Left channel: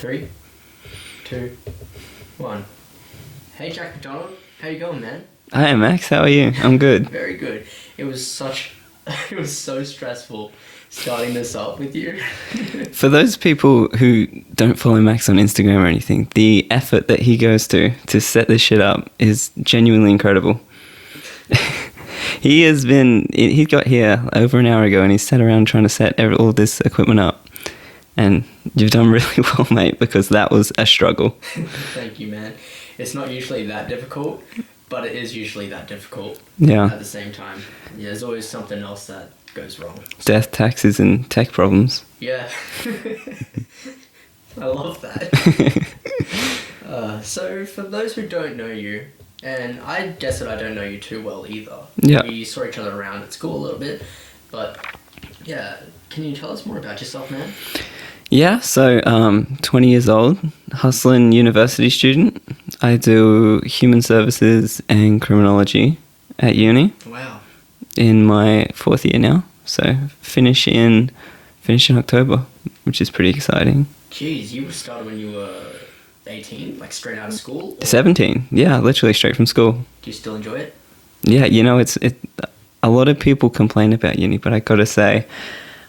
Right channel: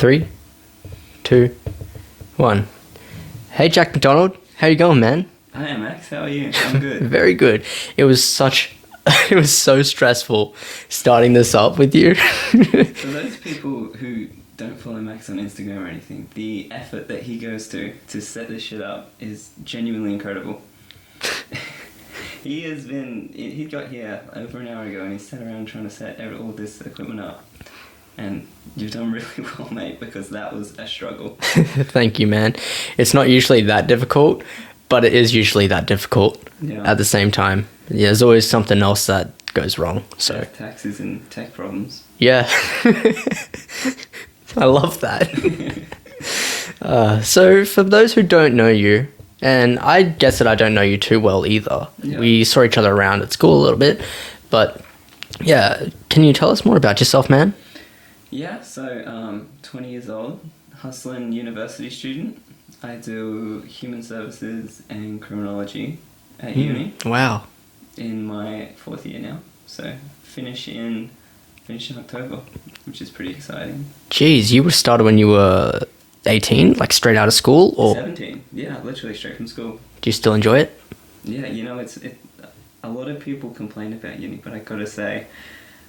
3, 2, 1. Hey, Jack Mcdonald. How you going, man? Hi, Max. How are you? I'm good. Very good. It was so stressful starting this up with you. For those people who don't follow Max on Instagram or anything, the effort that he goes to set this shit up is genuinely incredible. He got here over an hour ago and he's sat around trying to set all this equipment up. And you've done really well, mate, because that was a struggle. Thank you, man. It's not usually that difficult, but it is usually that difficult at the same time. Yeah, there's always something else that goes wrong. Death, taxes, and tech problems. Yeah. I love that. So for those who don't know you, and I guess that I don't know you too well either. Yeah. We saw each other around at school a little bit, but yeah, can you tell us more about yourself, man? Yeah, so 20 years old, hustling university student. I do human services and criminology at uni. Wow. In my 4th year now, so finish in October, which is pretty exciting. Jeez, you were started when you were 18, like straight out of school? Or 17, yeah, literally straight from school. Do you still enjoy it? Yeah, it's a lot of people complain about uni, but I gotta say,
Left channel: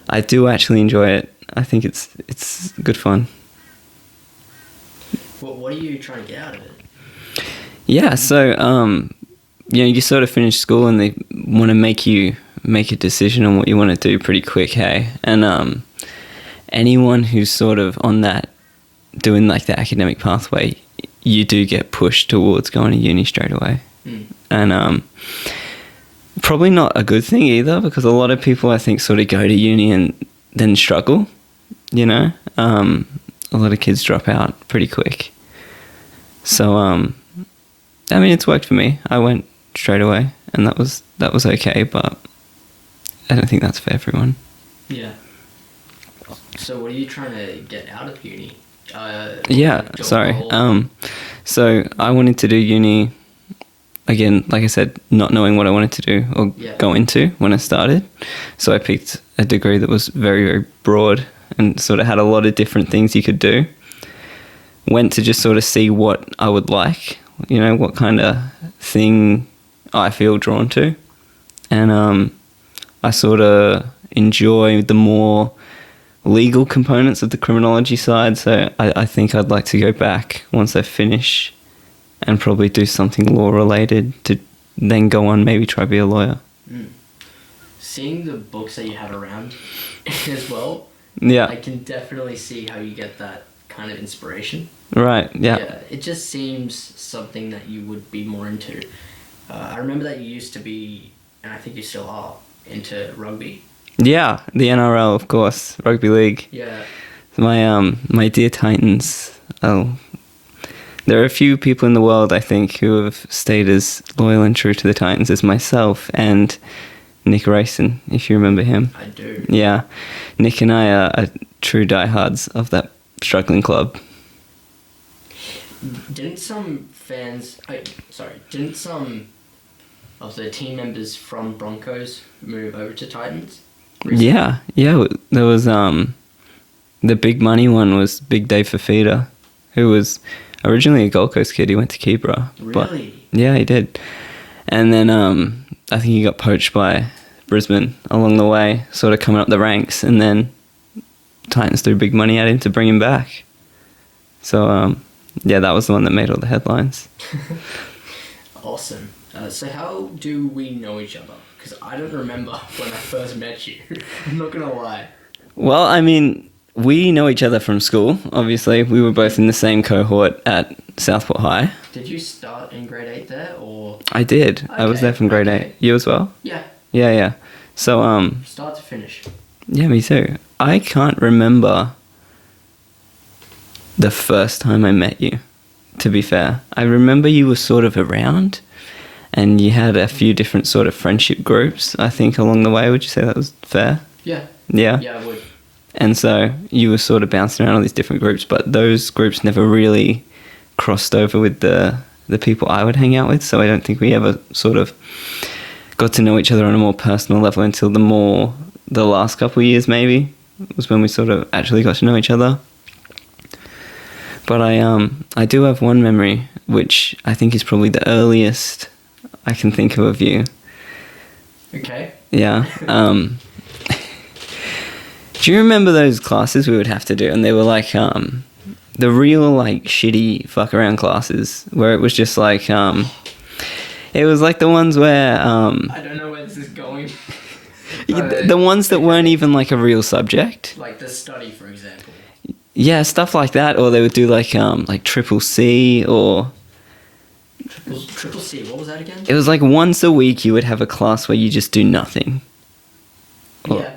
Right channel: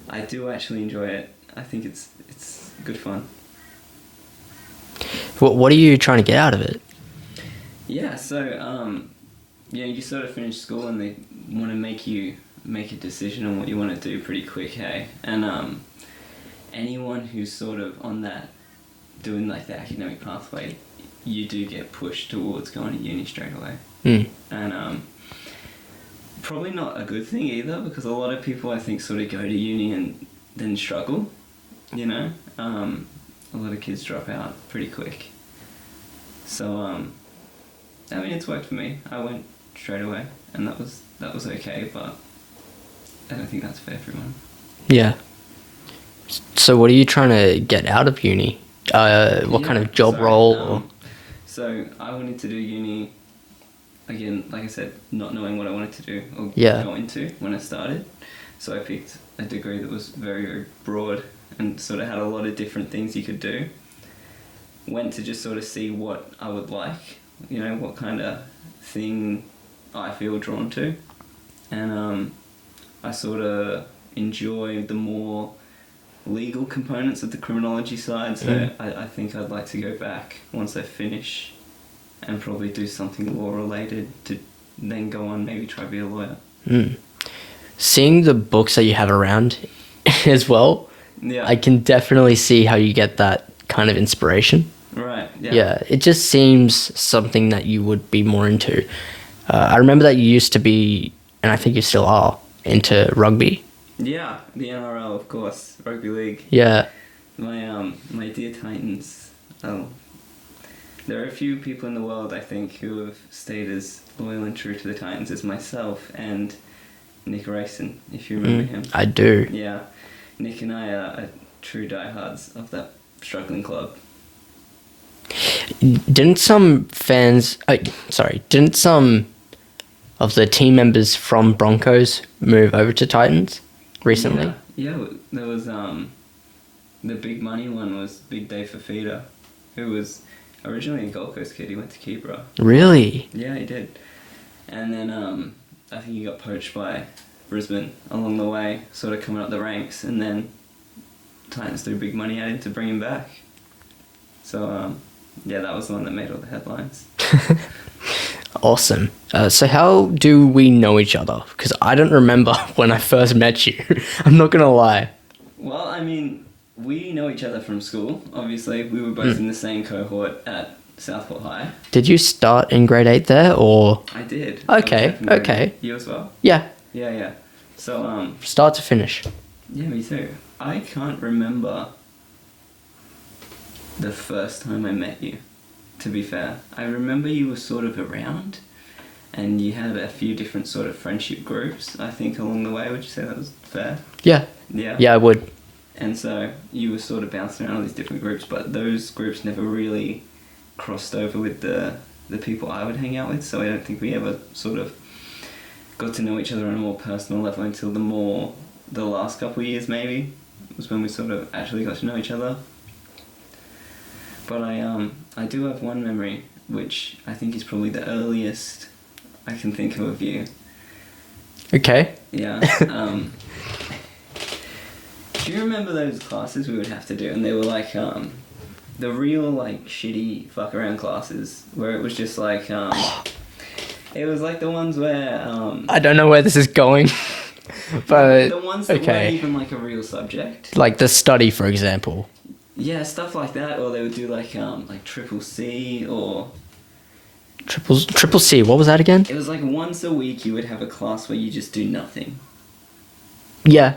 I do actually enjoy it. I think it's good fun. What are you trying to get out of it? Yeah, so you sort of finish school and they want to make you make a decision on what you want to do pretty quick, hey? And anyone who's sort of on that, doing like the academic pathway, you do get pushed towards going to uni straight away. And probably not a good thing either, because a lot of people I think sort of go to uni and then struggle, you know? A lot of kids drop out pretty quick. So, I mean, it's worked for me. I went straight away and that was okay, but I don't think that's for everyone. Yeah. So what are you trying to get out of uni? What kind of job role? So I wanted to do uni, again, like I said, not knowing what I wanted to do or go into when I started. So I picked a degree that was very, very broad and sort of had a lot of different things you could do. Went to just sort of see what I would like, you know, what kind of thing I feel drawn to. And I sort of enjoy the more legal components of the criminology side. So I think I'd like to go back once I finish and probably do something law related to then go on, maybe try to be a lawyer. Seeing the books that you have around as well, I can definitely see how you get that kind of inspiration. Right, yeah. Yeah, it just seems something that you would be more into. I remember that you used to be, and I think you still are, into rugby. Yeah, the NRL, of course, rugby league. Yeah. My dear Titans. Oh, there are a few people in the world, I think, who have stayed as loyal and true to the Titans as myself and Nick Rayson, if you remember him. I do. Yeah. Nick and I are true diehards of that struggling club. Didn't some of the team members from Broncos move over to Titans recently? Yeah. There was, the big money one was Big Dave Fafita, who was originally a Gold Coast kid. He went to Keebra. Really? Yeah, he did. And then I think he got poached by Brisbane along the way, sort of coming up the ranks, and then Titans threw big money at him to bring him back. So, that was the one that made all the headlines. Awesome. So how do we know each other? Because I don't remember when I first met you. I'm not going to lie. Well, I mean, we know each other from school, obviously. We were both in the same cohort at Southport High. Did you start in grade 8 there, or...? I did. Okay, I was there from grade 8. You as well? Yeah. Yeah. So, start to finish. Yeah, me too. I can't remember the first time I met you, to be fair. I remember you were sort of around and you had a few different sort of friendship groups, I think, along the way. Would you say that was fair? Yeah. Yeah? Yeah, I would. And so you were sort of bouncing around all these different groups, but those groups never really crossed over with the people I would hang out with, so I don't think we ever sort of got to know each other on a more personal level until the last couple of years maybe was when we sort of actually got to know each other. But I do have one memory, which I think is probably the earliest I can think of you. Okay. Yeah. Do you remember those classes we would have to do? And they were like the real like shitty fuck around classes where it was just like it was like the ones where I don't know where this is going. But the ones that weren't even like a real subject. Like the study, for example. Yeah, stuff like that. Or they would do like triple C or Triple C, what was that again? it was like once a week you would have a class where you just do nothing. Yeah.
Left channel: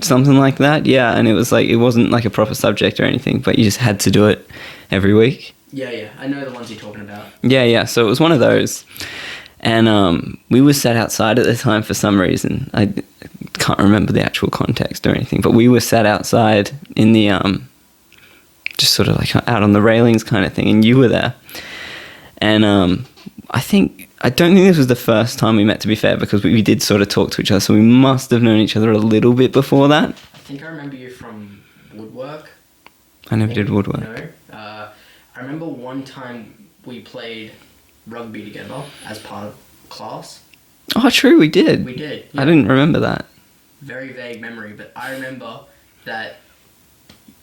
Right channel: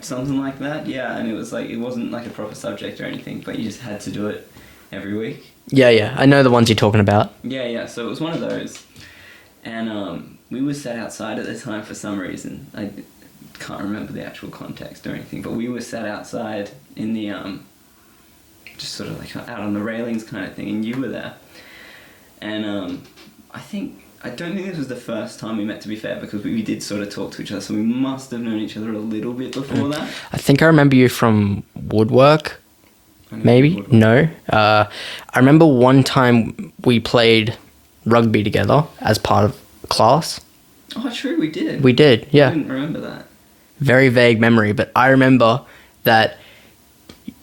Something like that, yeah. And it was like, it wasn't like a proper subject or anything, but you just had to do it every week. Yeah. I know the ones you're talking about. Yeah. So it was one of those. And we were sat outside at the time for some reason. I can't remember the actual context or anything, but we were sat outside in the, just sort of like out on the railings kind of thing, and you were there. And I don't think this was the first time we met, to be fair, because we did sort of talk to each other, so we must have known each other a little bit before that. I think I remember you from woodwork. I never did woodwork. No. I remember one time we played rugby together as part of class. Oh, true, we did. We did, yeah. I didn't remember that. Very vague memory, but I remember that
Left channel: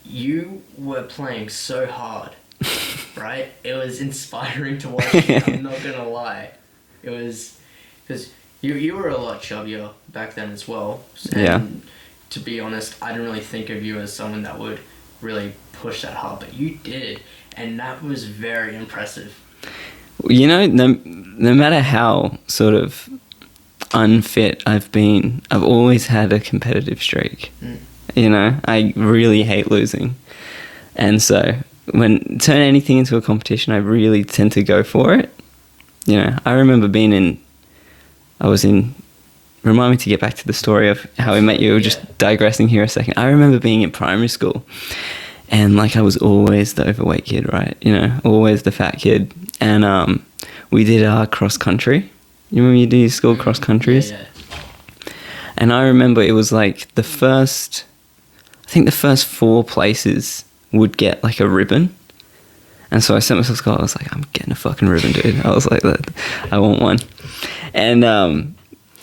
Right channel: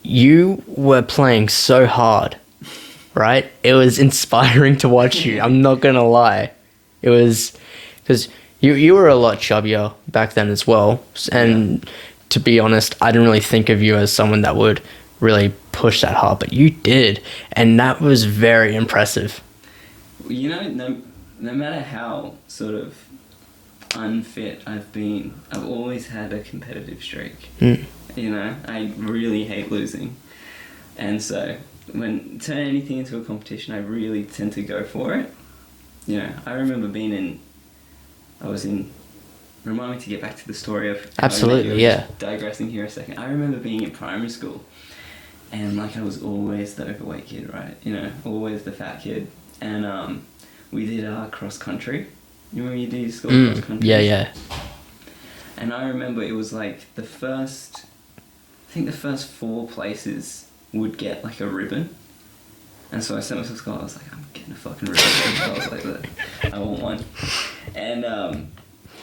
you were playing so hard, right? It was inspiring to watch you. I'm not going to lie. It was because you were a lot chubbier back then as well. And to be honest, I didn't really think of you as someone that would really push that hard, but you did. And that was very impressive. You know, no matter how sort of unfit I've been, I've always had a competitive streak. You know, I really hate losing. And so when turn anything into a competition, I really tend to go for it. You know, I remember remind me to get back to the story of how we met you. We're just digressing here a second. I remember being in primary school and like I was always the overweight kid, right? You know, always the fat kid. And we did our cross country. You remember you did your school cross countries? Yeah. And I remember it was like the first 4 places would get like a ribbon. And so I sent myself a call. I was like, I'm getting a fucking ribbon, dude. I was like, I want one. And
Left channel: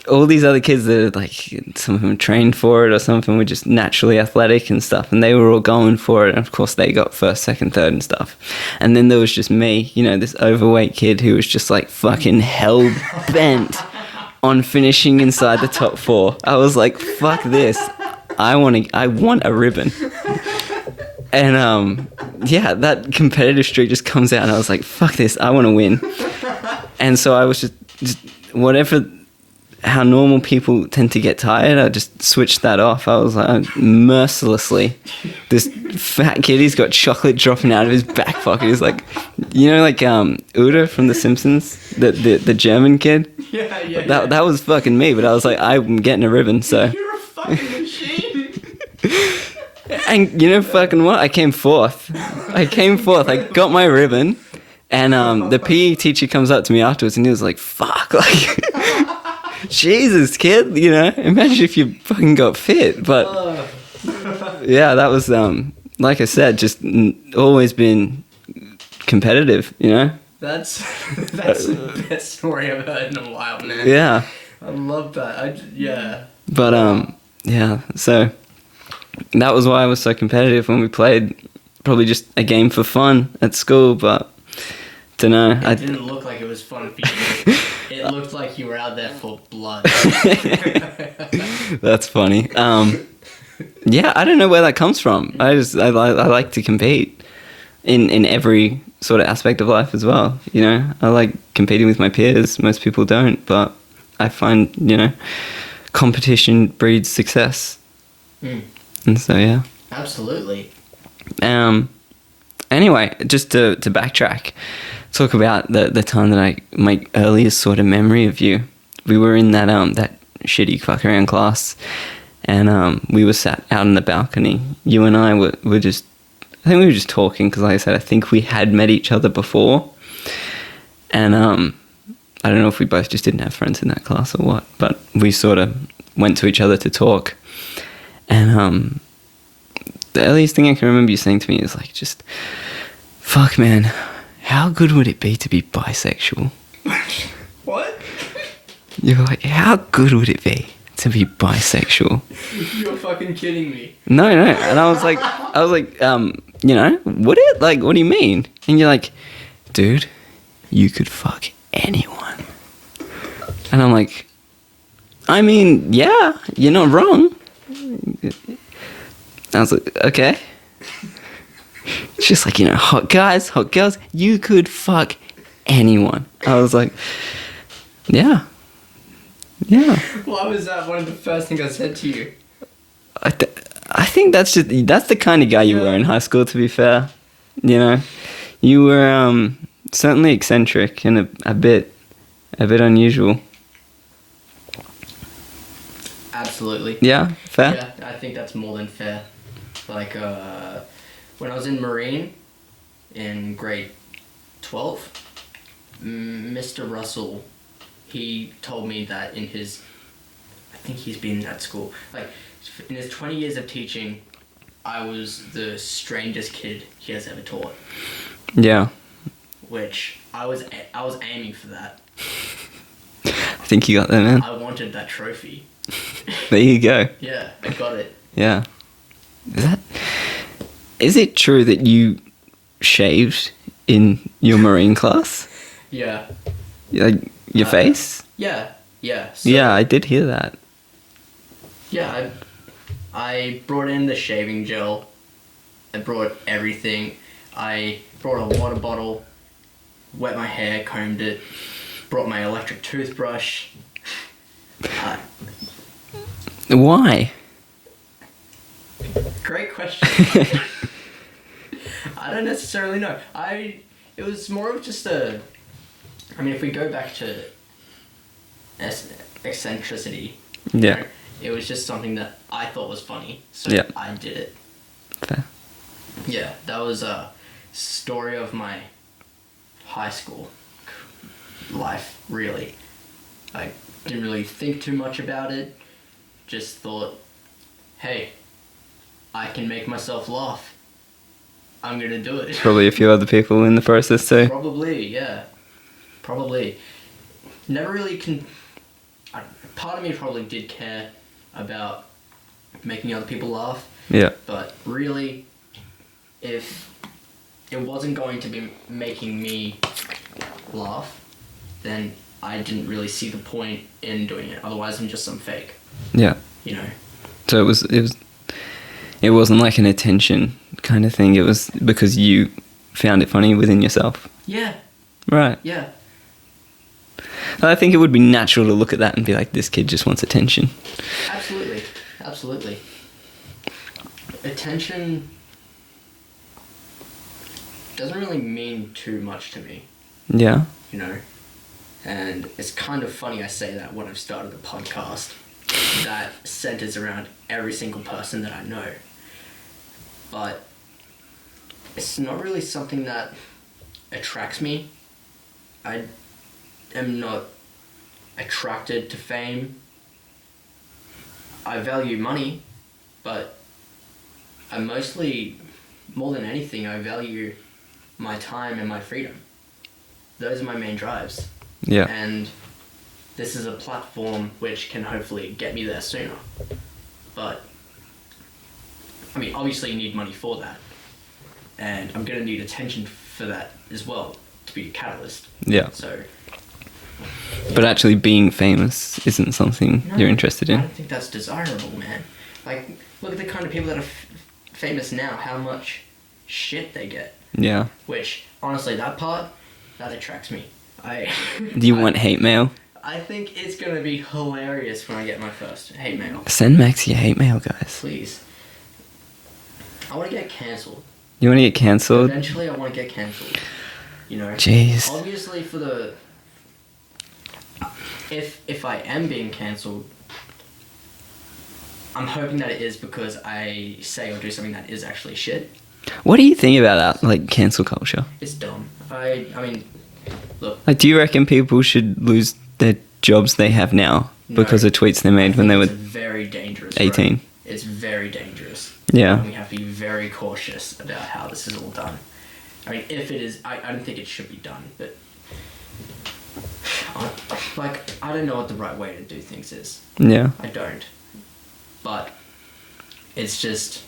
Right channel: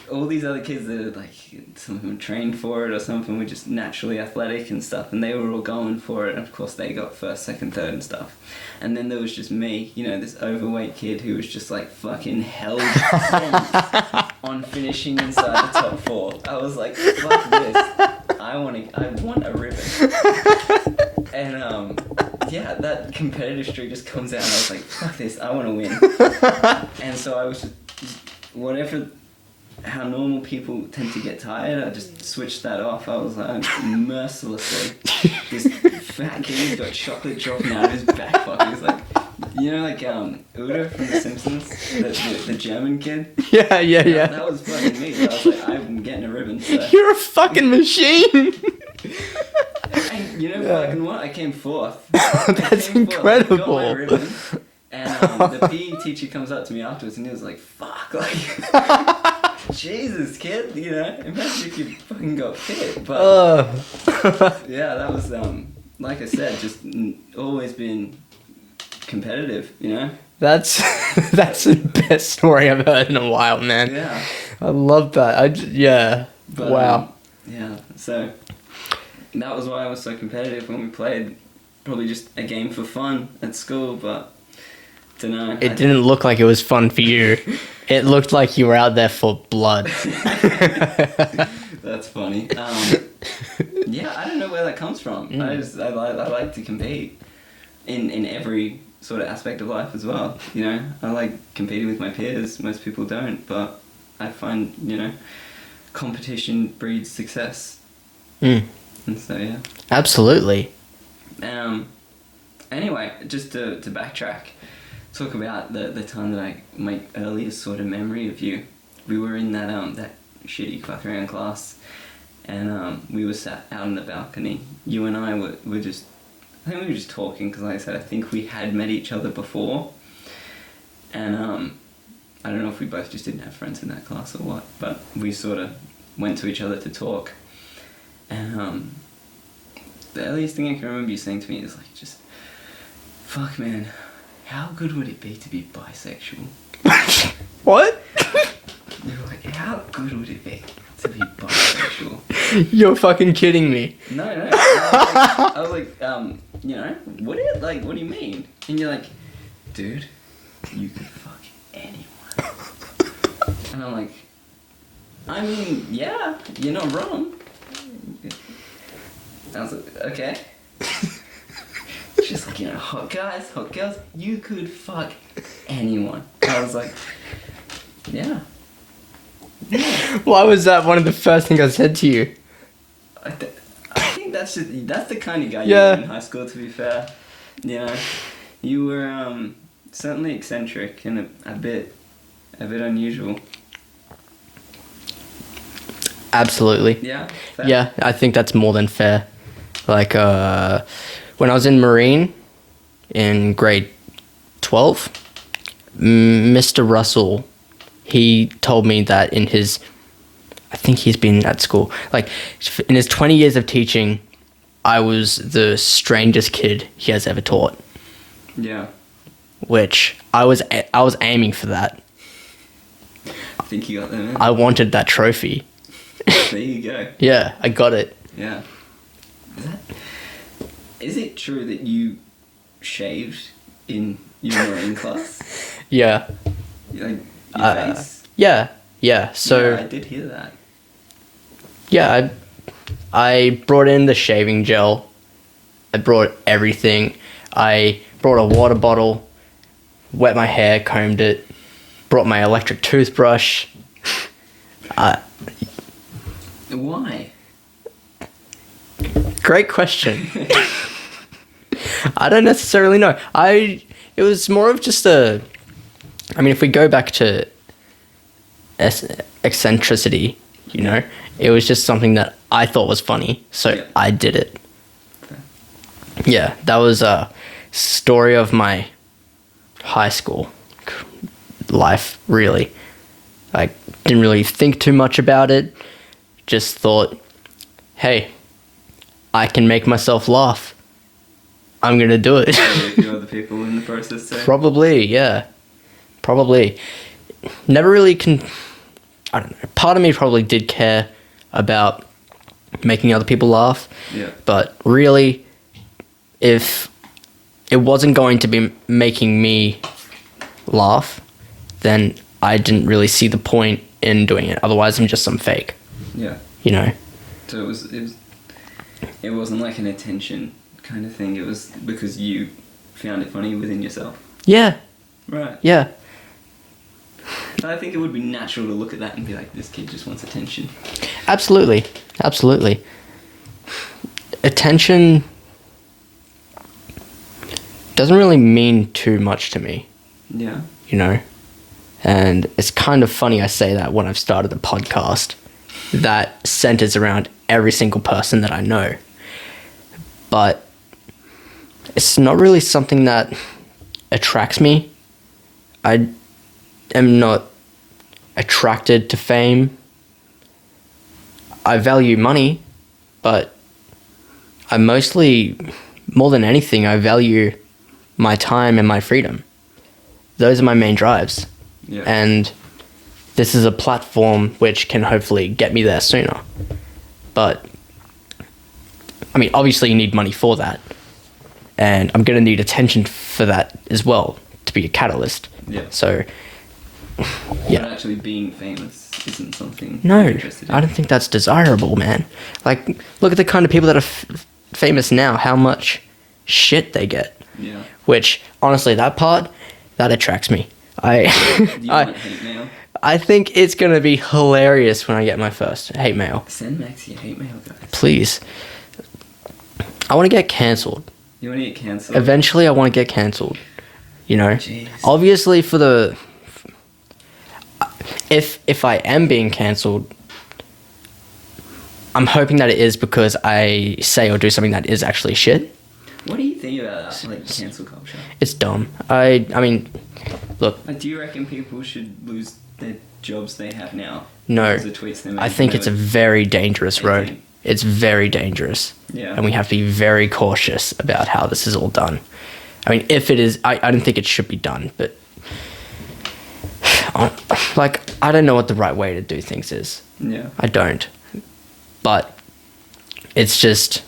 all these other kids that are like, some of them trained for it or some of them were just naturally athletic and stuff. And they were all going for it. And of course they got first, second, third and stuff. And then there was just me, you know, this overweight kid who was just like fucking hell bent on finishing inside the top 4. I was like, fuck this. I want a ribbon. And that competitive streak just comes out and I was like, fuck this, I want to win. And so I was just whatever, how normal people tend to get tired, I just switched that off. I was like, mercilessly, this fat kid, he's got chocolate dropping out of his back pocket. He's like, you know, like Udo from The Simpsons, the German kid? Yeah. That was fucking me, but I was like, I'm getting a ribbon, so. You're a fucking machine. And you know fucking what? I came fourth. I got my ribbon. And the PE teacher comes up to me afterwards and he was like, fuck, like, Jesus, kid, you know, imagine if you fucking got fit. But yeah, that was, like I said, just always been competitive, you know? That's the best story I've heard in a while, man. Yeah. I love that. But, wow. So that was why I was so competitive when we played. Probably just a game for fun at school, but don't know. It didn't look like it was fun for you. It looked like you were out there for blood. That's funny. Yeah, I don't know where that comes from. I like to compete in every sort of aspect of life as well. You know, I like competing with my peers. Most people don't, but I find, you know, competition breeds success. And so, yeah. Absolutely. Anyway, just to backtrack, talk about the time that my earliest sort of memory of you. We were in that shitty fuck around class, and we were sat out on the balcony. You and I were just, I think we were just talking because, like I said, I think we had met each other before, and I don't know if we both just didn't have friends in that class or what, but we sort of went to each other to talk, and the earliest thing I can remember you saying to me is like, just Fuck, man. How good would it be to be bisexual? What? You're like, how good would it be to be bisexual? You're fucking kidding me. No. And I was like, would it? Like, what do you mean? And you're like, dude, you could fuck anyone. And I'm like, I mean, yeah, you're not wrong. I was like, okay. It's just like, hot guys, hot girls, you could fuck anyone. I was like, yeah. Yeah. Why was that one of the first things I said to you? I think that's the kind of guy you were in high school, to be fair. You were certainly eccentric and a bit unusual. Absolutely. Yeah, fair. Yeah, I think that's more than fair. Like, when I was in Marine in grade 12, Mr. Russell, he told me that I think he's been at school, like, in his 20 years of teaching, I was the strangest kid he has ever taught. Yeah. Which, I was aiming for that. I think you got that, man. I wanted that trophy. There you go. Yeah, I got it. Yeah. Is it true that you shaved in your Marine class? Yeah. Like, your face? Yeah. So, yeah, I did hear that. Yeah, I brought in the shaving gel. I brought everything. I brought a water bottle, wet my hair, combed it, brought my electric toothbrush. Why? Great question. I don't necessarily know. It was more of just if we go back to eccentricity, you know, it was just something that I thought was funny, so I did it. Fair. Yeah, that was a story of my high school life, really. I didn't really think too much about it, just thought, hey, I can make myself laugh. I'm going to do it. Probably a few other people in the process too. Probably, yeah. Probably. Never really I don't know. Part of me probably did care about making other people laugh. Yeah. But really, if it wasn't going to be making me laugh, then I didn't really see the point in doing it. Otherwise, I'm just some fake. Yeah. So it wasn't like an attention kind of thing. It was because you found it funny within yourself. Yeah. Right. Yeah. I think it would be natural to look at that and be like, this kid just wants attention. Absolutely. Attention doesn't really mean too much to me. Yeah. And it's kind of funny I say that when I've started a podcast that centers around every single person that I know. But it's not really something that attracts me. I am not attracted to fame. I value money, but I mostly, more than anything, I value my time and my freedom. Those are my main drives. Yeah. And this is a platform which can hopefully get me there sooner. But, obviously you need money for that. And I'm going to need attention for that as well to be a catalyst. Yeah. So, But actually being famous isn't something you're interested in. I don't think that's desirable, man. Like, look at the kind of people that are famous now, how much shit they get. Yeah. Which, honestly, that attracts me. Do you want hate mail? I think it's going to be hilarious when I get my first hate mail. Send Max your hate mail, guys. Please. I want to get cancelled. You want to get cancelled? Eventually, I want to get cancelled. Jeez. Obviously, if I am being cancelled, I'm hoping that it is because I say or do something that is actually shit. What do you think about that, like, cancel culture? It's dumb. Look. Like, do you reckon people should lose their jobs they have now because of tweets they made I when think they it's were a very dangerous 18? road. It's very dangerous. Yeah. And we have to be very cautious about how this is all done. I mean, if it is, I don't think it should be done, but like, I don't know what the right way to do things is. Yeah. I don't. But it's just,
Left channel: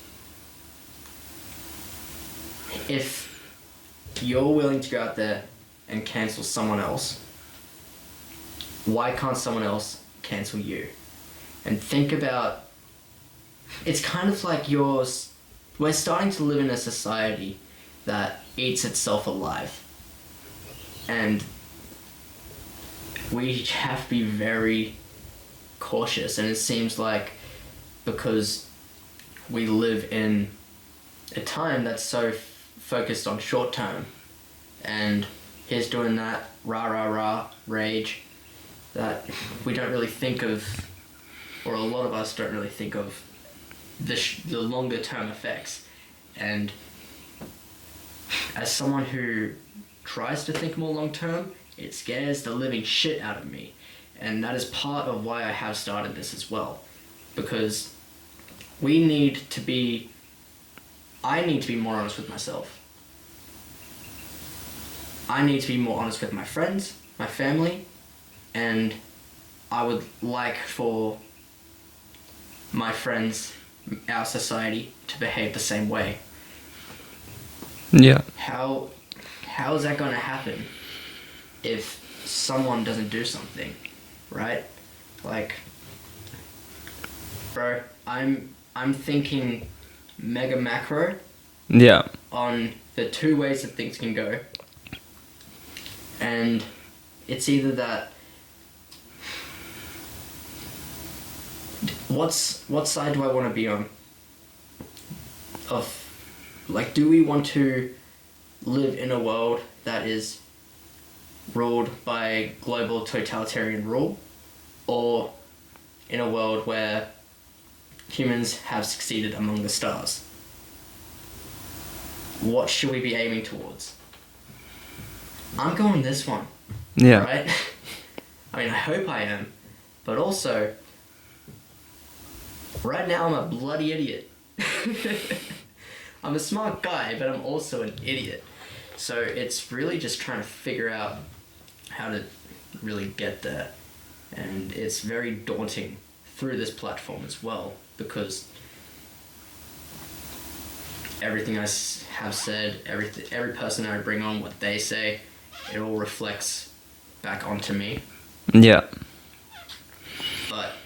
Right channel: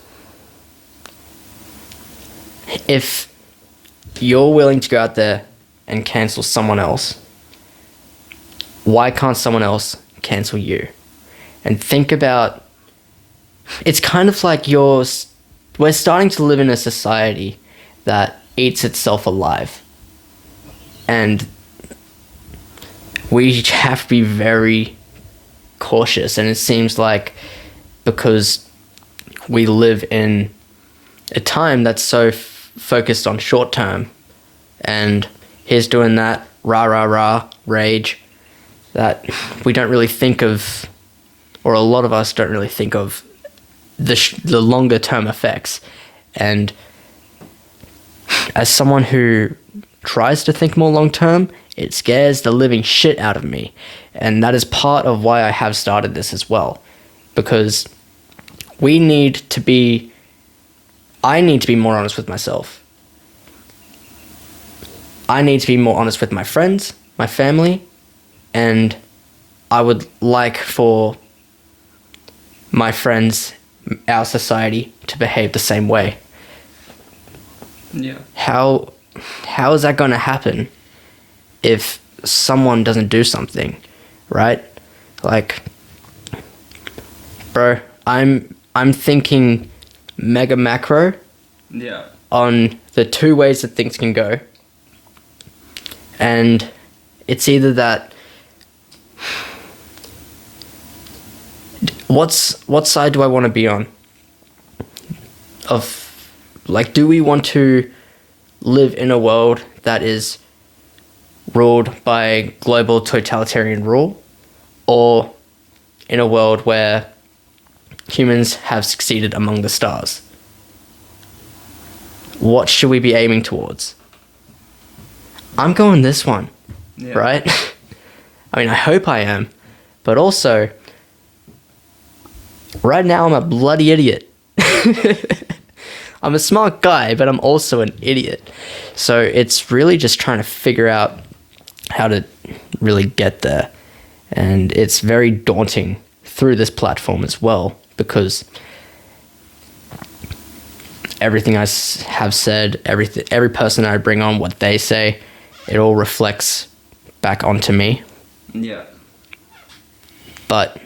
if you're willing to go out there and cancel someone else, why can't someone else cancel you? And think about, it's kind of like we're starting to live in a society that eats itself alive. And we have to be very cautious. And it seems like because we live in a time that's so focused on short term, and here's doing that, rah, rah, rah, rage, that we don't really think of, or a lot of us don't really think of the longer term effects. And as someone who tries to think more long term, it scares the living shit out of me. And that is part of why I have started this as well. Because I need to be more honest with myself. I need to be more honest with my friends, my family, and I would like for my friends, our society, to behave the same way. Yeah. How is that going to happen if someone doesn't do something, right? Like, bro, I'm thinking mega macro. Yeah. On the two ways that things can go. And it's either that, what side do I want to be on? Of, like, do we want to live in a world that is ruled by global totalitarian rule, or in a world where humans have succeeded among the stars? What should we be aiming towards? I'm going this one. Yeah. Right? I mean, I hope I am. But also, right now I'm a bloody idiot. I'm a smart guy, but I'm also an idiot. So it's really just trying to figure out how to really get there. And it's very daunting through this platform as well, because everything I have said, every person I bring on, what they say, it all reflects back onto me. Yeah. But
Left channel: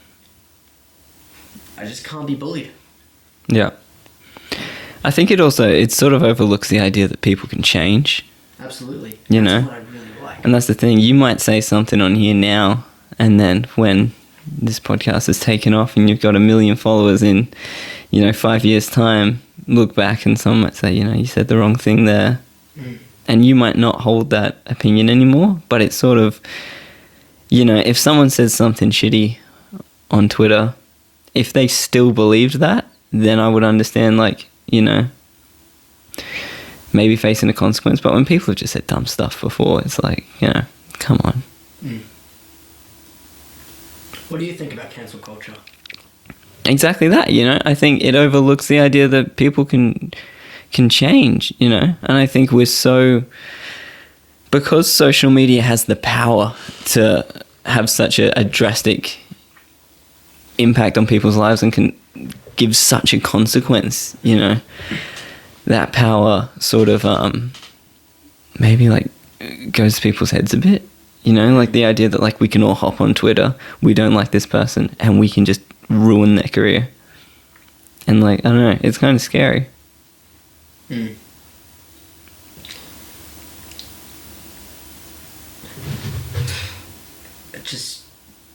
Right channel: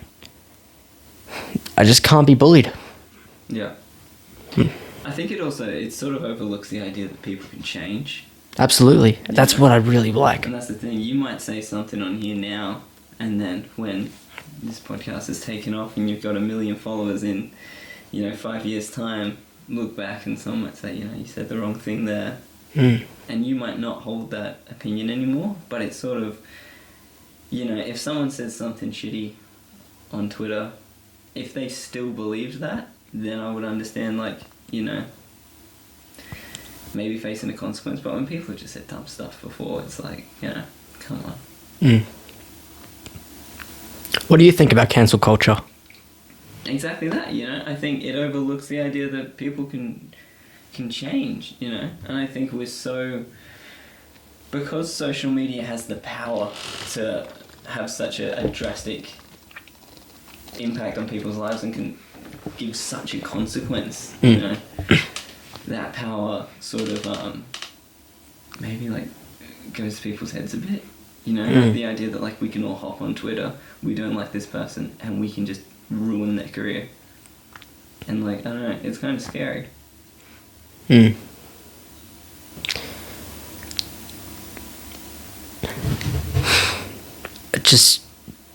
I just can't be bullied. Yeah. I think it sort of overlooks the idea that people can change. Absolutely. That's what I really like. And that's the thing. You might say something on here now, and then when this podcast is taken off and you've got 1 million followers in, 5 years' time, look back and someone might say, you said the wrong thing there. Mm. And you might not hold that opinion anymore, but it's sort of, if someone says something shitty on Twitter, if they still believed that, then I would understand, maybe facing a consequence. But when people have just said dumb stuff before, it's like, come on. Mm. What do you think about cancel culture? Exactly that, I think it overlooks the idea that people can change, and I think because social media has the power to have such a drastic impact on people's lives and can give such a consequence, that power sort of maybe goes to people's heads a bit, like the idea that we can all hop on Twitter, we don't like this person, and we can just ruin their career. And I don't know, it's kind of scary. I just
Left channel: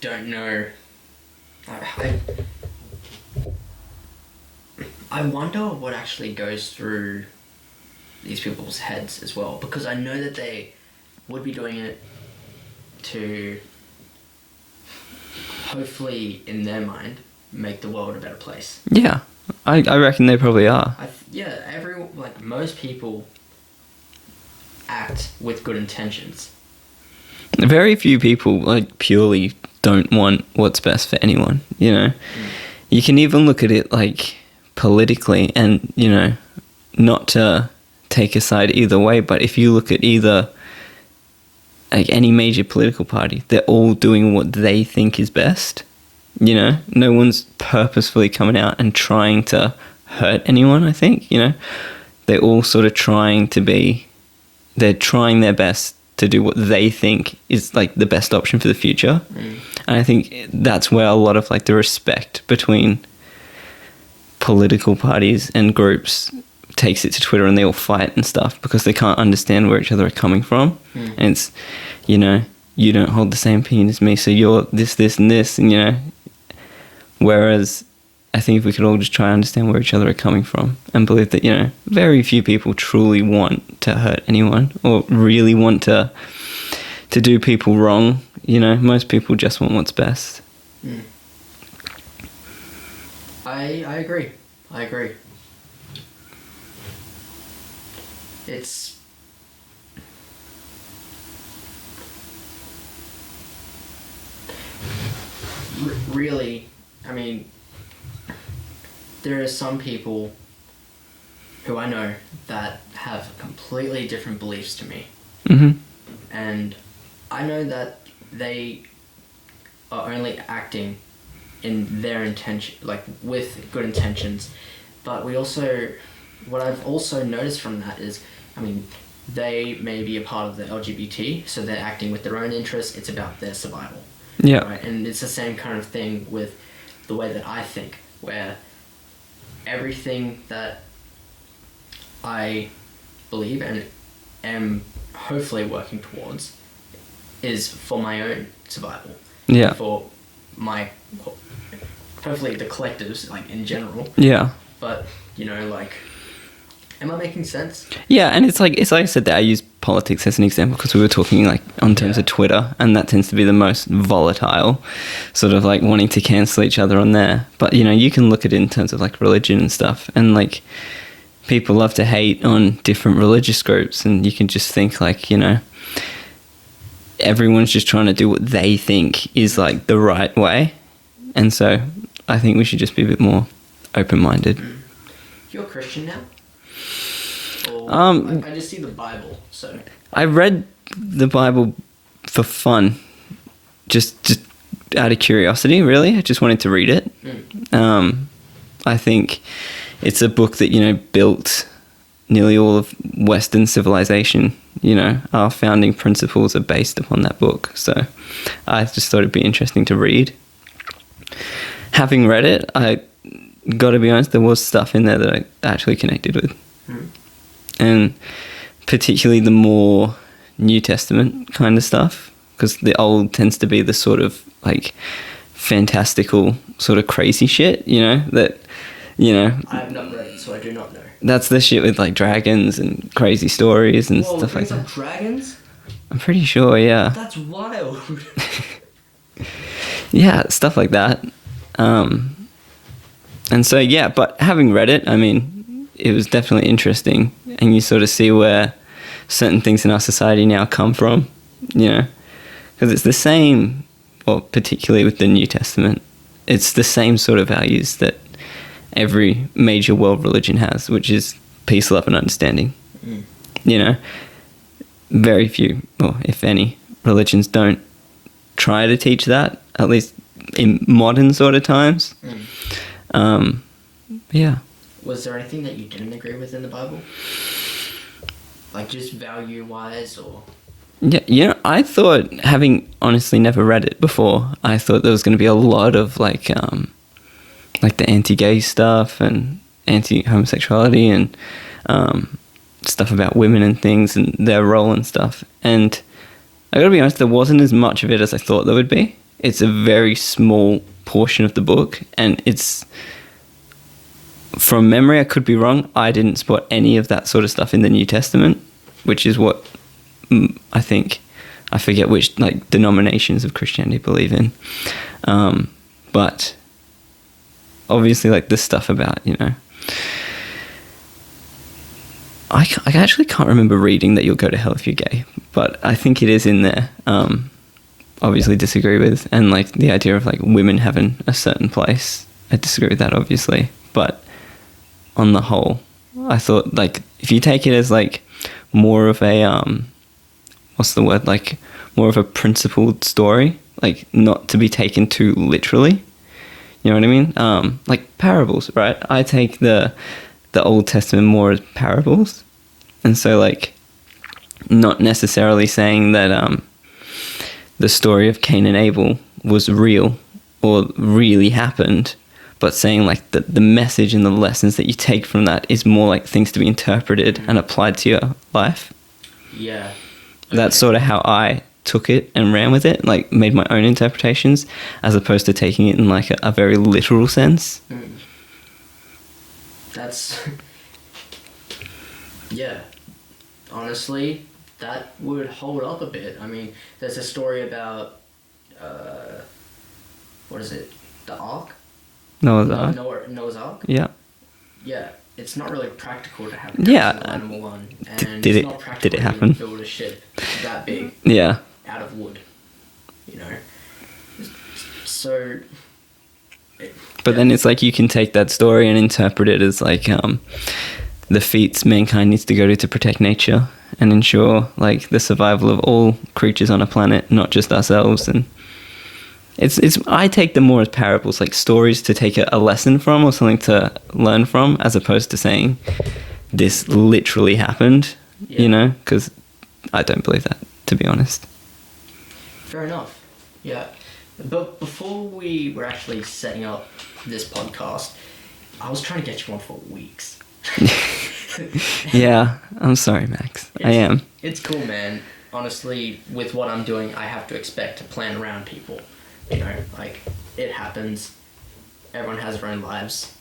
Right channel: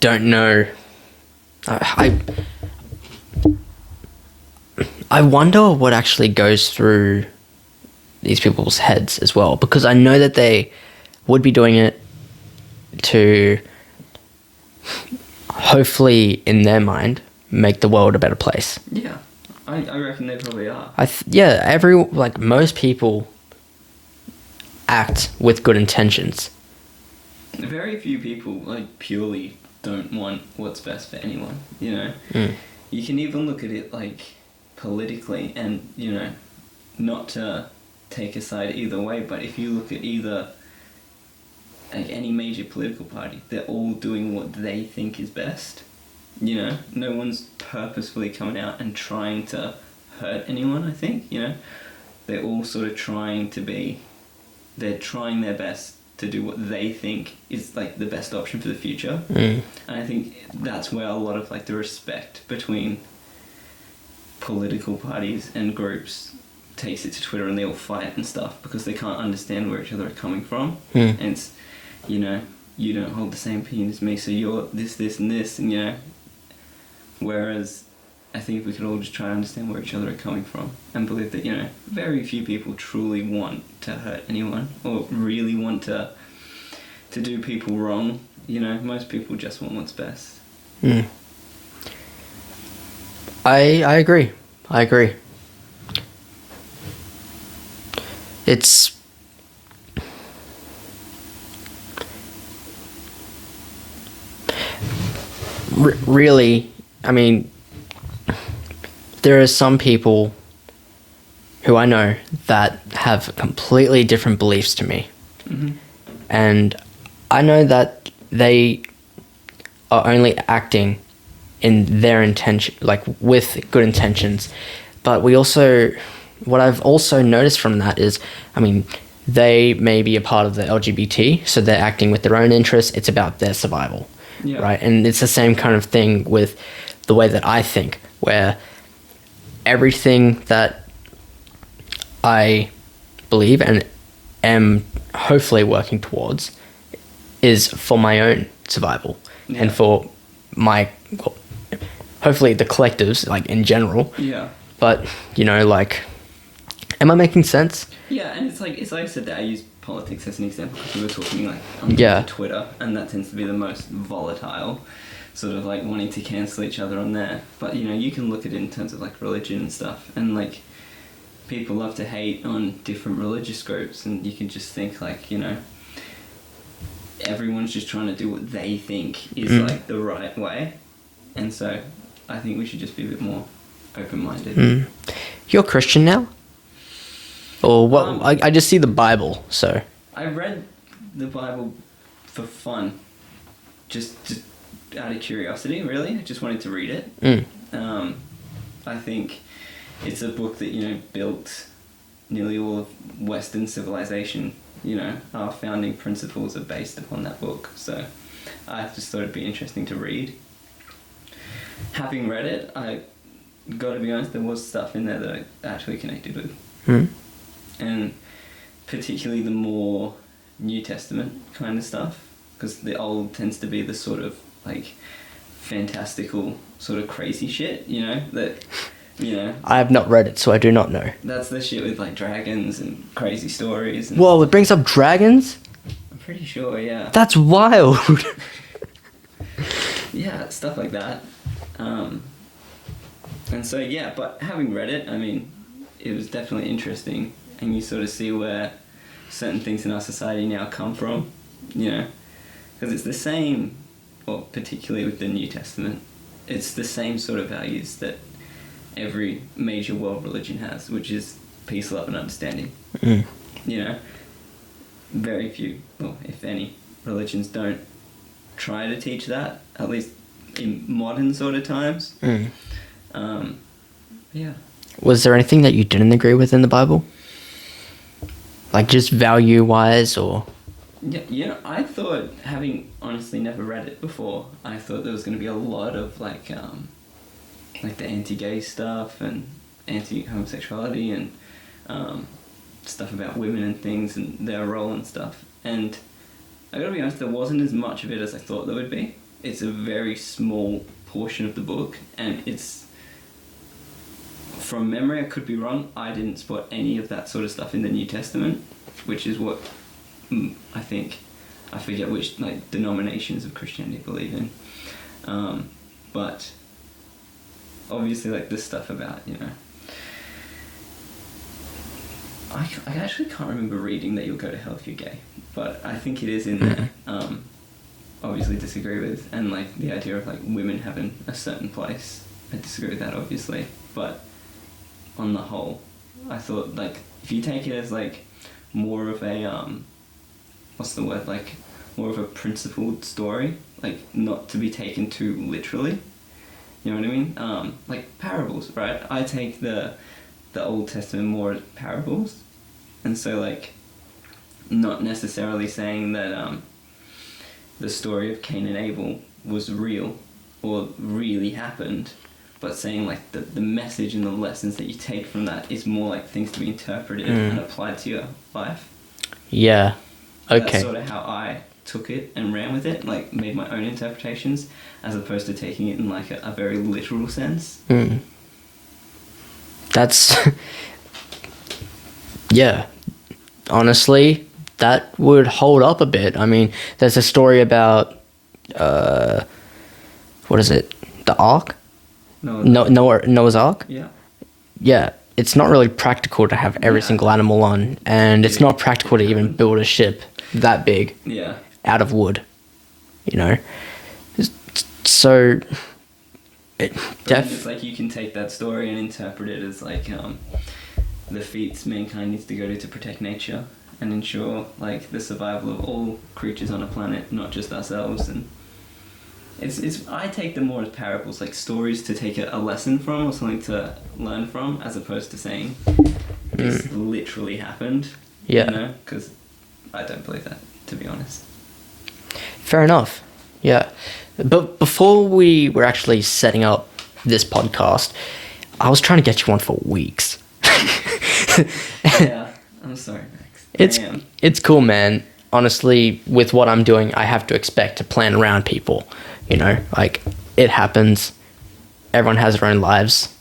don't know. I wonder what actually goes through these people's heads as well, because I know that they would be doing it to hopefully, in their mind, make the world a better place. Yeah, I reckon they probably are. Most people act with good intentions. Very few people purely don't want what's best for anyone, You can even look at it politically, and not to take a side either way. But if you look at either, like, any major political party, they're all doing what they think is best. You know, no one's purposefully coming out and trying to hurt anyone, I think, you know. They're all sort of they're trying their best to do what they think is, like, the best option for the future. And I think that's where a lot of, like, the respect between political parties and groups takes it to Twitter, and they all fight and stuff because they can't understand where each other are coming from. And it's, you know, you don't hold the same opinion as me, so you're this, and this, and, you know. Whereas I think if we could all just try and understand where each other are coming from and believe that, you know, very few people truly want to hurt anyone or really want to do people wrong. You know, most people just want what's best. I agree. It's really, I mean, there are some people who I know that have completely different beliefs to me. And I know that they are only acting in their intention, like, with good intentions. But what I've also noticed from that is, I mean, they may be a part of the LGBT, so they're acting with their own interests. It's about their survival. Yeah. Right. And it's the same kind of thing with the way that I think, where everything that I believe and am hopefully working towards is for my own survival. Yeah. And for my, hopefully the collectives, like, in general. Yeah. But, you know, like, am I making sense? Yeah, and it's like I said that I use politics as an example because we were talking, like, on terms of Twitter, and that tends to be the most volatile, sort of, like, wanting to cancel each other on there. But, you know, you can look at it in terms of, like, religion and stuff, and, like, people love to hate on different religious groups, and you can just think, like, you know, everyone's just trying to do what they think is like the right way. And so I think we should just be a bit more open-minded. You're Christian now? Or what? I just see the Bible, so. I read the Bible for fun, just out of curiosity, really. I just wanted to read it. I think it's a book that, you know, built nearly all of Western civilization. You know, our founding principles are based upon that book. So I just thought it'd be interesting to read. Having read it, I got to be honest, there was stuff in there that I actually connected with. And particularly the more New Testament kind of stuff, because the Old tends to be the sort of, like, fantastical sort of crazy shit, you know, that, you know. I have not read it, so I do not know. That's the shit with, like, dragons and crazy stories and Whoa, stuff. It brings like up dragons? I'm pretty sure, yeah. That's wild. Yeah, stuff like that. And so, yeah, but having read it, I mean, it was definitely interesting. And you sort of see where certain things in our society now come from, you know, because it's the same, well, particularly with the New Testament, it's the same sort of values that every major world religion has, which is peace, love, and understanding. You know, very few, or if any, religions don't try to teach that, at least in modern sort of times. Yeah. Was there anything that you didn't agree with in the Bible? Like, just value-wise, or? Yeah, you know, I thought, having honestly never read it before, I thought there was going to be a lot of, like the anti-gay stuff and anti-homosexuality and stuff about women and things and their role and stuff. And I gotta be honest, there wasn't as much of it as I thought there would be. It's a very small portion of the book, and it's, from memory, I could be wrong, I didn't spot any of that sort of stuff in the New Testament, which is what I think, I forget which, like, denominations of Christianity believe in. But obviously, like, the stuff about, you know, I actually can't remember reading that you'll go to hell if you're gay, but I think it is in there. Obviously disagree with, and, like, the idea of, like, women having a certain place, I disagree with that, obviously, but on the whole, I thought, like, if you take it as, like, more of a, what's the word, like, more of a principled story, like, not to be taken too literally, you know what I mean? Like, parables, right? I take the Old Testament more as parables, and so, like, not necessarily saying that, the story of Cain and Abel was real or really happened, but saying like the message and the lessons that you take from that is more like things to be interpreted and applied to your life. Yeah. Okay. That's sort of how I took it and ran with it, like made my own interpretations as opposed to taking it in like a very literal sense. That's yeah. Honestly, that would hold up a bit. I mean, there's a story about what is it? The Ark? Noah's Ark? Yeah. Yeah. It's not really practical to have every single animal on, and it's not practical to even build a ship that big. Yeah. Out of wood, you know. So but then it's like you can take that story and interpret it as like the feats mankind needs to go to protect nature and ensure like the survival of all creatures on a planet, not just ourselves. And it's I take them more as parables, like stories to take a lesson from or something to learn from, as opposed to saying this literally happened. You know, because I don't believe that, to be honest. Fair enough. Yeah. But before we were actually setting up this podcast, I was trying to get you on for weeks. Yeah, I'm sorry, Max. I am. It's cool, man. Honestly, with what I'm doing, I have to expect to plan around people. You know, like, it happens. Everyone has their own lives.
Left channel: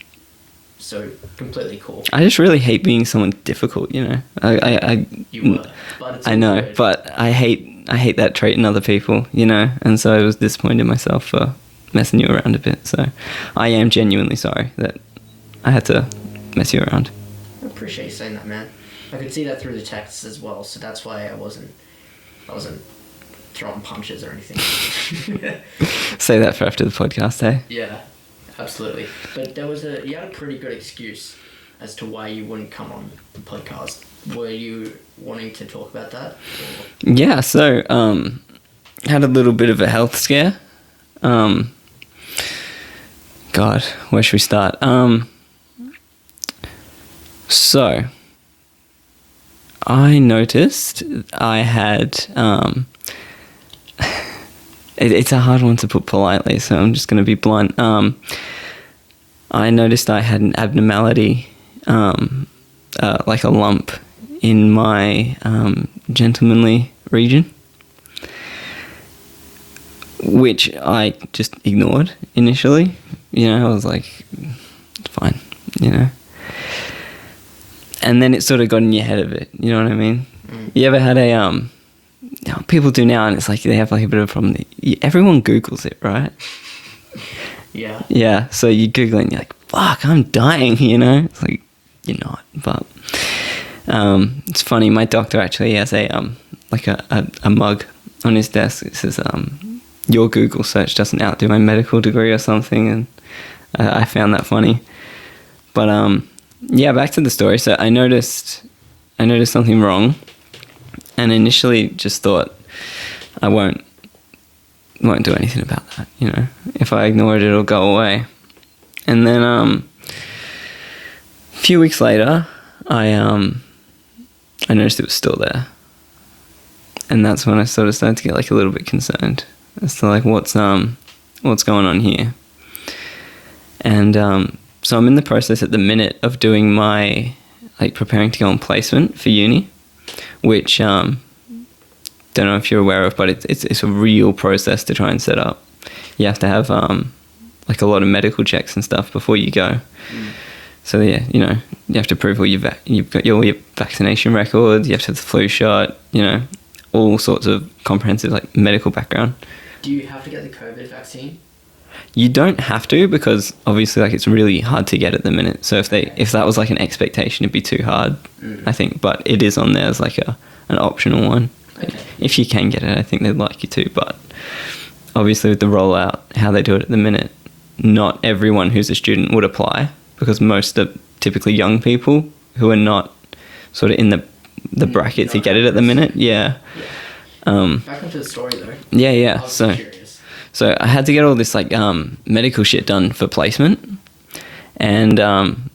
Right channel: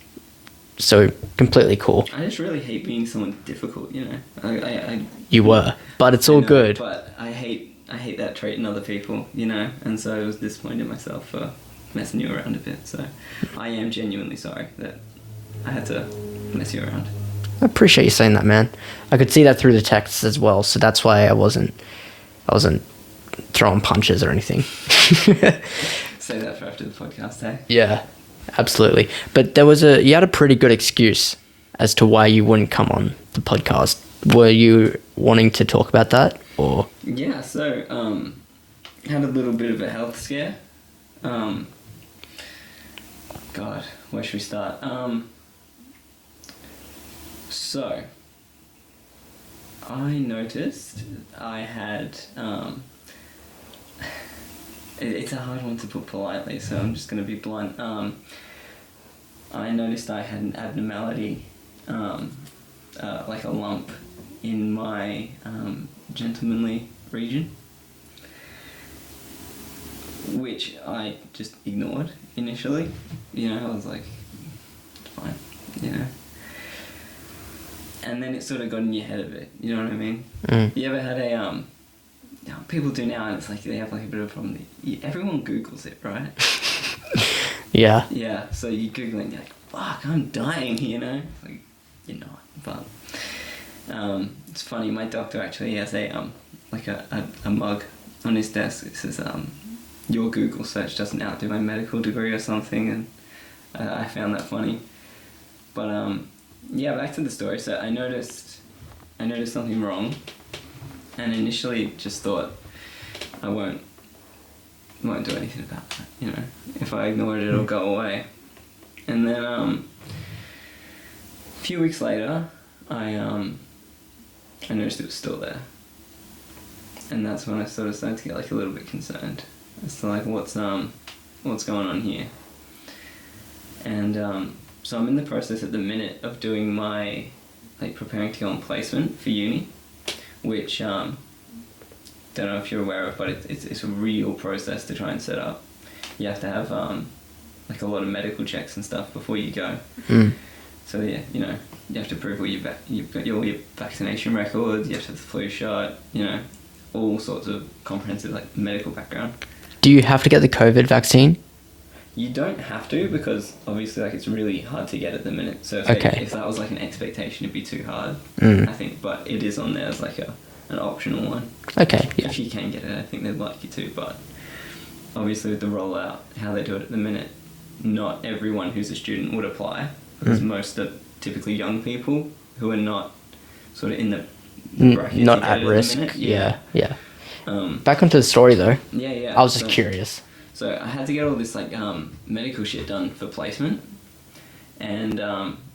So, completely cool. I just really hate being someone difficult, you know. You were, but it's all good. But I hate that trait in other people, you know. And so I was disappointed in myself for messing you around a bit. So I am genuinely sorry that I had to mess you around. I appreciate you saying that, man. I could see that through the texts as well, so that's why I wasn't throwing punches or anything. Say that for after the podcast, hey? Yeah, absolutely. But you had a pretty good excuse as to why you wouldn't come on the podcast. Were you wanting to talk about that, or? Yeah, so had a little bit of a health scare. God, where should we start? So I noticed I had it's a hard one to put politely, so I'm just going to be blunt. I noticed I had an abnormality, like a lump in my gentlemanly region, which I just ignored initially. You know, I was like, it's fine, you know. And then it sort of got in your head a bit, you know what I mean? You ever had a, people do now, and it's like they have like a bit of a problem. Everyone Googles it, right? Yeah. Yeah, so you Google it and you're like, fuck, I'm dying, you know? It's like, you're not, but it's funny, my doctor actually has a mug on his desk. It says, your Google search doesn't outdo my medical degree or something, and I found that funny. But yeah, back to the story. So I noticed something wrong, and initially just thought I won't do anything about that. You know, if I ignore it, it'll go away. And then a few weeks later, I noticed it was still there, and that's when I sort of started to get like a little bit concerned as to like what's going on here. And so I'm in the process at the minute of doing my, like, preparing to go on placement for uni, which don't know if you're aware of, but it's a real process to try and set up. You have to have like a lot of medical checks and stuff before you go. So yeah, you know, you have to prove you've got all your vaccination records, you have to have the flu shot, you know, all sorts of comprehensive like medical background. Do you have to get the COVID vaccine? You don't have to, because obviously like it's really hard to get at the minute. So if that was like an expectation, it'd be too hard, I think. But it is on there as like an optional one. Okay. Yeah. If you can get it, I think they'd like you to. But obviously with the rollout, how they do it at the minute, not everyone who's a student would apply, because most are typically young people who are not sort of in the bracket to Not get at it at the risk. minute. Yeah. Back onto the story though. Yeah. I was just curious. So I had to get all this like medical shit done for placement, and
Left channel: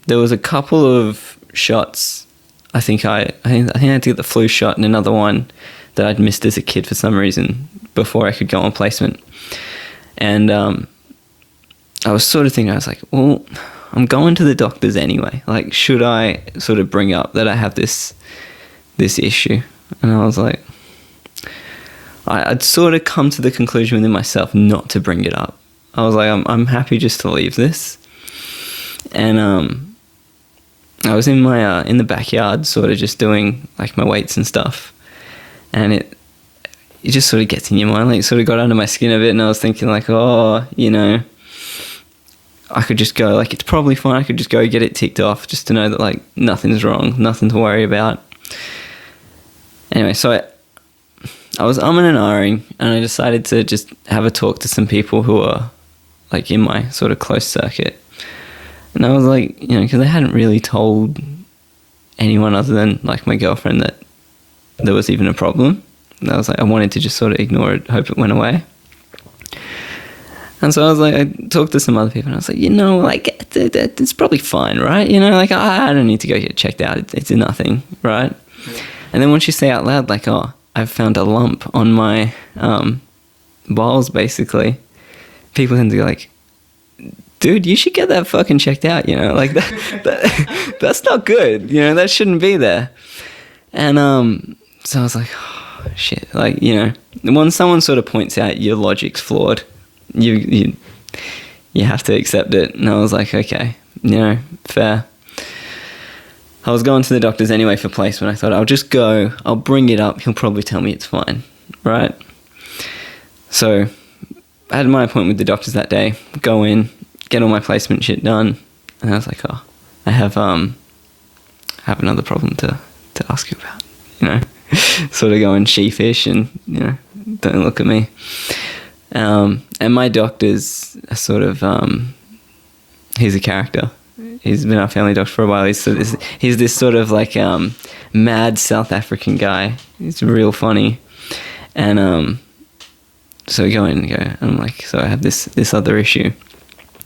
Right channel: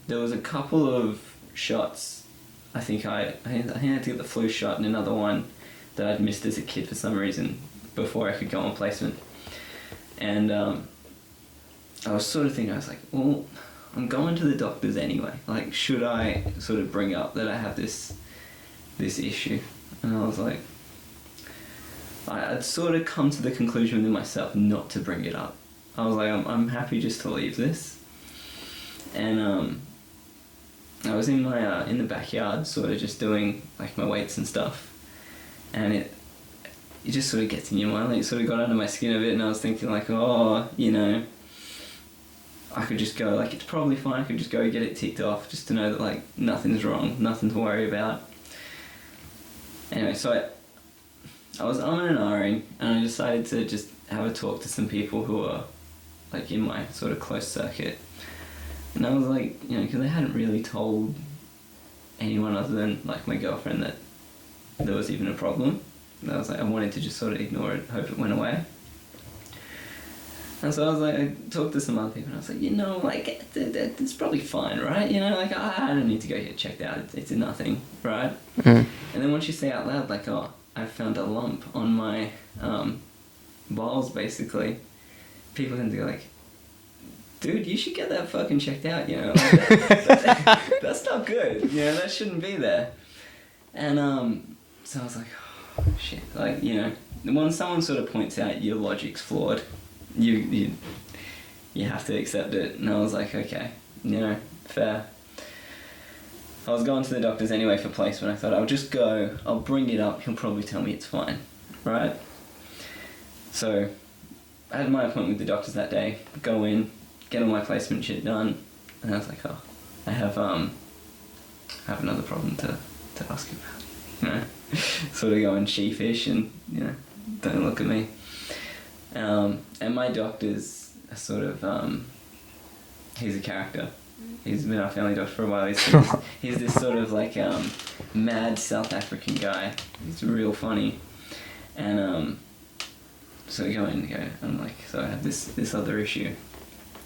there was a couple of shots. I think I had to get the flu shot and another one that I'd missed as a kid for some reason before I could go on placement. And I was sort of thinking, I was like, well, I'm going to the doctors anyway. Like, should I sort of bring up that I have this issue? And I was like, I'd sort of come to the conclusion within myself not to bring it up. I was like, I'm happy just to leave this. And I was in my in the backyard, sort of just doing like my weights and stuff, and it just sort of gets in your mind. Like, it sort of got under my skin a bit, and I was thinking like, oh, you know, I could just go, like, it's probably fine. I could just go get it ticked off just to know that like nothing's wrong, nothing to worry about. Anyway, so I was umming and ahhing, and I decided to just have a talk to some people who are like in my sort of close circuit. And I was like, you know, because I hadn't really told anyone other than like my girlfriend that there was even a problem. And I was like, I wanted to just sort of ignore it, hope it went away. And so I was like, I talked to some other people, and I was like, you know, like, it's probably fine, right? You know, like, I don't need to go get checked out. It's nothing, right? Mm. And then once you say out loud, like, oh, I've found a lump on my balls, basically, people tend to go like, dude, you should get that fucking checked out, you know, like that's not good, you know, that shouldn't be there. And so I was like, oh, shit, like, you know, when someone sort of points out your logic's flawed, you have to accept it. And I was like, okay, you know, fair. I was going to the doctors anyway for placement. I thought, I'll just go, I'll bring it up, he'll probably tell me it's fine, right? So I had my appointment with the doctors that day, go in, get all my placement shit done, and I was like, oh, I have another problem to ask you about, you know, sort of going sheepish and, you know, don't look at me. And my doctor's sort of, he's a character. He's been our family doctor for a while. He's this sort of like mad South African guy. He's real funny. And so we go in and go, and I'm like, so I have this other issue.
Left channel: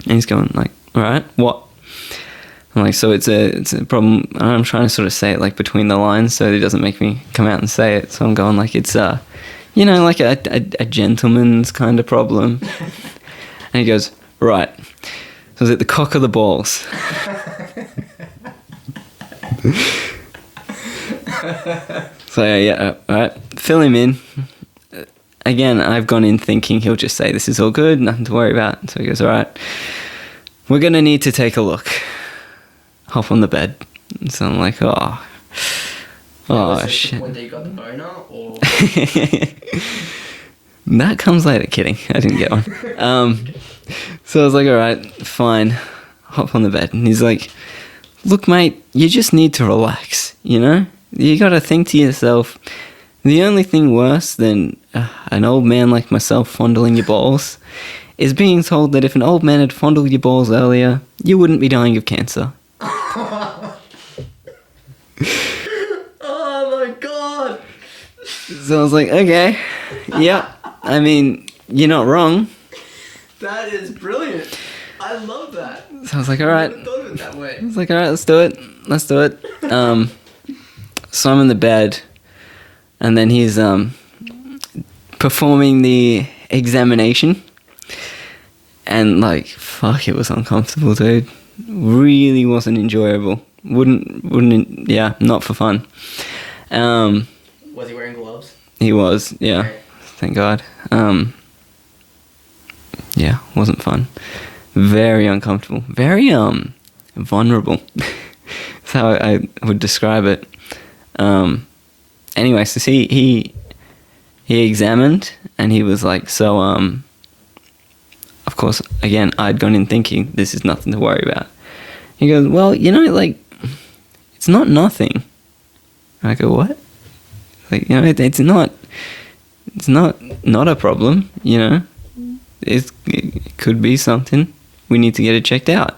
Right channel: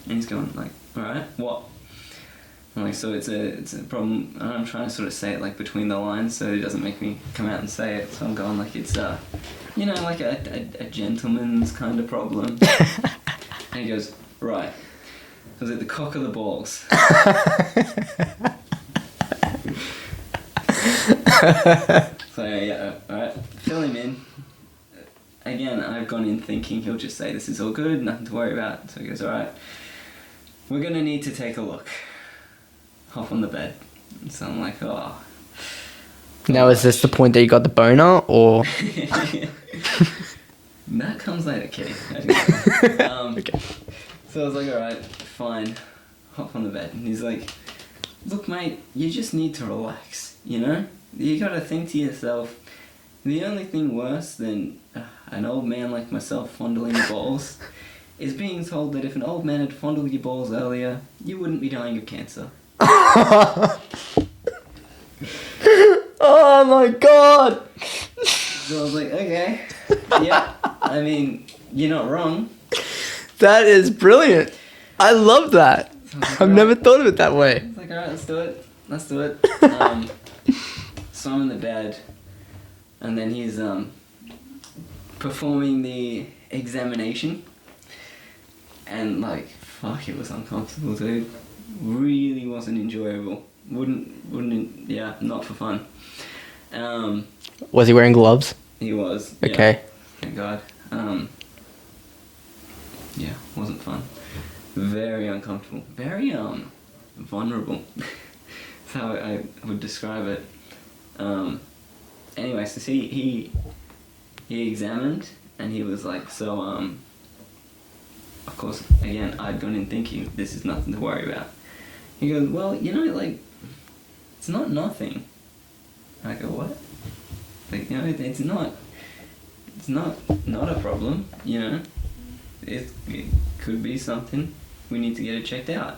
And he's going like, all right, what? I'm like, so it's a problem. And I'm trying to sort of say it like between the lines so it doesn't make me come out and say it. So I'm going like, it's you know, like a gentleman's kind of problem. And he goes, right. So is it the cock or the balls? So yeah, all right, fill him in. Again, I've gone in thinking he'll just say, this is all good, nothing to worry about. So he goes, all right, we're going to need to take a look. Hop on the bed. So I'm like, oh. Now, is this shit. The point that you got the boner, or? That comes later. Kidding. I didn't get one. Okay. So I was like, all right, fine. Hop on the bed. And he's like, look, mate, you just need to relax, you know? You got to think to yourself, the only thing worse than an old man like myself fondling your balls is being told that if an old man had fondled your balls earlier, you wouldn't be dying of cancer. Oh my god! So I was like, okay, yeah, I mean, you're not wrong. That is brilliant. I love that. So I was like, I've never thought of it that way. I was like, all right, let's do it. So I'm in the bed, and then he's performing the examination, and like, fuck, it was uncomfortable, dude. Really wasn't enjoyable. Wouldn't, yeah, not for fun. Was he wearing gloves? He was, yeah. Okay. Thank God. Yeah, wasn't fun. Very uncomfortable. Very vulnerable. That's how I would describe it. Anyway, so he examined, and he was like, so of course, again, I'd gone in thinking this is nothing to worry about. He goes, well, you know, like, it's not nothing. I go, what? Like, you know, it's not a problem, you know. It could be something. We need to get it checked out.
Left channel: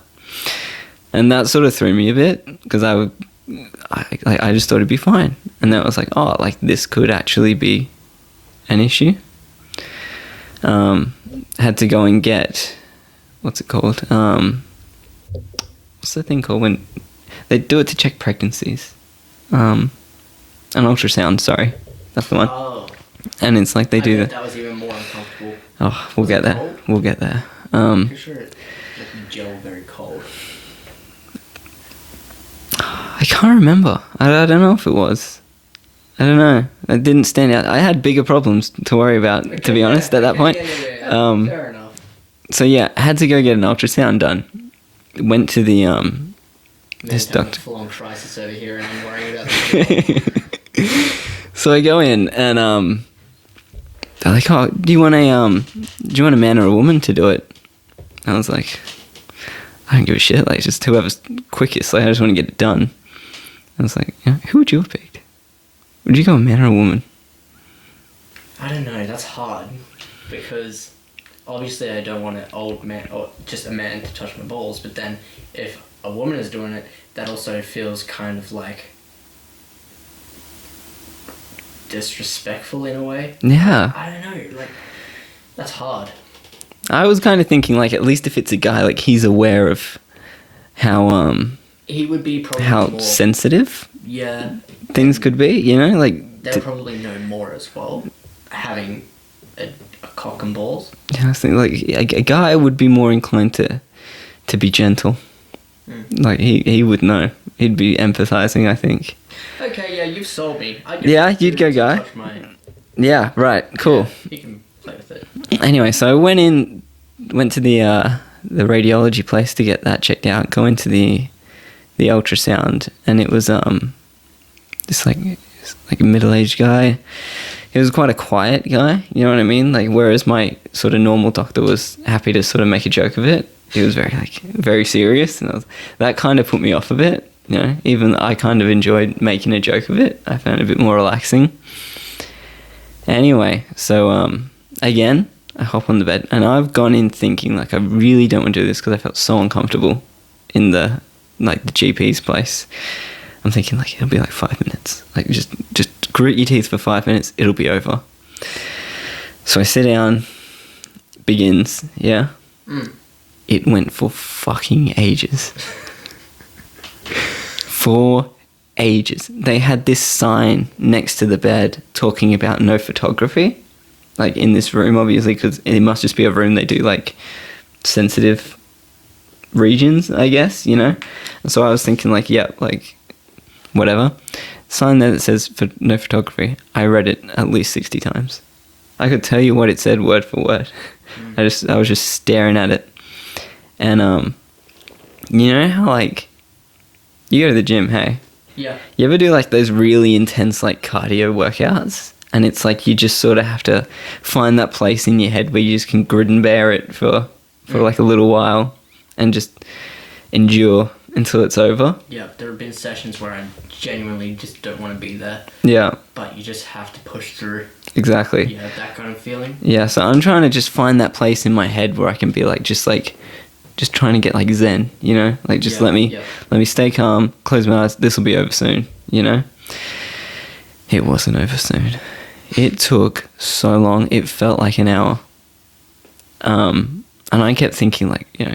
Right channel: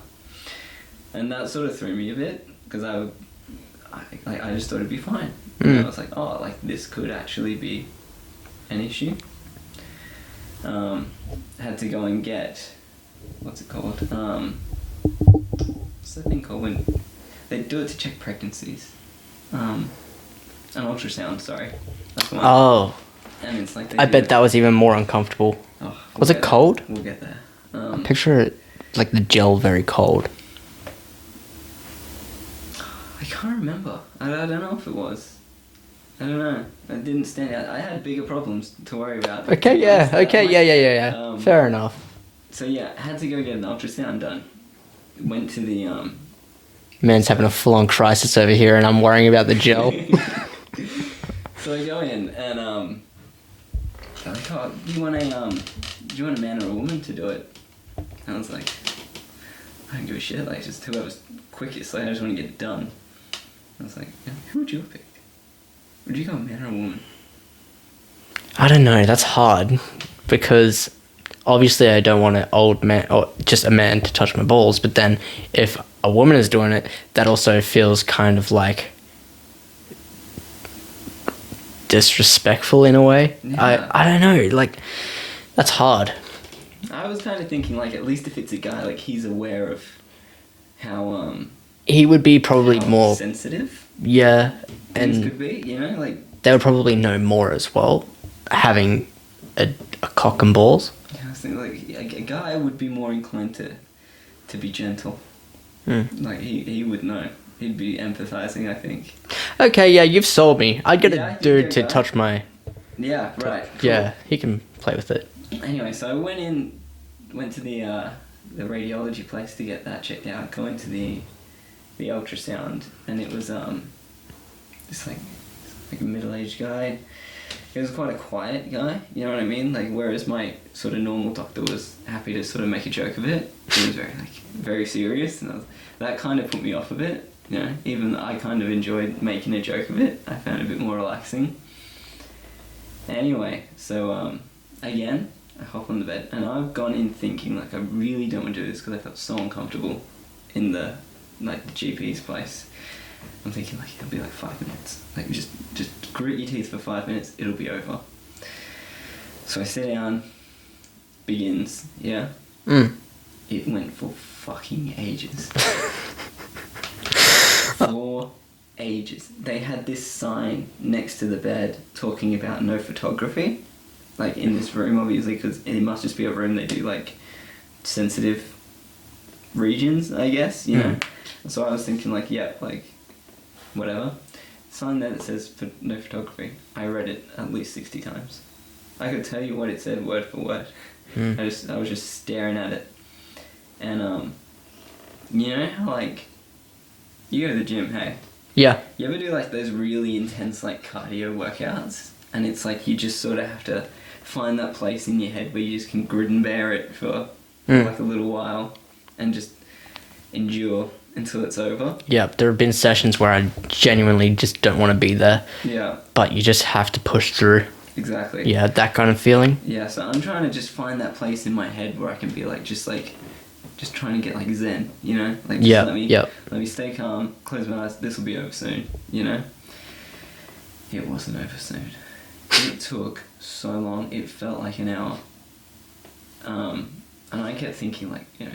And that sort of threw me a bit, because I I just thought it'd be fine. And then I was like, oh, like this could actually be an issue. Had to go and get, what's it called? What's the thing called when they do it to check pregnancies? An ultrasound, sorry. That's the one. Oh. And it's like they I do. bet that was even more uncomfortable. Oh, Was it cold? We'll get there. Picture it like the gel very cold. I can't remember. I don't know if it was. I don't know. It didn't stand out. I had bigger problems to worry about, to be honest, at that point. Yeah. Fair enough. So yeah, I had to go get an ultrasound done. Went to the Man's having a full-on crisis over here, and I'm worrying about the gel. So I go in, and they're like, "Oh, do you want a man or a woman to do it?" And I was like, "I don't give a shit. Like, just whoever's quickest. Like, I just want to get it done." I was like, yeah, "Who would you have picked? Would you go a man or a woman?" I don't know. That's hard because obviously I don't want an old man or just a man to touch my balls. But then if a woman is doing it, that also feels kind of like disrespectful in a way. Yeah. I don't know. Like, that's hard. I was kind of thinking, like, at least if it's a guy, like, he's aware of how He would be probably how more sensitive yeah things and could be, you know, like they would probably know more as well, having a cock and balls. yeah, I think like a guy would be more inclined to be gentle. Like he would know. He'd be empathizing, I think. Okay, yeah, you've sold me. I'd get a you'd dude go to guy. touch my. Yeah, right. Cool. Yeah, he can play with it. Anyway, so I went to the radiology place to get that checked out. Go into the ultrasound, and it was this like a middle-aged guy. He was quite a quiet guy, you know what I mean? Like, whereas my sort of normal doctor was happy to sort of make a joke of it, he was very serious, and that kind of put me off a bit, you know? Even I kind of enjoyed making a joke of it. I found it a bit more relaxing. Anyway, so again, I hop on the bed, and I've gone in thinking, like, I really don't want to do this because I felt so uncomfortable in the GP's place. I'm thinking, like, it'll be like 5 minutes. Like, just grit your teeth for 5 minutes, it'll be over. So I sit down, begins, yeah? It went for fucking ages. For ages. They had this sign next to the bed talking about no photography. Like, in this room, obviously, because it must just be a room they do, like, sensitive regions, I guess, you know? So I was thinking, like, yeah, like, whatever. Sign there that says for no photography. I read it at least 60 times. I could tell you what it said word for word. I was just staring at it. And, you know how, like, you go to the gym, hey? Yeah. You ever do, like, those really intense, like, cardio workouts? And it's like you just sort of have to find that place in your head where you just can grit and bear it for like, a little while and just endure until it's over. Yeah, there have been sessions where I genuinely just don't want to be there. Yeah. But you just have to push through. Exactly. Yeah, that kind of feeling. Yeah, so I'm trying to just find that place in my head where I can be just trying to get like zen, you know? Like, just let me stay calm, close my eyes, this will be over soon, you know? It wasn't over soon. It took so long, it felt like an hour. And I kept thinking, like, you know,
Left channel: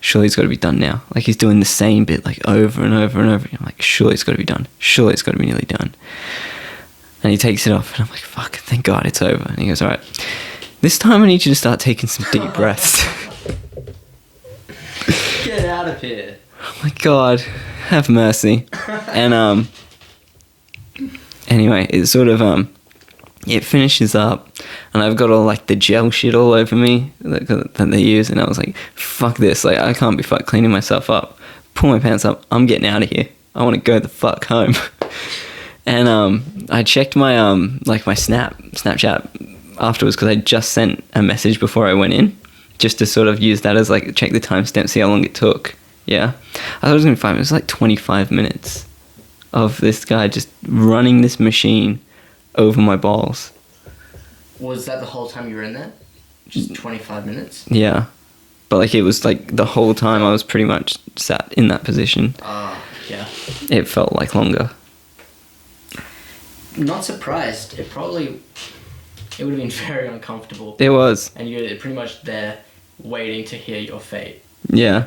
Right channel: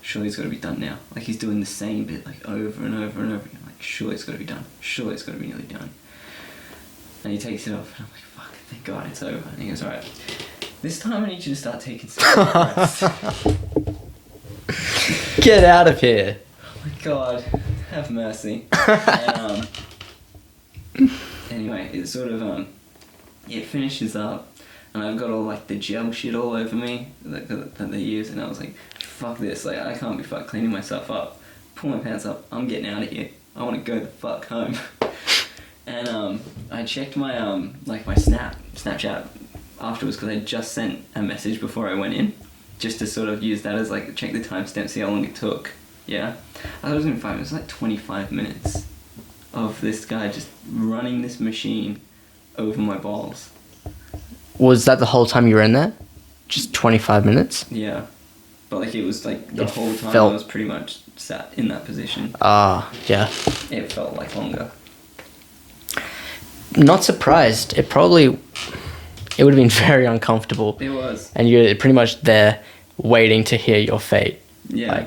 surely it's got to be done now. Like, he's doing the same bit, like, over and over and over. I'm like, surely it's got to be done. Surely it's got to be nearly done. And he takes it off, and I'm like, fuck, thank God it's over. And he goes, all right, this time I need you to start taking some deep breaths. Get out of here. Oh my God, have mercy. And anyway, it sort of it finishes up, and I've got all like the gel shit all over me that they use, and I was like, fuck this, like, I can't be fucked cleaning myself up. Pull my pants up, I'm getting out of here. I want to go the fuck home. And I checked my like my Snapchat afterwards, because I just sent a message before I went in, just to sort of use that as like, check the timestamp, see how long it took. Yeah, I thought it was gonna be 5 minutes. It was like 25 minutes of this guy just running this machine over my balls. Was that the whole time you were in there? Just 25 minutes? Yeah. but like it was like the whole time Felt- I was pretty much sat in that position. Yeah. It felt like longer. Not surprised. It would have been very uncomfortable. It was. And you're pretty much there waiting to hear your fate. Yeah.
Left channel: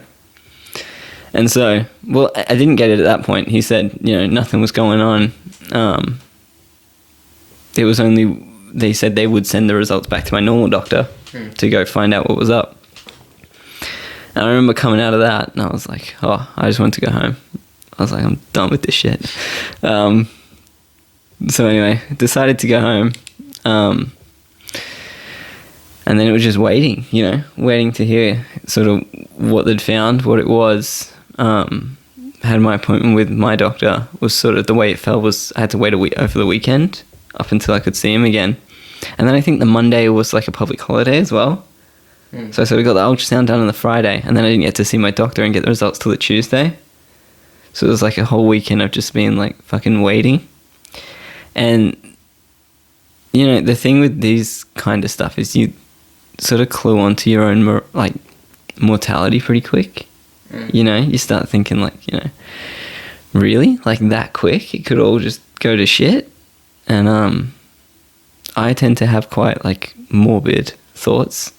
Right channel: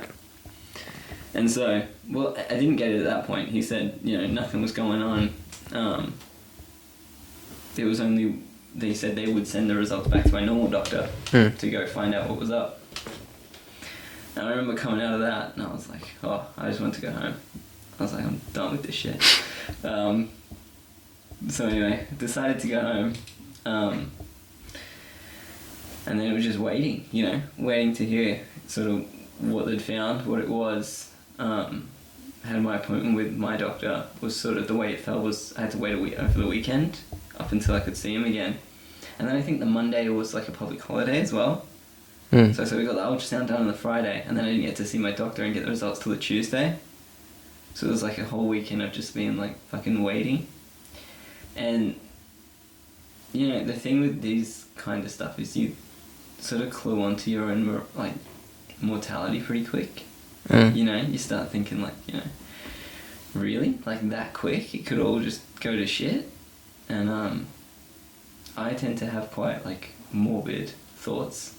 And so, well, I didn't get it at that point. He said, nothing was going on. It was only, they said they would send the results back to my normal doctor to go find out what was up. And I remember coming out of that and I was like, oh, I just want to go home. I was like, I'm done with this shit. So anyway, decided to go home. And then it was just waiting, waiting to hear sort of what they'd found, what it was. Had my appointment with my doctor. Was sort of the way it felt was I had to wait a week over the weekend up until I could see him again. And then I think the Monday was like a public holiday as well. So I sort of got the ultrasound done on the Friday, and then I didn't get to see my doctor and get the results till the Tuesday. So it was like a whole weekend of just being like fucking waiting. And, the thing with these kind of stuff is you sort of clue onto your own, mortality pretty quick. You start thinking like, really? Like that quick? It could all just go to shit? And I tend to have quite like morbid thoughts,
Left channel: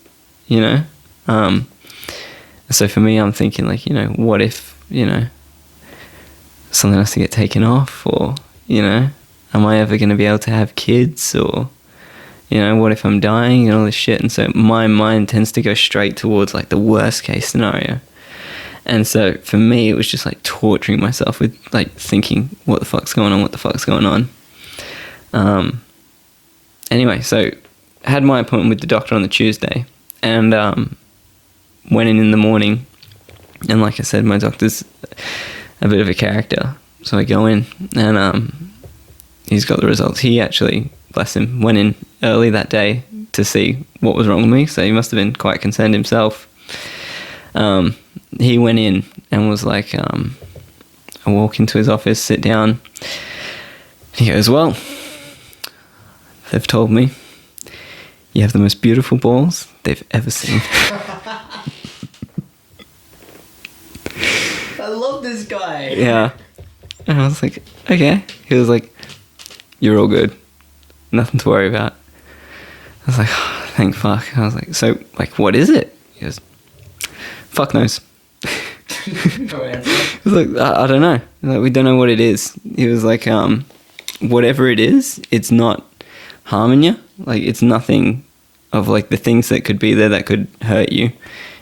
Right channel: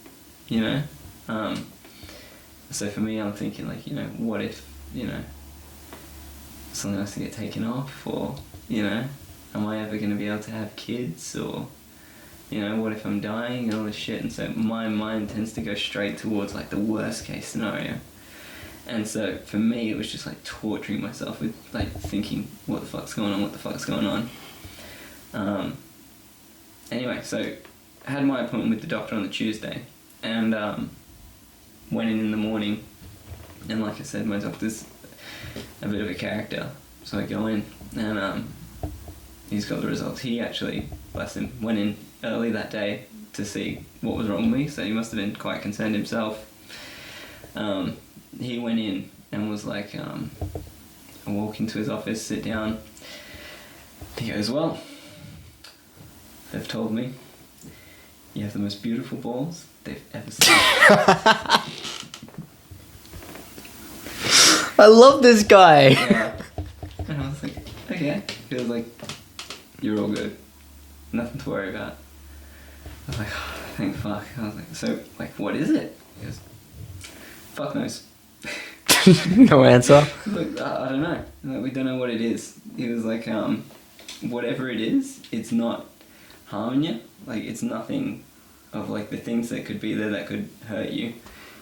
So for me, I'm thinking like, what if, something has to get taken off, or, am I ever going to be able to have kids, or, what if I'm dying and all this shit? And so my mind tends to go straight towards like the worst case scenario. And so for me, it was just like torturing myself with like thinking, what the fuck's going on? Anyway, so I had my appointment with the doctor on the Tuesday, and went in the morning. And like I said, my doctor's a bit of a character. So I go in, and he's got the results. He actually, bless him, went in early that day to see what was wrong with me. So he must have been quite concerned himself. He went in and was like, I walk into his office, sit down. He goes, well, they've told me you have the most beautiful balls they've ever seen. I love this guy. Yeah. And I was like, okay. He was like, you're all good. Nothing to worry about. I was like, oh, thank fuck. I was like, so, like, what is it? He goes, fuck knows. No answer. I was like, I don't know. Like, we don't know what it is. He was like, whatever it is, it's not harming you. Like, it's nothing of, like, the things that could be there that could hurt you.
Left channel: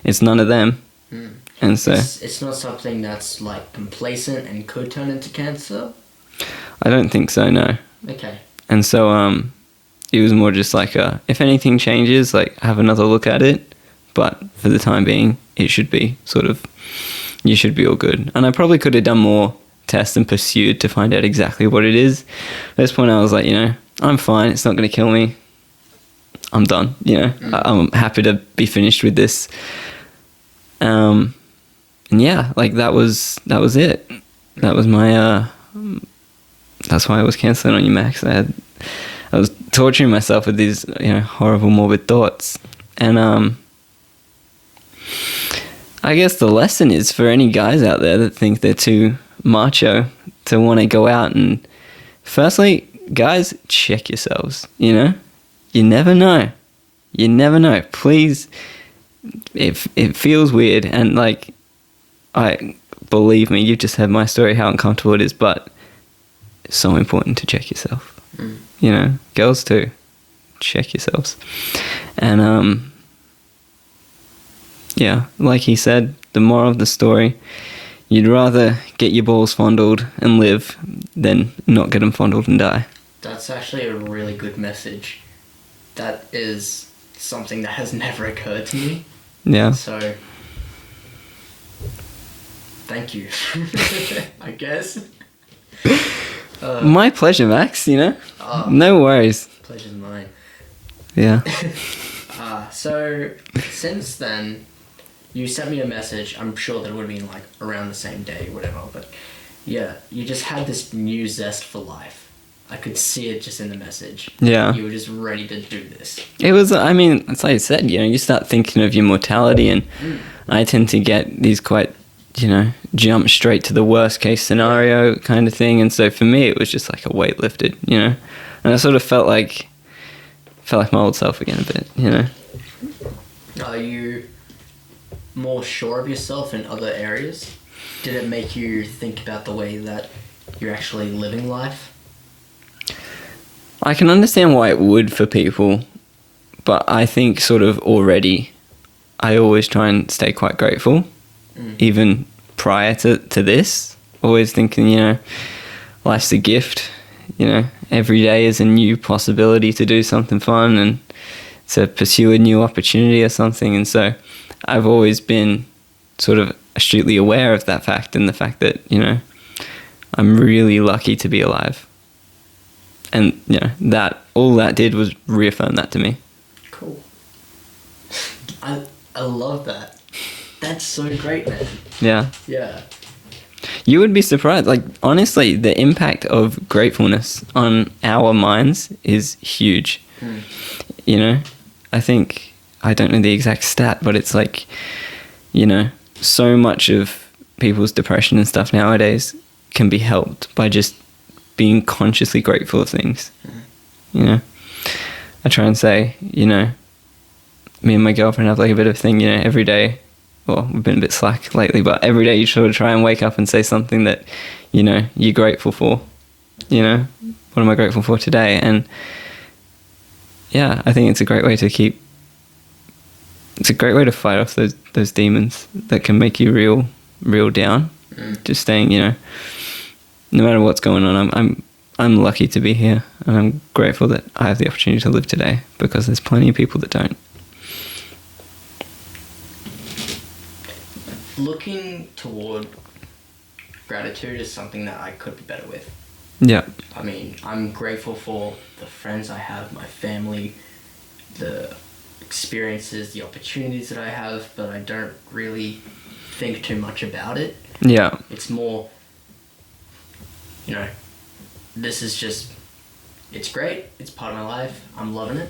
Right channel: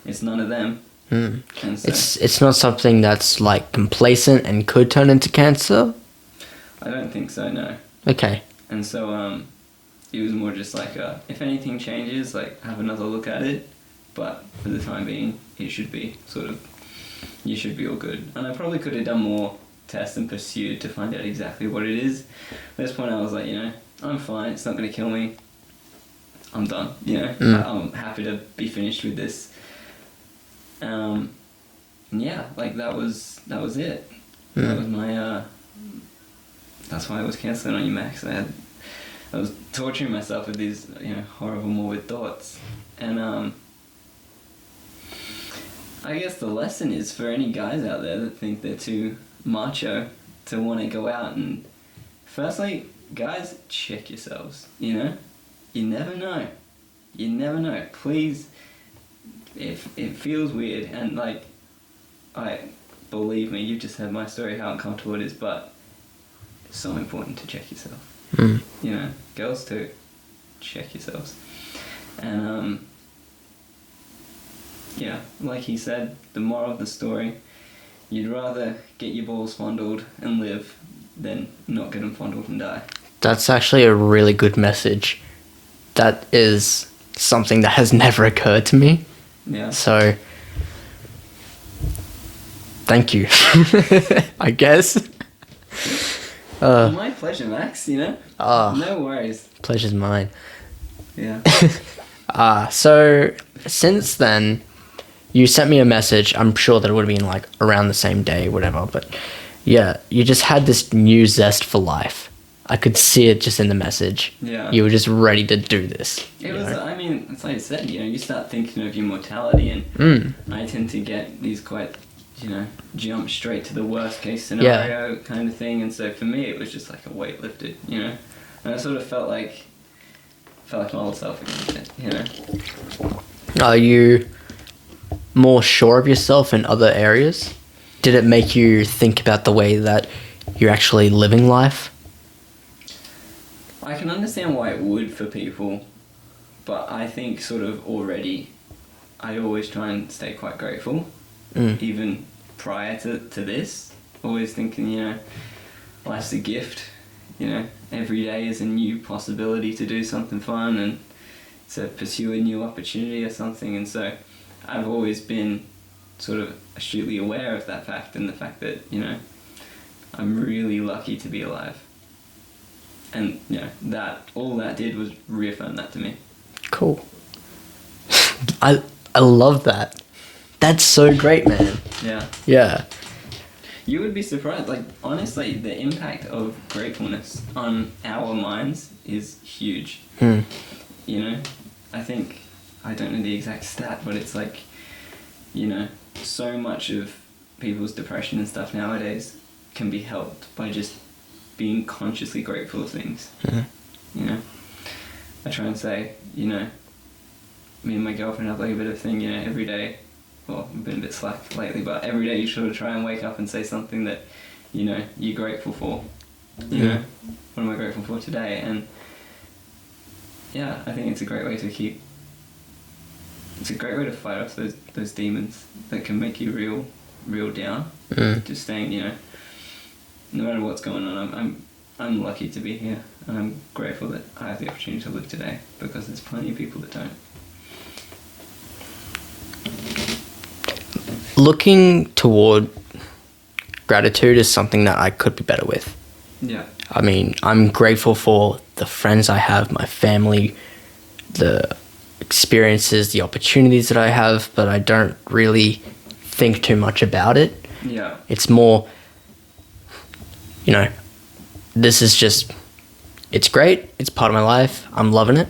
It's none of them. And so it's not something that's like complacent and could turn into cancer? I don't think so, no. Okay. And so it was more just like if anything changes, like have another look at it, but for the time being it should be sort of, you should be all good. And I probably could have done more tests and pursued to find out exactly what it is. At this point I was like, I'm fine, it's not going to kill me, I'm done, I'm happy to be finished with this. And yeah, like that was it. That was my that's why I was cancelling on you, Max. I was torturing myself with these horrible morbid thoughts. And I guess the lesson is for any guys out there that think they're too macho to want to go out, and firstly, guys, check yourselves. You never know. Please. It feels weird, and like, believe me, you've just heard my story, how uncomfortable it is, but it's so important to check yourself. Girls too, check yourselves. And yeah, like he said, the moral of the story, you'd rather get your balls fondled and live than not get them fondled and die. That's actually a really good message. That is something that has never occurred to me. Yeah. So, thank you. I guess. My pleasure, Max, No worries. Pleasure's mine. Yeah. So, since then, you sent me a message. I'm sure that it would have been like around the same day, whatever. But yeah, you just had this new zest for life. I could see it just in the message. Yeah. You were just ready to do this. It was, I mean, it's like I said, you start thinking of your mortality, and I tend to get these quite, jump straight to the worst case scenario kind of thing. And so for me, it was just like a weight lifted, and I sort of felt like my old self again a bit, Are you more sure of yourself in other areas? Did it make you think about the way that you're actually living life? I can understand why it would for people, but I think sort of already I always try and stay quite grateful, even prior to this. Always thinking, life's a gift, every day is a new possibility to do something fun and to pursue a new opportunity or something. And so I've always been sort of astutely aware of that fact, and the fact that, I'm really lucky to be alive. And, that all that did was reaffirm that to me. Cool. I love that. That's so great, man. Yeah. Yeah. You would be surprised. Like, honestly, the impact of gratefulness on our minds is huge. I think, I don't know the exact stat, but it's like, so much of people's depression and stuff nowadays can be helped by just being consciously grateful of things. I try and say, me and my girlfriend have like a bit of a thing, every day. Well, we've been a bit slack lately, but every day you sort of try and wake up and say something that, you're grateful for. What am I grateful for today? And yeah, I think it's a great way to fight off those demons that can make you real down. Just staying, no matter what's going on, I'm lucky to be here, and I'm grateful that I have the opportunity to live today, because there's plenty of people that don't. Looking toward gratitude is something that I could be better with. Yeah. I mean, I'm grateful for the friends I have, my family, the experiences, the opportunities that I have, but I don't really think too much about it. Yeah. It's more, this is just, it's great. It's part of my life. I'm loving it.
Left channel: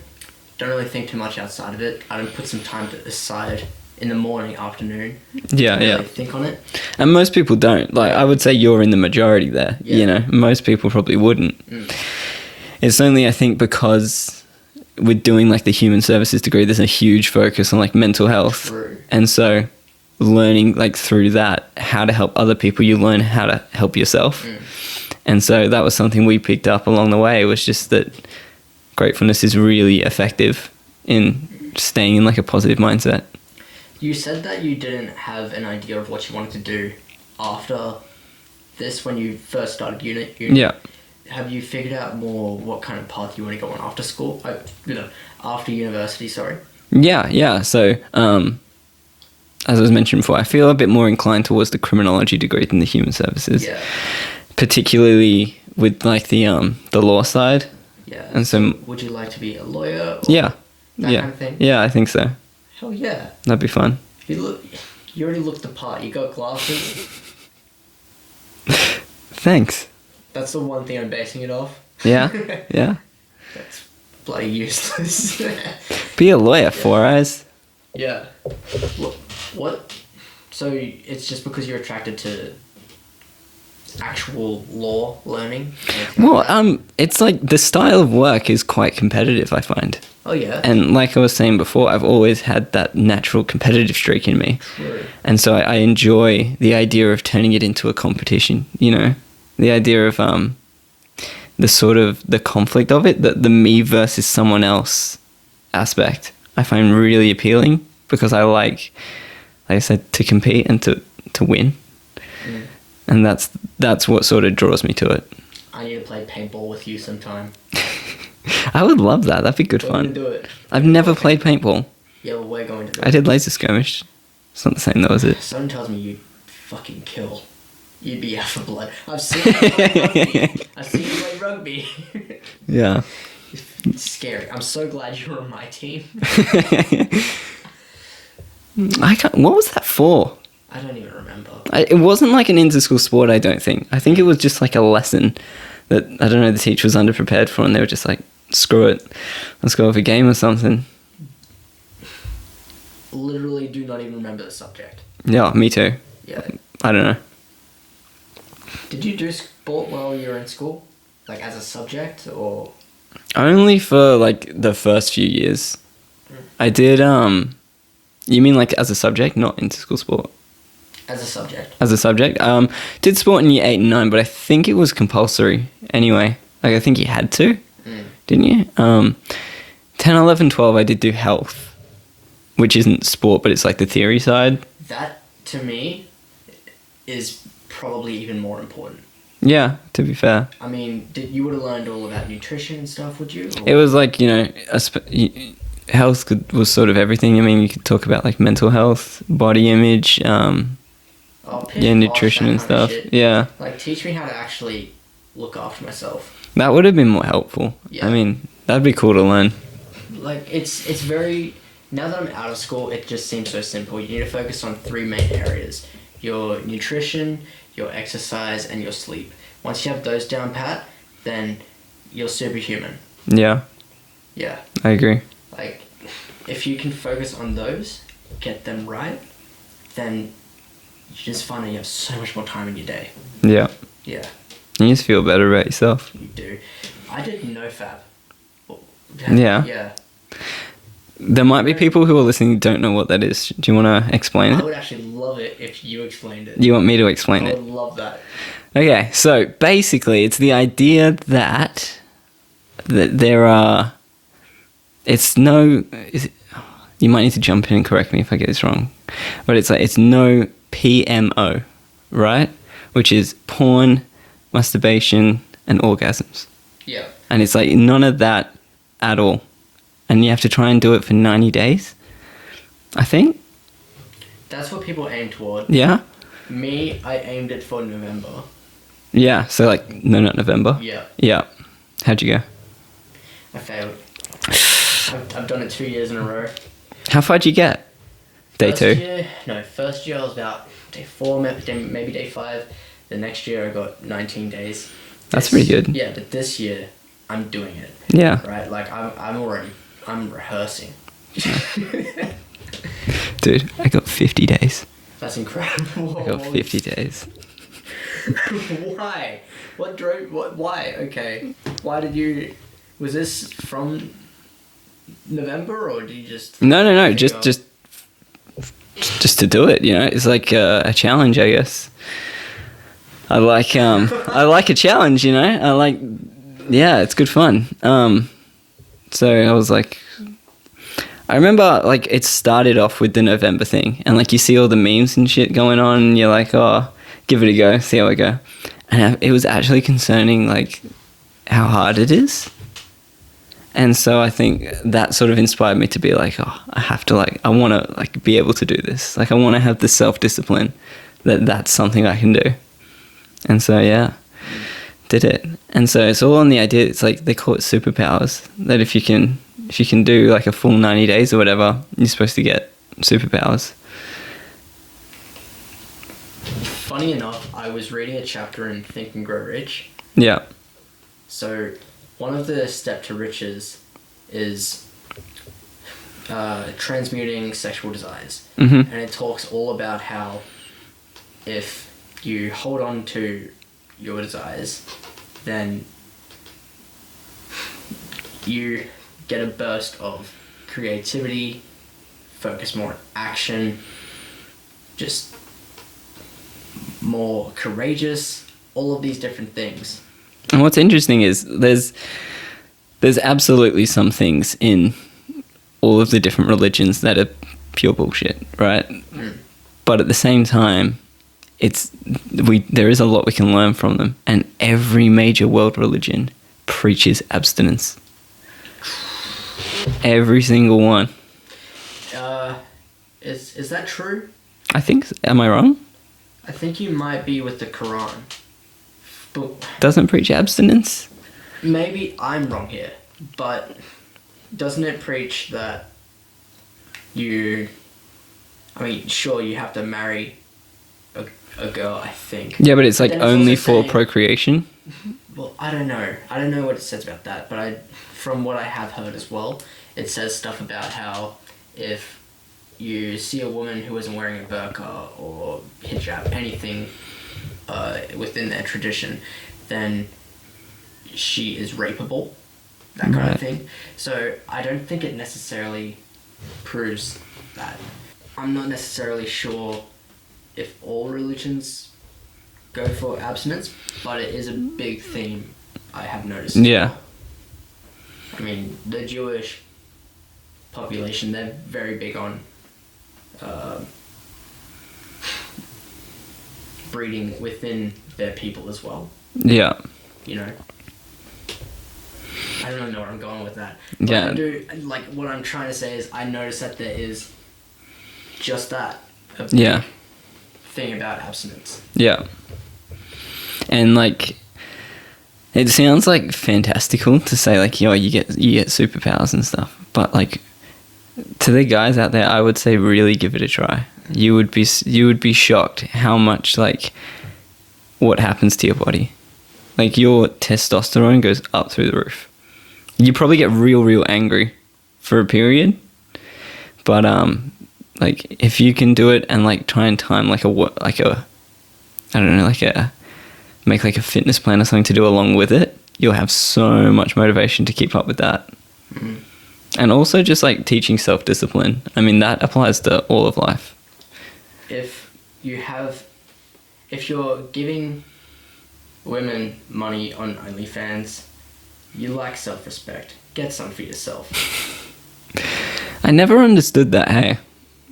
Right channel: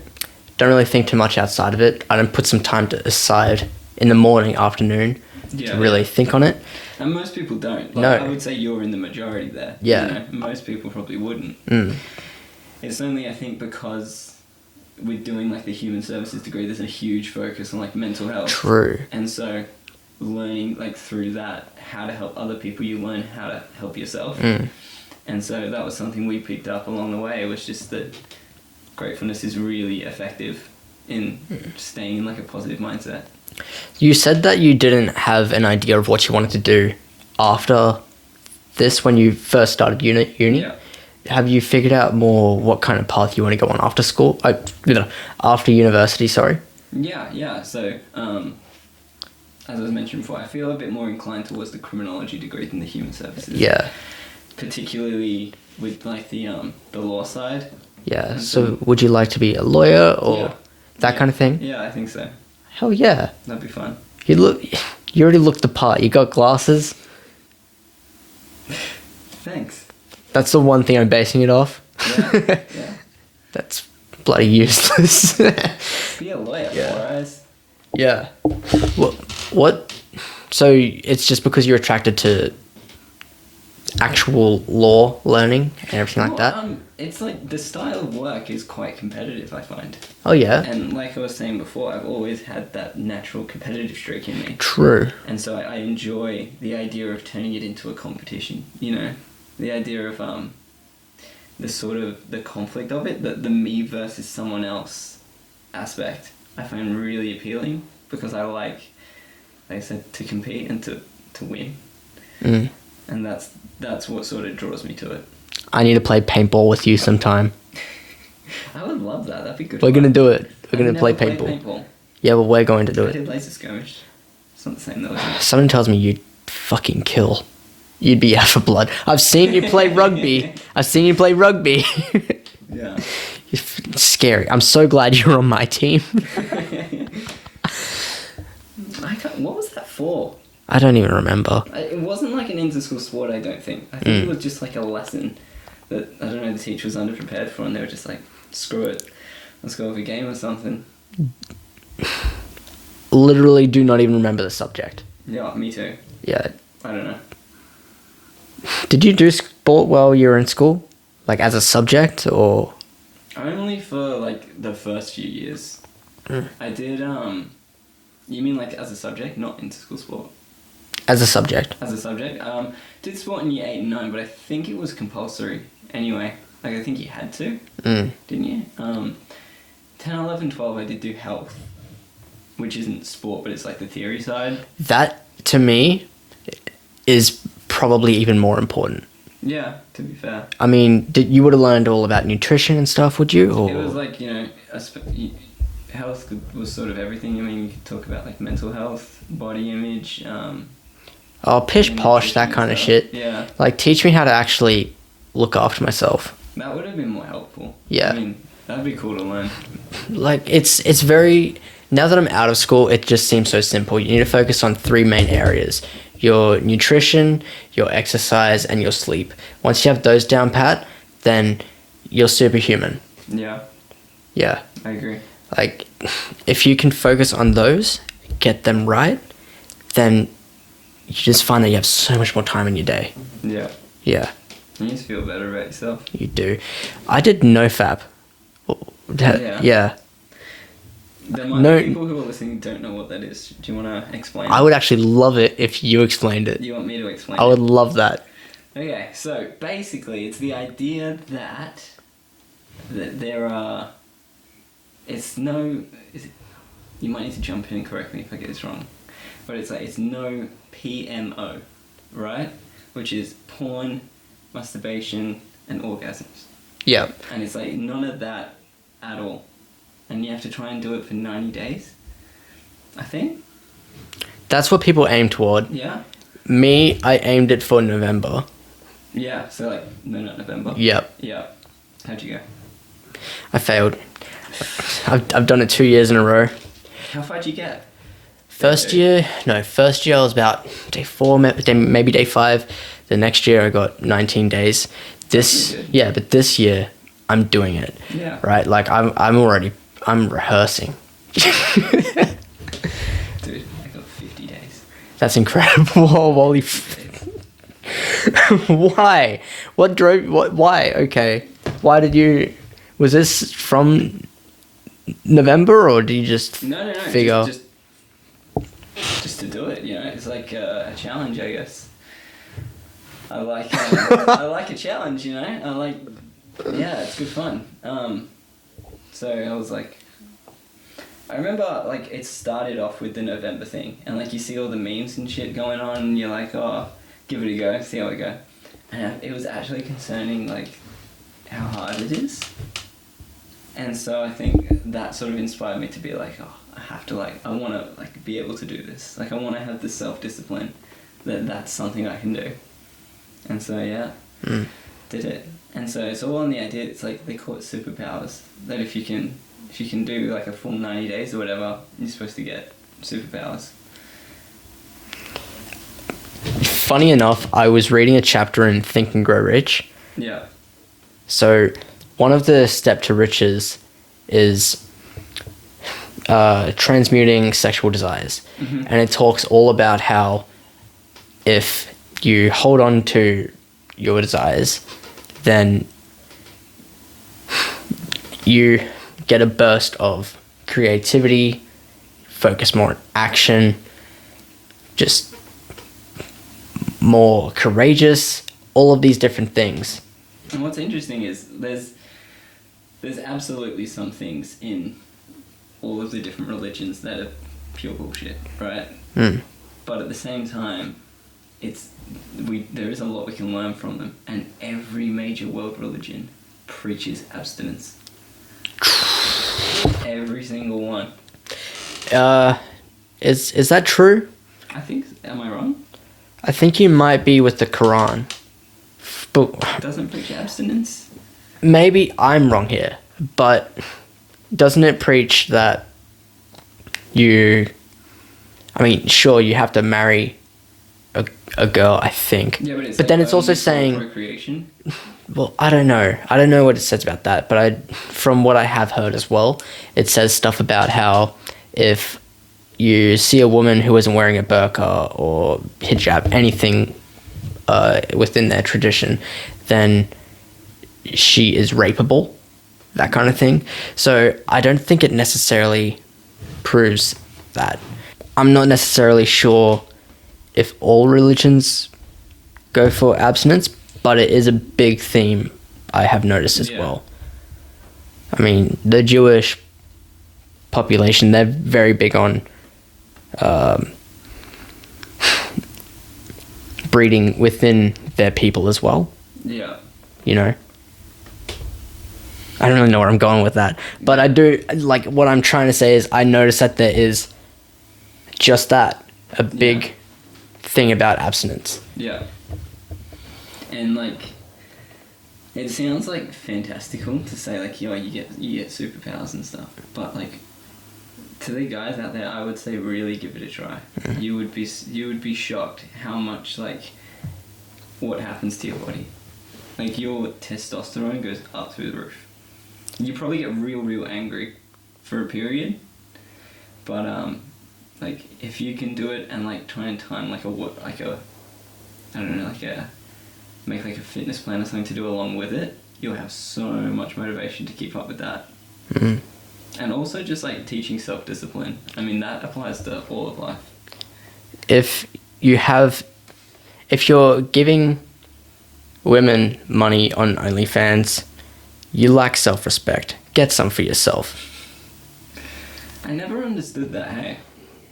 Don't really think too much outside of it. I don't put some time aside in the morning, afternoon to really think on it. And most people don't. Like, I would say you're in the majority there. Yeah. Most people probably wouldn't. It's only, I think, because with doing like the human services degree, there's a huge focus on like mental health. True. And so learning like through that how to help other people, you learn how to help yourself. And so that was something we picked up along the way, was just that gratefulness is really effective in staying in like a positive mindset. You said that you didn't have an idea of what you wanted to do after this when you first started uni. Yeah. Have you figured out more what kind of path you want to go on after school? After university, sorry. Yeah. So, as I was mentioned before, I feel a bit more inclined towards the criminology degree than the human services. Yeah. Particularly with like the law side. Yeah. And so would you like to be a lawyer or that kind of thing? Yeah, I think so. Hell yeah. That'd be fun. You already looked the part. You got glasses. Thanks. That's the one thing I'm basing it off. Yeah. Yeah. That's bloody useless. Be a lawyer, 4 eyes. Yeah. What? So it's just because you're attracted to actual law learning and everything like that? It's like the style of work is quite competitive, I find. Oh, yeah? And like I was saying before, I've always had that natural competitive streak in me. True. And so I enjoy the idea of turning it into a competition, The idea of the sort of the conflict of it, the me versus someone else aspect, I find really appealing, because I like I said, to compete and to win. And that's what sort of draws me to it. I need to play paintball with you sometime. I would love that. That'd be good fun. We're going to do it. I've never played paintball. Yeah, but we're going to do it. I did laser skirmish. It's not the same though, is it? Someone tells me you'd fucking kill. You'd be out for blood. I've seen you play rugby. Yeah. It's scary. I'm so glad you're on my team. What was that for? I don't even remember. It wasn't like an inter-school sport, I don't think. I think it was just like a lesson that, I don't know, the teacher was underprepared for, and they were just like, screw it, let's go with a game or something. Literally do not even remember the subject. Yeah, me too. Yeah. I don't know. Did you do sport while you were in school? Like as a subject or? Only for like the first few years. I did, you mean like as a subject, not into school sport? As a subject. As a subject. Did sport in year 8 and 9, but I think it was compulsory anyway. Like I think you had to, didn't you? 10, 11, 12 I did do health, which isn't sport, but it's like the theory side. That to me is probably even more important. Yeah, to be fair. I mean, you would have learned all about nutrition and stuff, would you? Or? It was like, you know, health was sort of everything. I mean, you could talk about like mental health, body image, pish posh, that kind of stuff. shit. Yeah. Like, teach me how to actually look after myself. That would have been more helpful. Yeah. I mean, that'd be cool to learn. Like, it's very... Now that I'm out of school, it just seems so simple. You need to focus on 3 main areas. Your nutrition, your exercise, and your sleep. Once you have those down pat, then you're superhuman. Yeah. Yeah. I agree. Like, if you can focus on those, get them right, then you just find that you have so much more time in your day. Yeah. Yeah. You just feel better about yourself. You do. I did NoFap. Yeah. Yeah. There might be people who are listening who don't know what that is. Do you want to explain it? I would actually love it if you explained it. You want me to explain it? I would love that. Okay, so basically it's the idea that there are... you might need to jump in and correct me if I get this wrong. But it's like, it's no PMO, right? Which is porn, masturbation, and orgasms. Yeah. And it's like none of that at all. And you have to try and do it for 90 days, I think. That's what people aim toward. Yeah? Me, I aimed it for November. Yeah, so like, no, not November. Yep. Yeah. How'd you go? I failed. I've done it 2 years in a row. How far'd you get? First year I was about day 4, maybe day 5. The next year I got 19 days. That's pretty good. Yeah, but this year I'm doing it. Yeah. Right? Like I'm rehearsing. Dude, I got 50 days. That's incredible. I got 50 days. Why? Why? Okay. Why did you... Was this from November or do you just... No. figure- Just to do it, you know? It's like a challenge, I guess. I like I like a challenge, you know? Yeah, it's good fun. So I was like... I remember, like, it started off with the November thing. And, like, you see all the memes and shit going on. And you're like, oh, give it a go. See how I go. And it was actually concerning, like, how hard it is. And so I think that sort of inspired me to be like, oh, I have to, like, I want to, like, be able to do this. Like, I want to have the self-discipline that's something I can do. And so, yeah, did it. And so it's all on the idea. It's like, they call it superpowers. That if you can do like a full 90 days or whatever, you're supposed to get superpowers. Funny enough, I was reading a chapter in Think and Grow Rich. Yeah. So one of the step to riches is transmuting sexual desires. Mm-hmm. And it talks all about how if you hold on to your desires, then you get a burst of creativity, focus more on action, just more courageous, all of these different things. And what's interesting is there's absolutely some things in all of the different religions that are pure bullshit, right? But at the same time, there is a lot we can learn from them, and every major world religion preaches abstinence. Every single one. Is that true? I think. Am I wrong? I think you might be with the Quran. But Doesn't preach abstinence? maybe I'm wrong here, but doesn't it preach that sure, you have to marry a girl, I think. Yeah, but it's like then only for procreation. Well, I don't know. I don't know what it says about that, but from what I have heard as well, it says stuff about how if you see a woman who isn't wearing a burqa or hijab, anything within their tradition, then she is rapeable, that kind of thing. So I don't think it necessarily proves that. I'm not necessarily sure if all religions go for abstinence, but it is a big theme I have noticed as well. I mean, the Jewish population, they're very big on breeding within their people as well. Yeah. You know? I don't really know where I'm going with that. But I do, like, what I'm trying to say is I notice that there is just that, a big thing about abstinence. Yeah. And, like, it sounds, like, fantastical to say, like, yo, you get superpowers and stuff. But, like, to the guys out there, I would say really give it a try. You would be shocked how much, like, what happens to your body. Like, your testosterone goes up through the roof. You probably get real angry for a period, but like, if you can do it and, like, try and time make like a fitness plan or something to do along with it, you'll have so much motivation to keep up with that. And also just, like, teaching self-discipline. I mean, that applies to all of life. If you're giving women money on OnlyFans, you lack self-respect. Get some for yourself. I never understood that, hey?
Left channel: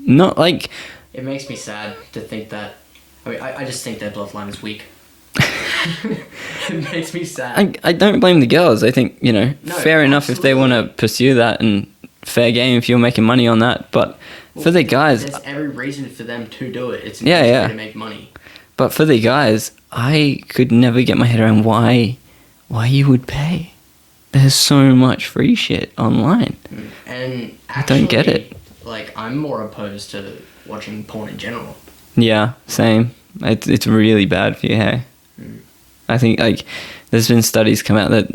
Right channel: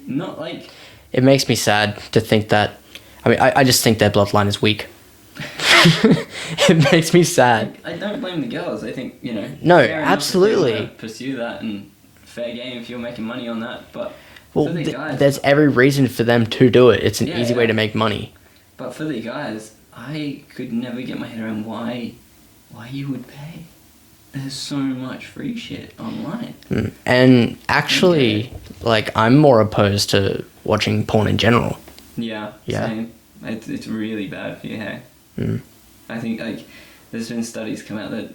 Not like... It makes me sad to think that... I mean, I just think their bloodline is weak. It makes me sad. I don't blame the girls. I think, you know, fair enough absolutely. If they want to pursue that, and fair game if you're making money on that. But for the guys... There's every reason for them to do it. It's an easy way to make money. But for the guys, I could never get my head around why you would pay. There's so much free shit online. And actually, like, I'm more opposed to watching porn in general. Yeah. Same. It's really bad for you, hey? I think, like, there's been studies come out that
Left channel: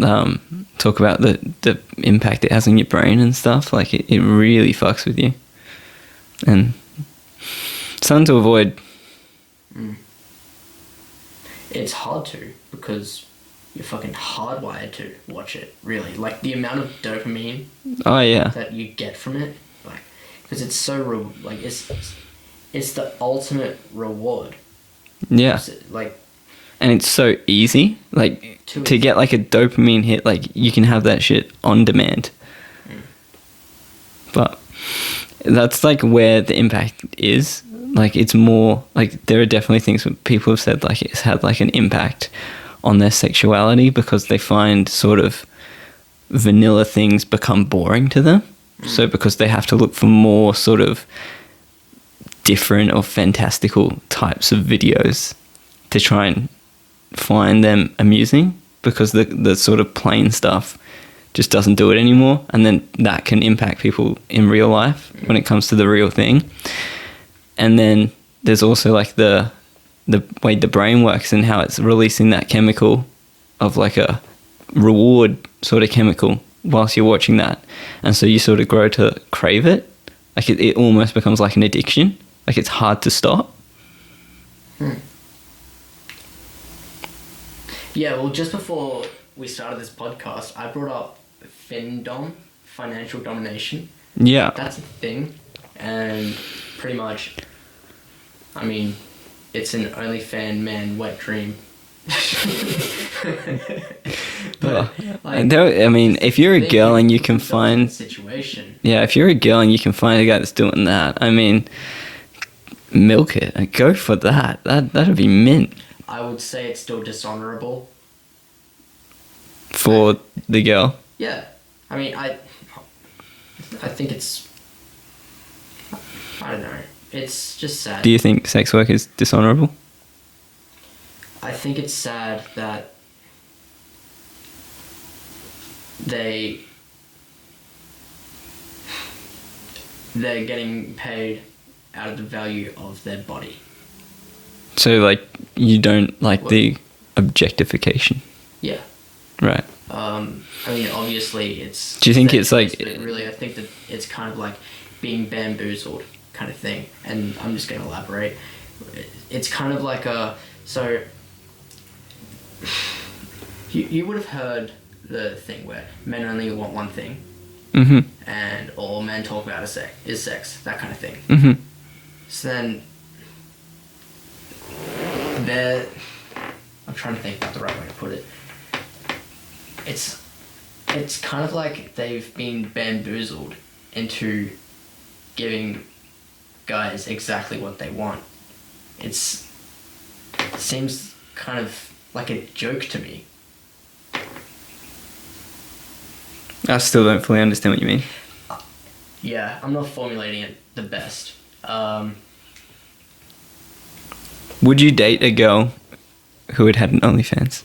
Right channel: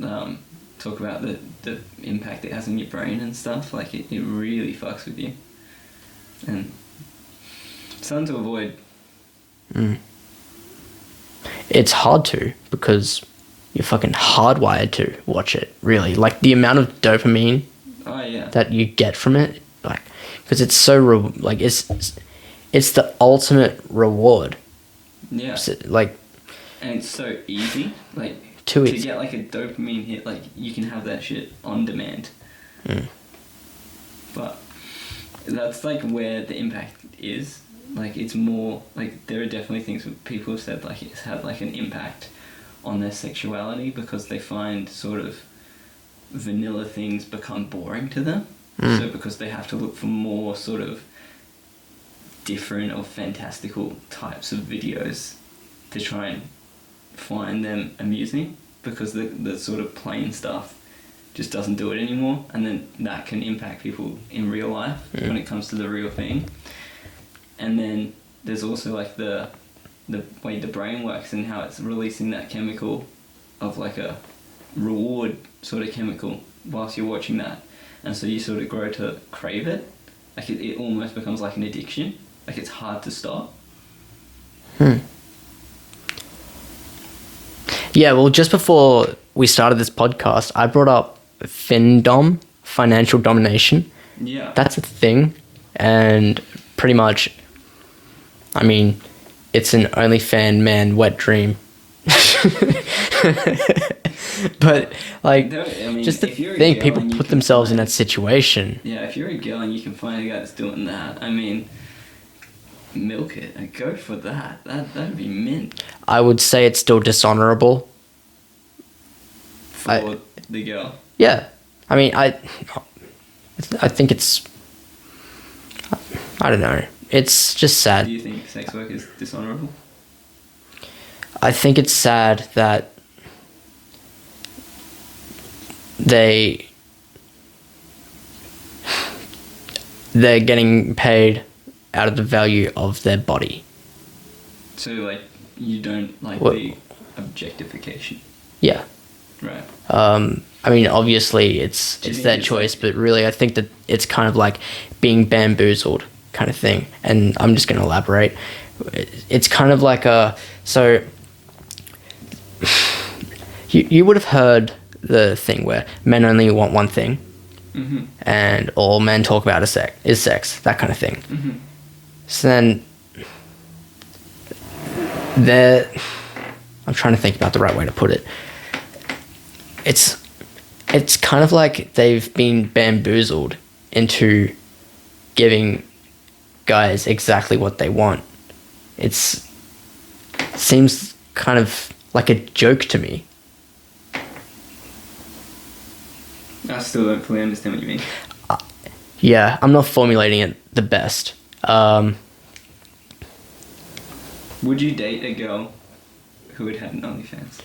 talk about the impact it has on your brain and stuff. Like, it really fucks with you. And something to avoid. It's hard to, because you're fucking hardwired to watch it, really. Like, the amount of dopamine that you get from it, like, because it's so, it's the ultimate reward. Yeah. Like, and it's so easy, like, to get, like, a dopamine hit, like, you can have that shit on demand. But that's, like, where the impact is. Like, it's more, like, there are definitely things that people have said, like, it's had, like, an impact on their sexuality because they find sort of vanilla things become boring to them. So because they have to look for more sort of different or fantastical types of videos to try and find them amusing, because the sort of plain stuff just doesn't do it anymore, and then that can impact people in real life when it comes to the real thing. And then there's also, like, the way the brain works and how it's releasing that chemical of, like, a reward sort of chemical whilst you're watching that, and so you sort of grow to crave it. Like, it almost becomes like an addiction. Like, it's hard to stop. Yeah, well, just before we started this podcast, I brought up FinDom, financial domination. Yeah. That's a thing. And pretty much, I mean, it's an OnlyFans man wet dream. But, like... I mean, if you're a girl and you can find... in that situation. Yeah, if you're a girl and you can find a guy that's doing that, I mean, milk it. Like, go for that. That'd be mint. I would say it's still dishonorable. For the girl? Yeah. I mean, I think it's... I don't know. It's just sad. Do you think sex work is dishonorable? I think it's sad that they're getting paid out of the value of their body. So So, like, you don't like What- the objectification, Yeah. right? I mean, obviously, it's Do you think their it's choice, like- but really, I think that it's kind of like being bamboozled kind of thing. And I'm just going to elaborate. It's kind of like so you would have heard the thing where men only want one thing, Mm-hmm. and all men talk about is sex, that kind of thing. Mm-hmm. So then, I'm trying to think about the right way to put it. It's kind of like they've been bamboozled into giving guys exactly what they want. Seems kind of like a joke to me. I still don't fully understand what you mean. Yeah, I'm not formulating it the best. Would you date a girl who had an OnlyFans?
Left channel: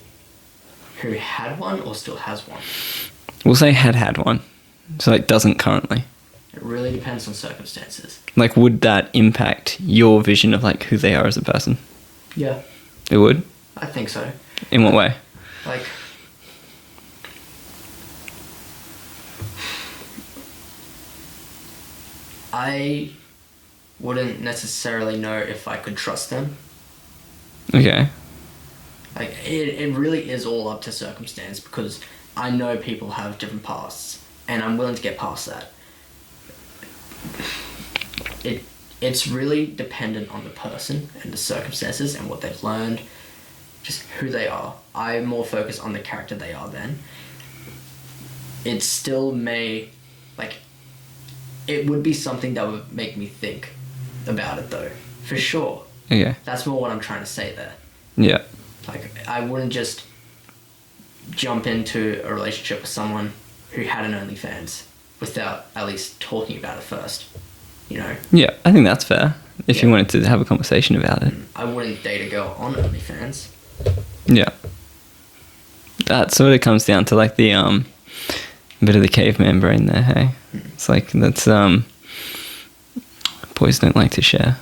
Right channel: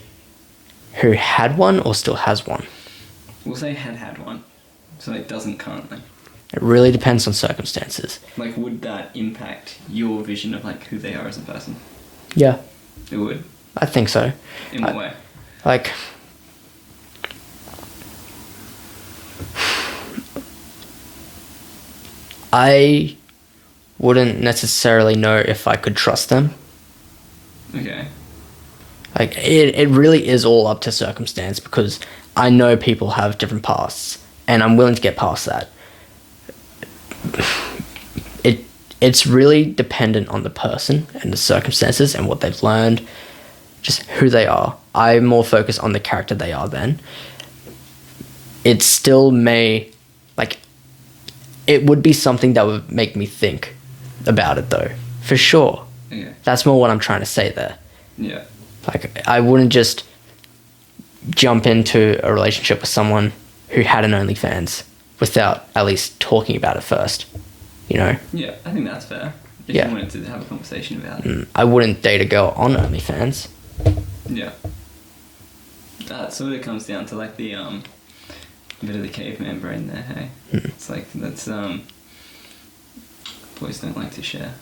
Who had one or still has one? We'll say had one, so it doesn't currently. It really depends on circumstances. Like, would that impact your vision of like who they are as a person? Yeah, It would. I think so. In what way? Like, I wouldn't necessarily know if I could trust them. Okay. Like, it really is all up to circumstance, because I know people have different pasts, and I'm willing to get past that. It's really dependent on the person and the circumstances and what they've learned, just who they are. I more focus on the character they are then. It still may, like, it would be something that would make me think about it, though, for sure. Okay. That's more what I'm trying to say there. Yeah. Like, I wouldn't just jump into a relationship with someone who had an OnlyFans without at least talking about it first, you know? Yeah, I think that's fair. If Yeah. you wanted to have a conversation about it. I wouldn't date a girl on OnlyFans. Yeah. That sort of comes down to like the bit of the caveman brain there, hey? It's like that's boys don't like to share.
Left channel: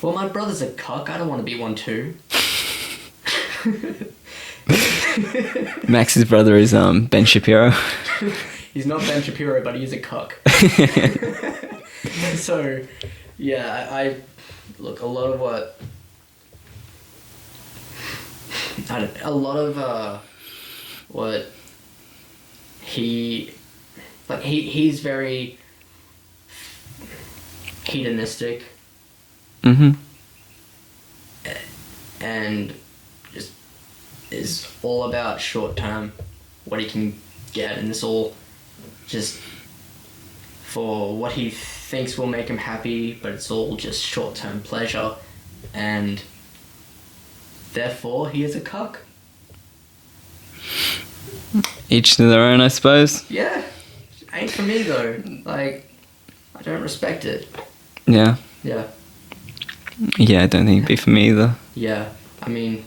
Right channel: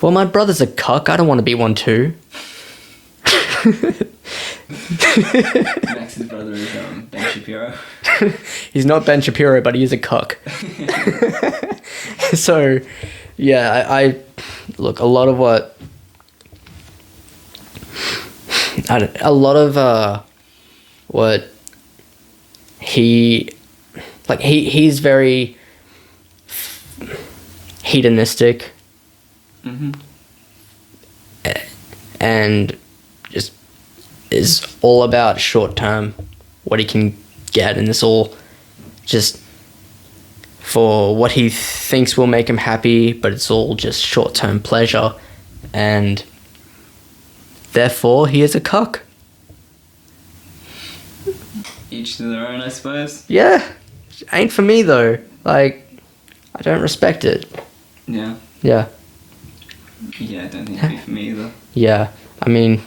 Well, my brother's a cuck. I don't want to be one too. Max's brother is Ben Shapiro. He's not Ben Shapiro, but he is a cuck. So, yeah, I look, a lot of what he's very hedonistic. Mm-hmm. And just is all about short term, what he can get, and it's all just for what he thinks will make him happy, but it's all just short term pleasure, and therefore he is a cuck. Each to their own, I suppose. Yeah, ain't for me though. Like, I don't respect it. Yeah. Yeah. Yeah, I don't think it'd be for me either. Yeah, I mean,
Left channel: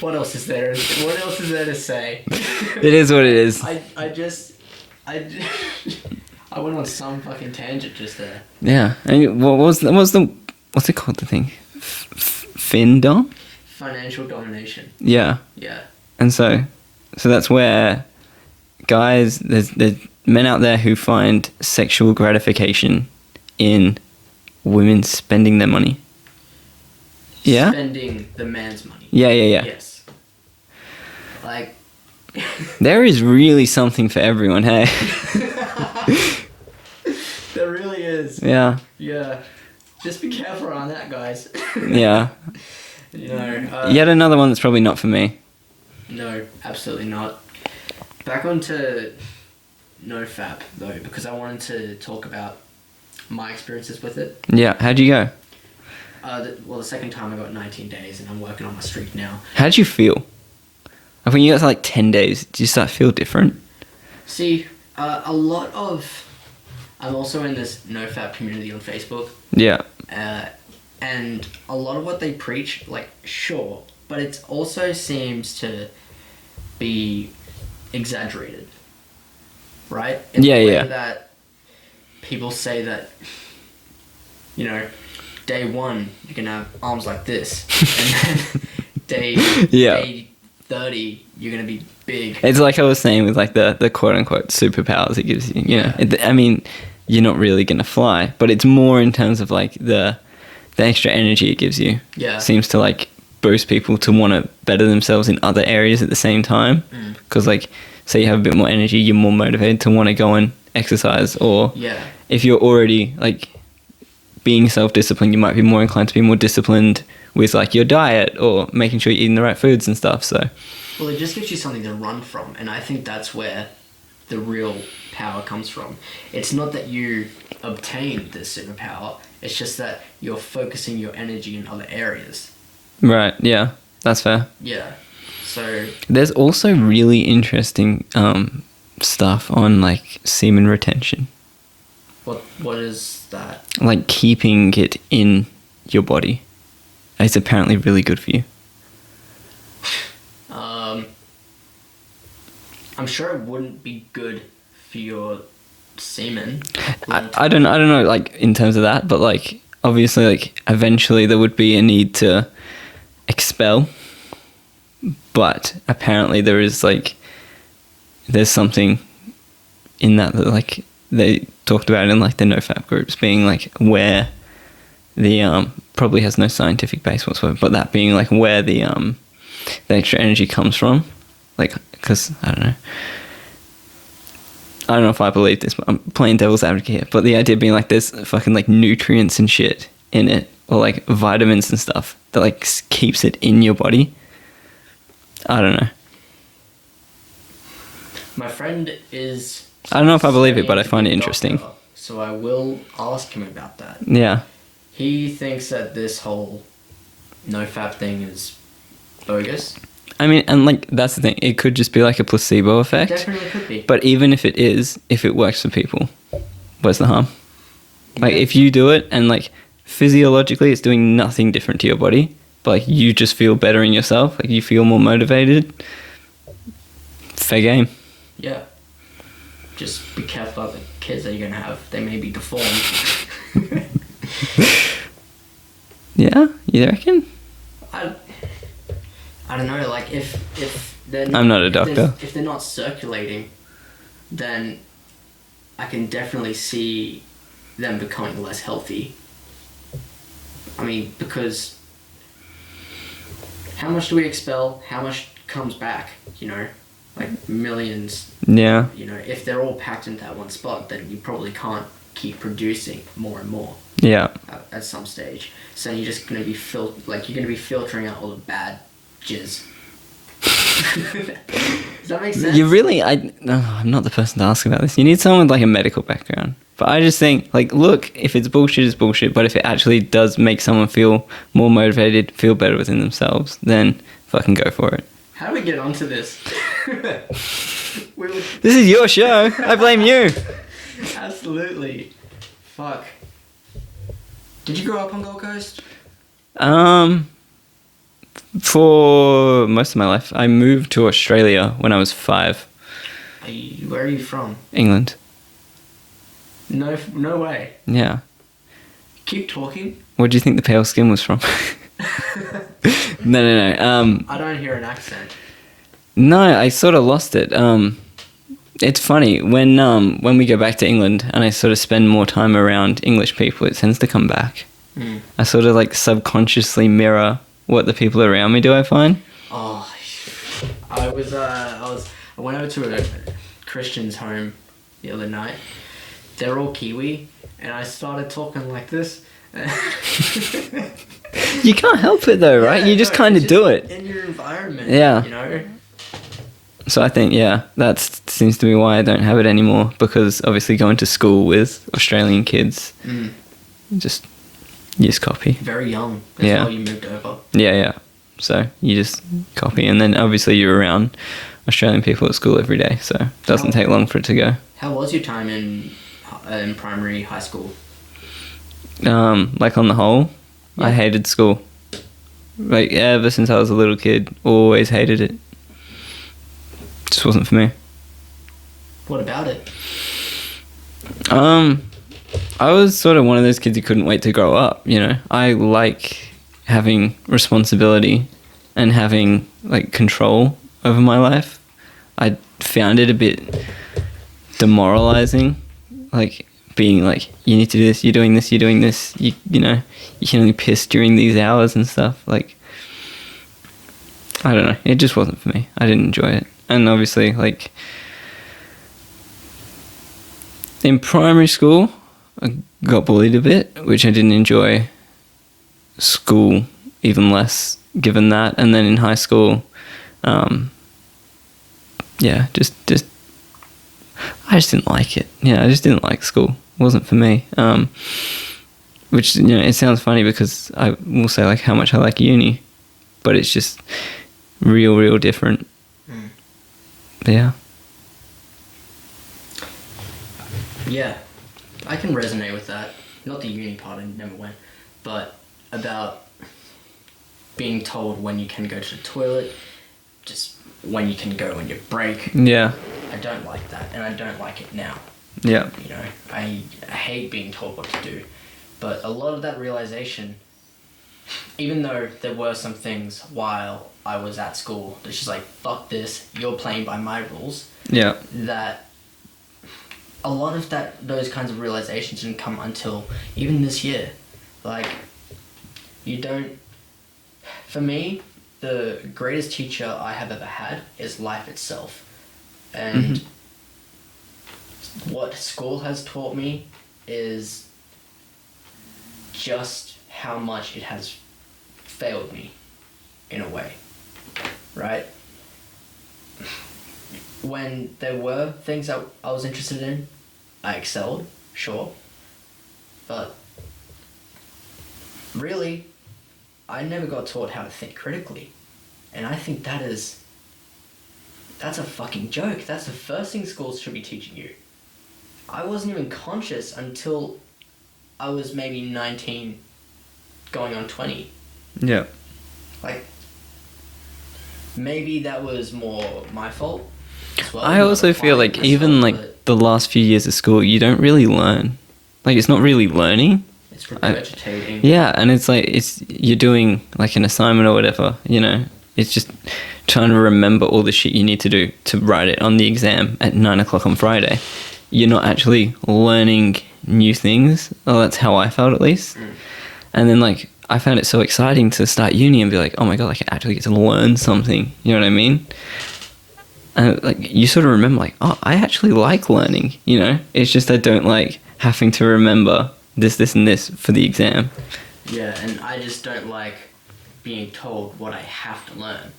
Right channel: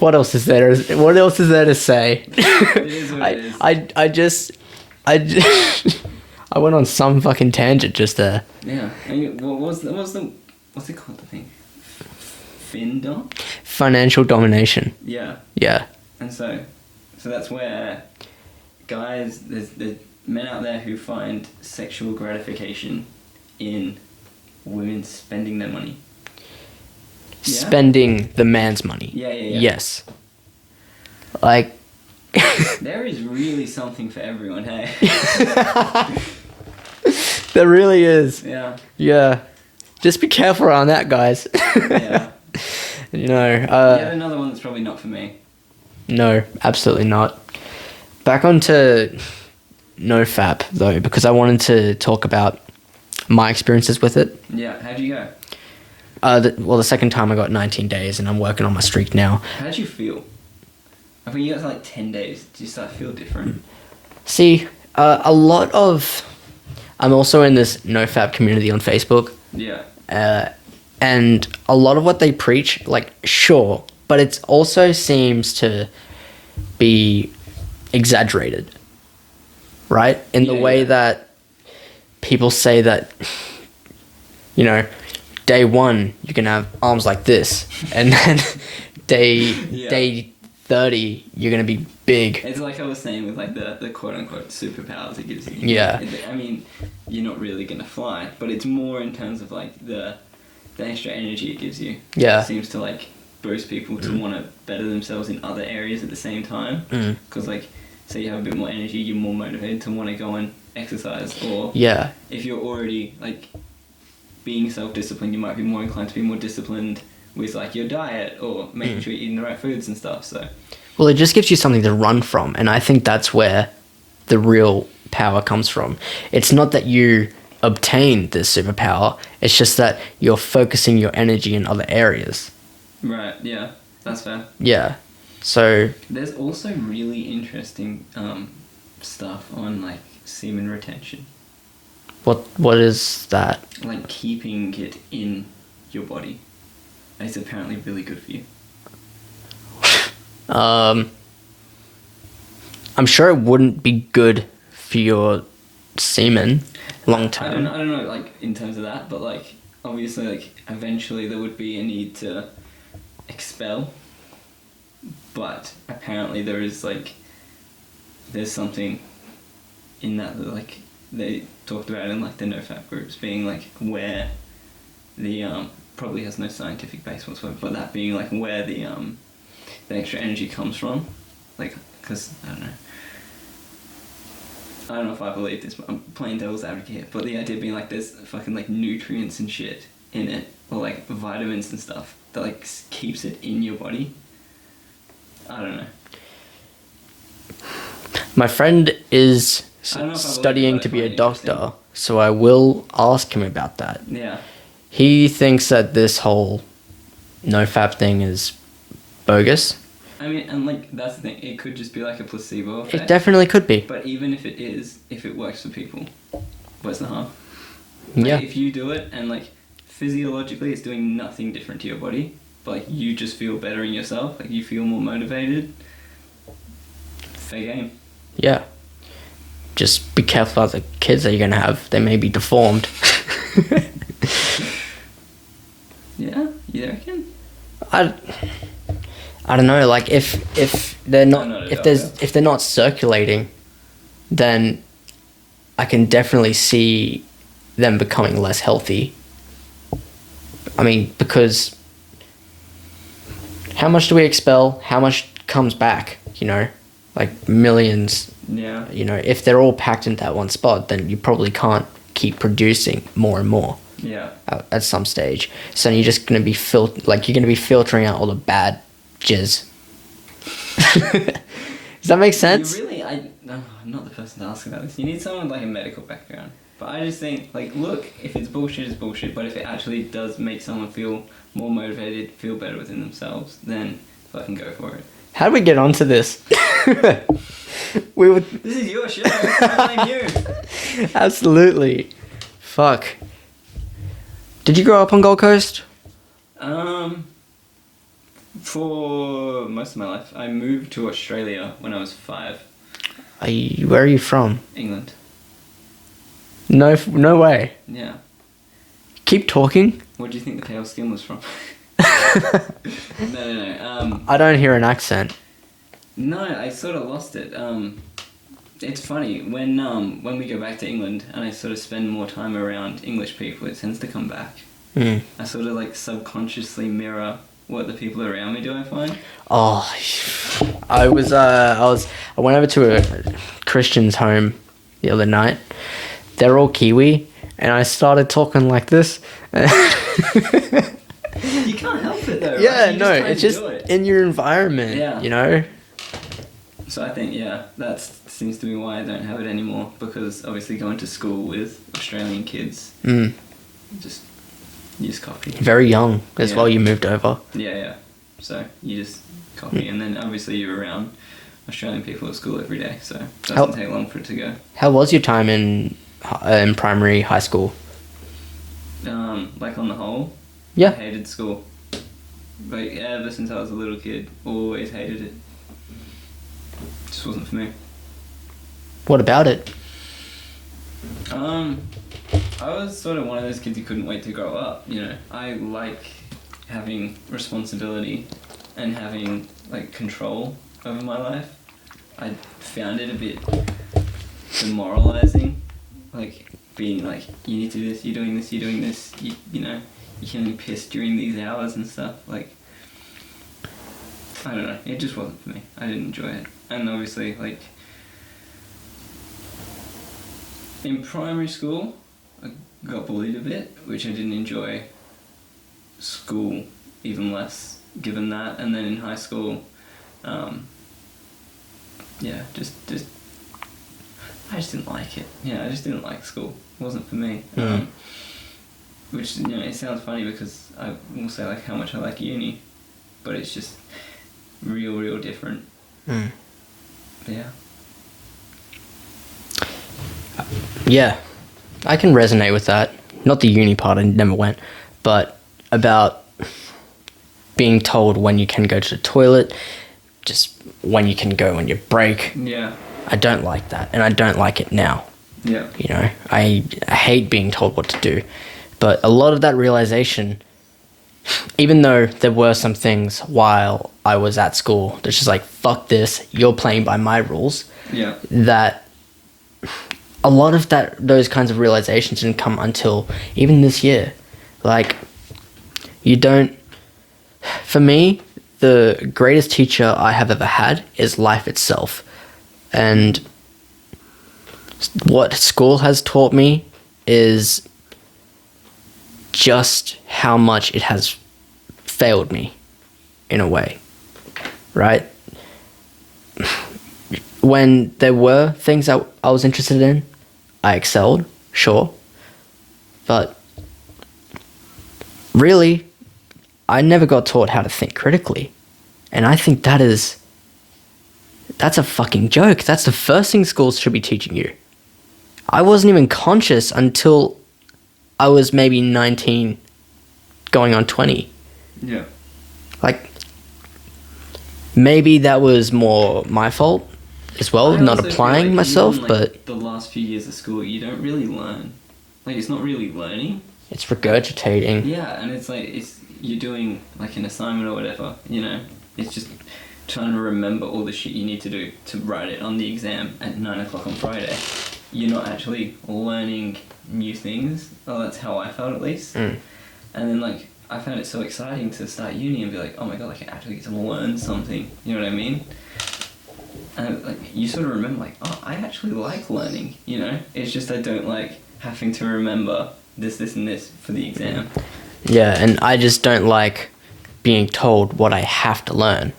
what else is there? What else is there to say? It is what it is. I just I went on some fucking tangent just there. Yeah. And what's it called, the thing? Findom? Financial domination. Yeah. Yeah. And so that's where guys, there's men out there who find sexual gratification in women spending their money. Yeah? Spending the man's money. Yeah. Yes. Like, There is really something for everyone, hey? there really is. Yeah. Yeah. Just be careful around that, guys. Yeah. You know. Yet another one that's probably not for me. No, absolutely not. Back onto NoFap, though, because I wanted to talk about my experiences with it. Yeah. How'd you go? The second time I got 19 days, and I'm working on my streak now. How'd you feel? Like when you got to like 10 days, did you start to feel different? See, I'm also in this NoFap community on Facebook. Yeah. And a lot of what they preach, like, sure, but it also seems to be exaggerated, right? In the way that people say that you know, day 1 you can have arms like this, and then day 30 you're gonna be big. It's like I was saying with like the quote unquote superpowers it gives you. Yeah. I mean, you're not really gonna fly, but it's more in terms of like the extra energy it gives you. Yeah. Seems to like boost people to want to better themselves in other areas at the same time. Because like, say you have a bit more energy, you're more motivated to want to go and exercise. Or Yeah. if you're already like being self-disciplined, you might be more inclined to be more disciplined with like your diet or making sure you're eating the right foods and stuff. So, Well, it just gives you something to run from, and I think that's where the real power comes from. It's not that you obtain this superpower, it's just that you're focusing your energy in other areas. right, yeah, that's fair. Yeah. So, There's also really interesting stuff on like semen retention, what is that? like keeping it in your body. It's apparently really good for you. I'm sure it wouldn't be good for your semen long term. I don't know, like in terms of that, but like obviously, like eventually there would be a need to expel, but apparently there's something in that like they talked about in like the NoFap groups being like where the probably has no scientific base whatsoever, but that being like where the extra energy comes from, like because I don't know if I believe this, but I'm playing devil's advocate here. But the idea being like there's fucking like nutrients and shit in it, or like vitamins and stuff that like keeps it in your body. I don't know. My friend is. I don't know if I believe it, but I studying to find be it a interesting. doctor, so I will ask him about that. Yeah. He thinks that this whole NoFap thing is bogus. I mean, and like that's the thing. It could just be like a placebo It effect. definitely could be. But even if it is, if it works for people, where's the harm? Like Yeah. if you do it and like physiologically it's doing nothing different to your body, but like you just feel better in yourself, like you feel more motivated, fair game. Yeah. Just be careful of the kids that you're going to have. They may be deformed. Yeah, you reckon? I don't know. Like if they're not, I'm not a doctor. If they're not circulating, then I can definitely see them becoming less healthy. I mean, because how much do we expel? How much comes back? You know, like millions. Yeah. You know, if they're all packed into that one spot, then you probably can't keep producing more and more. Yeah. At some stage, so you're just gonna be you're gonna be filtering out all the bad jizz. Does that make sense? You really, I'm not the person to ask about this. You need someone with like a medical background. But I just think, like, look, if it's bullshit, it's bullshit. But if it actually does make someone feel more motivated, feel better within themselves, then fucking go for it. How did we get onto this? This is your show. I blame you. Absolutely. Fuck. Did you grow up on Gold Coast? For most of my life, I moved to Australia when I was 5. Where are you from? England. No way. Yeah. Keep talking. Where do you think the pale skin was from? No. I don't hear an accent. No, I sort of lost it. It's funny when we go back to England and I sort of spend more time around English people, it tends to come back. Mm. I sort of like subconsciously mirror what the people around me do. I find. Oh, I went over to a Christian's home the other night. They're all Kiwi, and I started talking like this. You can't help it though, right? You just kind of do it in your environment. Yeah. You know. So I think, yeah, that seems to be why I don't have it anymore, because obviously going to school with Australian kids, you just copy. Very young as Yeah. well. You moved over. Yeah. So you just copy, and then obviously you're around Australian people at school every day, so it doesn't take long for it to go. How was your time in primary, high school? Like on the whole, Yeah. I hated school. Like ever since I was a little kid, always hated it. Just wasn't for me. What about it? I was sort of one of those kids who couldn't wait to grow up, you know. I like having responsibility and having, like, control over my life. I found it a bit demoralizing, like, being like, you need to do this, you're doing this, you're doing this, you know, you can only piss during these hours and stuff. Like, I don't know, it just wasn't for me. I didn't enjoy it. And obviously, like, in primary school, I got bullied a bit, which I didn't enjoy. School, even less, given that. And then in high school, yeah, just I just didn't like it. Yeah, I just didn't like school. It wasn't for me. Which, you know, it sounds funny because I will say, like, how much I like uni, but it's just real different. But yeah. Yeah, I can resonate with that. Not the uni part, I never went, but about being told when you can go to the toilet, just when you can go on your break. Yeah. I don't like that, and I don't like it now. Yeah. You know, I hate being told what to do. But a lot of that realization, even though there were some things while I was at school that's just like, fuck this, you're playing by my rules. Yeah. That a lot of those kinds of realizations didn't come until even this year. Like, you don't... For me, the greatest teacher I have ever had is life itself. And what school has taught me is just how much it has failed me, in a way, right? When there were things I was interested in, I excelled, sure. But really, I never got taught how to think critically. And I think that's a fucking joke. That's the first thing schools should be teaching you. I wasn't even conscious until I was maybe 19, going on 20. Yeah. Like, maybe that was more my fault as well. I not also feel applying like myself, even, like, but the last few years of school, you don't really learn. Like, it's not really learning. it's regurgitating. Yeah, and it's like, you're doing, like, an assignment or whatever, you know. It's just trying to remember all the shit you need to do to write it on the exam at 9 o'clock on Friday. You're not actually learning new things. Oh, that's how I felt, at least. And then, like, I found it so exciting to start uni and be like, oh my god, like, I actually get to learn something. You know what I mean? And, like, you sort of remember, like, oh, I actually like learning, you know? It's just I don't like having to remember this, and this for the exam. Yeah, and I just don't like being told what I have to learn.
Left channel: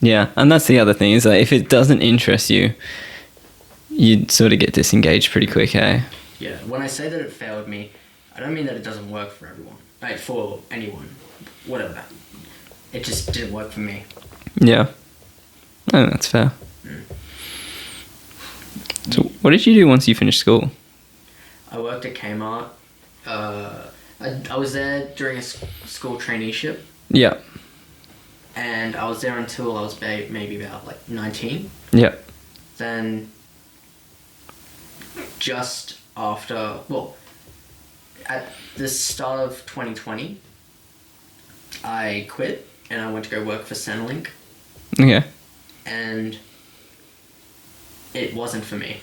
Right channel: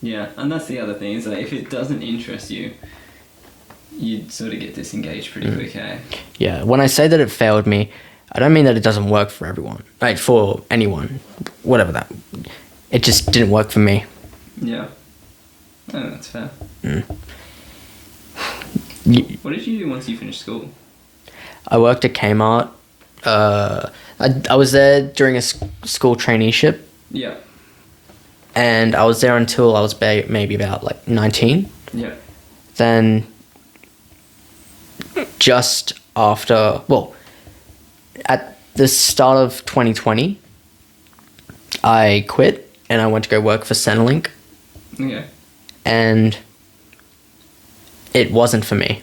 Yeah, and that's the other thing, is that if it doesn't interest you, you'd sort of get disengaged pretty quick, eh? Yeah, when I say that it failed me, I don't mean that it doesn't work for everyone. Like, for anyone, whatever that. It just didn't work for me. Yeah. Oh, that's fair. So what did you do once you finished school? I worked at Kmart. I was there during a school traineeship, Yeah. and I was there until I was maybe about, like, 19. Yeah. Then just after, well, at the start of 2020, I quit and I went to go work for Centrelink, Okay. and it wasn't for me.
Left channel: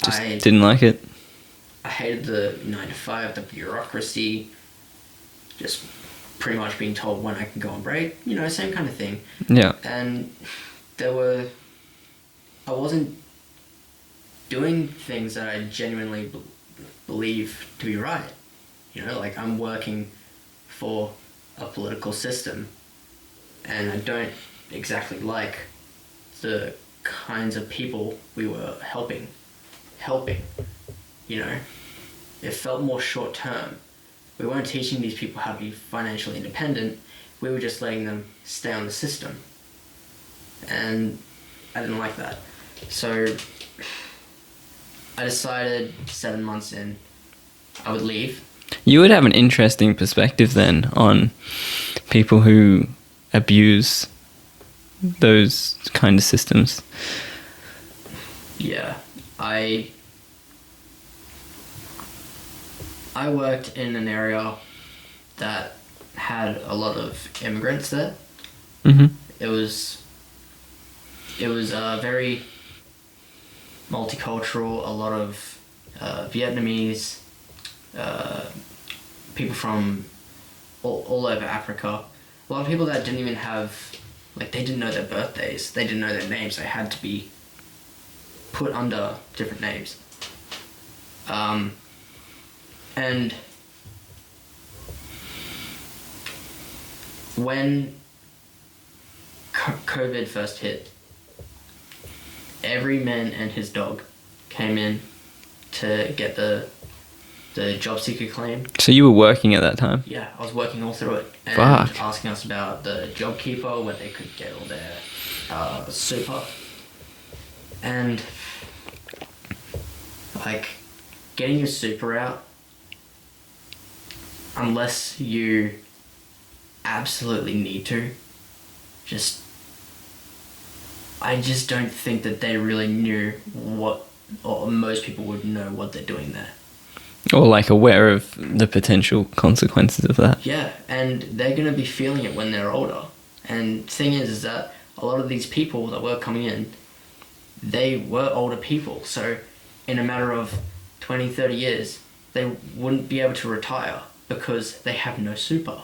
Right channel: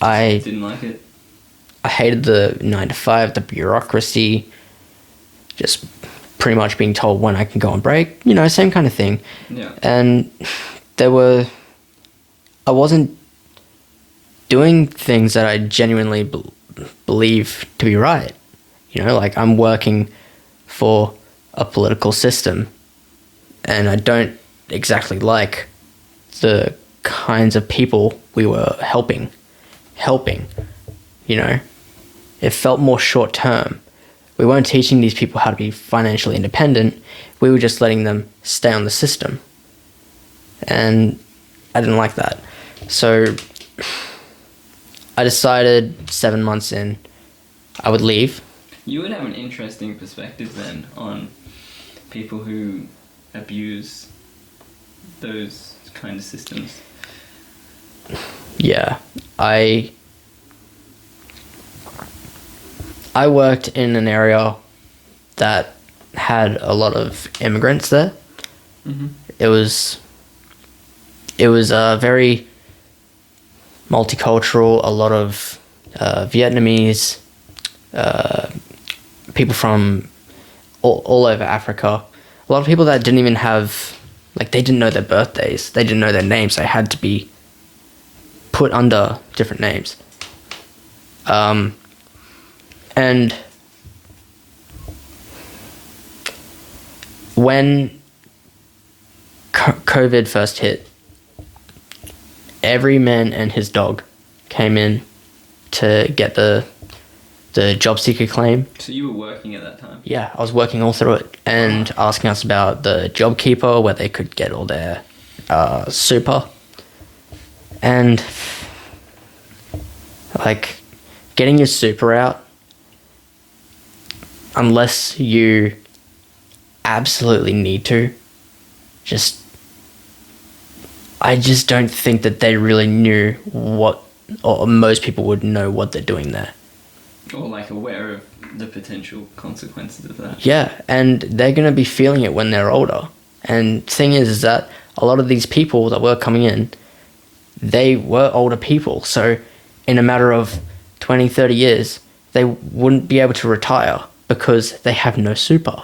I Didn't like it. hated the 9 to 5, the bureaucracy, just pretty much being told when I can go on break, you know, same kind of thing. Yeah. And I wasn't doing things that I genuinely believe to be right. You know, like, I'm working for a political system, and I don't exactly like the kinds of people we were helping, you know. It felt more short term. We weren't teaching these people how to be financially independent. We were just letting them stay on the system. And I didn't like that. So I decided 7 months in, I would leave. You would have an interesting perspective then on people who abuse those kind of systems. Yeah, I worked in an area that had a lot of immigrants there. Mm-hmm. It was very multicultural. A lot of Vietnamese, people from all over Africa. A lot of people that didn't even have, like, they didn't know their birthdays. They didn't know their names. They had to be put under different names. And when COVID first hit, every man and his dog came in to get the job seeker claim. So you were working at that time? Yeah, I was working all through it and Fuck. asking us about the job keeper, where they could get all their super. And like getting your super out, unless you absolutely need to, I just don't think that they really knew what, or most people would know what they're doing there. Or like aware of the potential consequences of that. Yeah, and they're going to be feeling it when they're older. And thing is that a lot of these people that were coming in, they were older people. So in a matter of 20, 30 years, they wouldn't be able to retire because they have no super.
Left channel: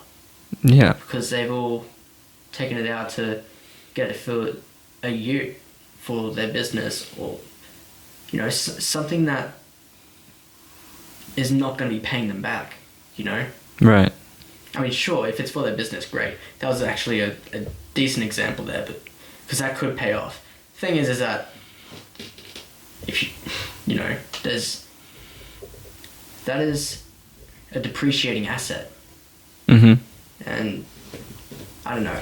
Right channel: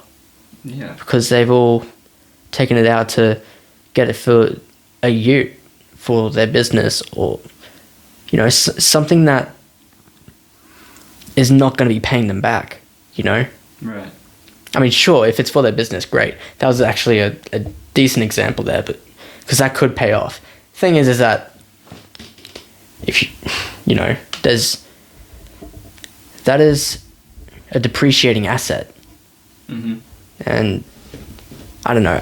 Yeah. Because they've all taken it out to get it for a ute for their business, or, you know, something that is not going to be paying them back, you know? Right. I mean, sure, if it's for their business, great. That was actually a decent example there, but because that could pay off. Thing is that if you know, that is a depreciating asset. Mm-hmm. And I don't know,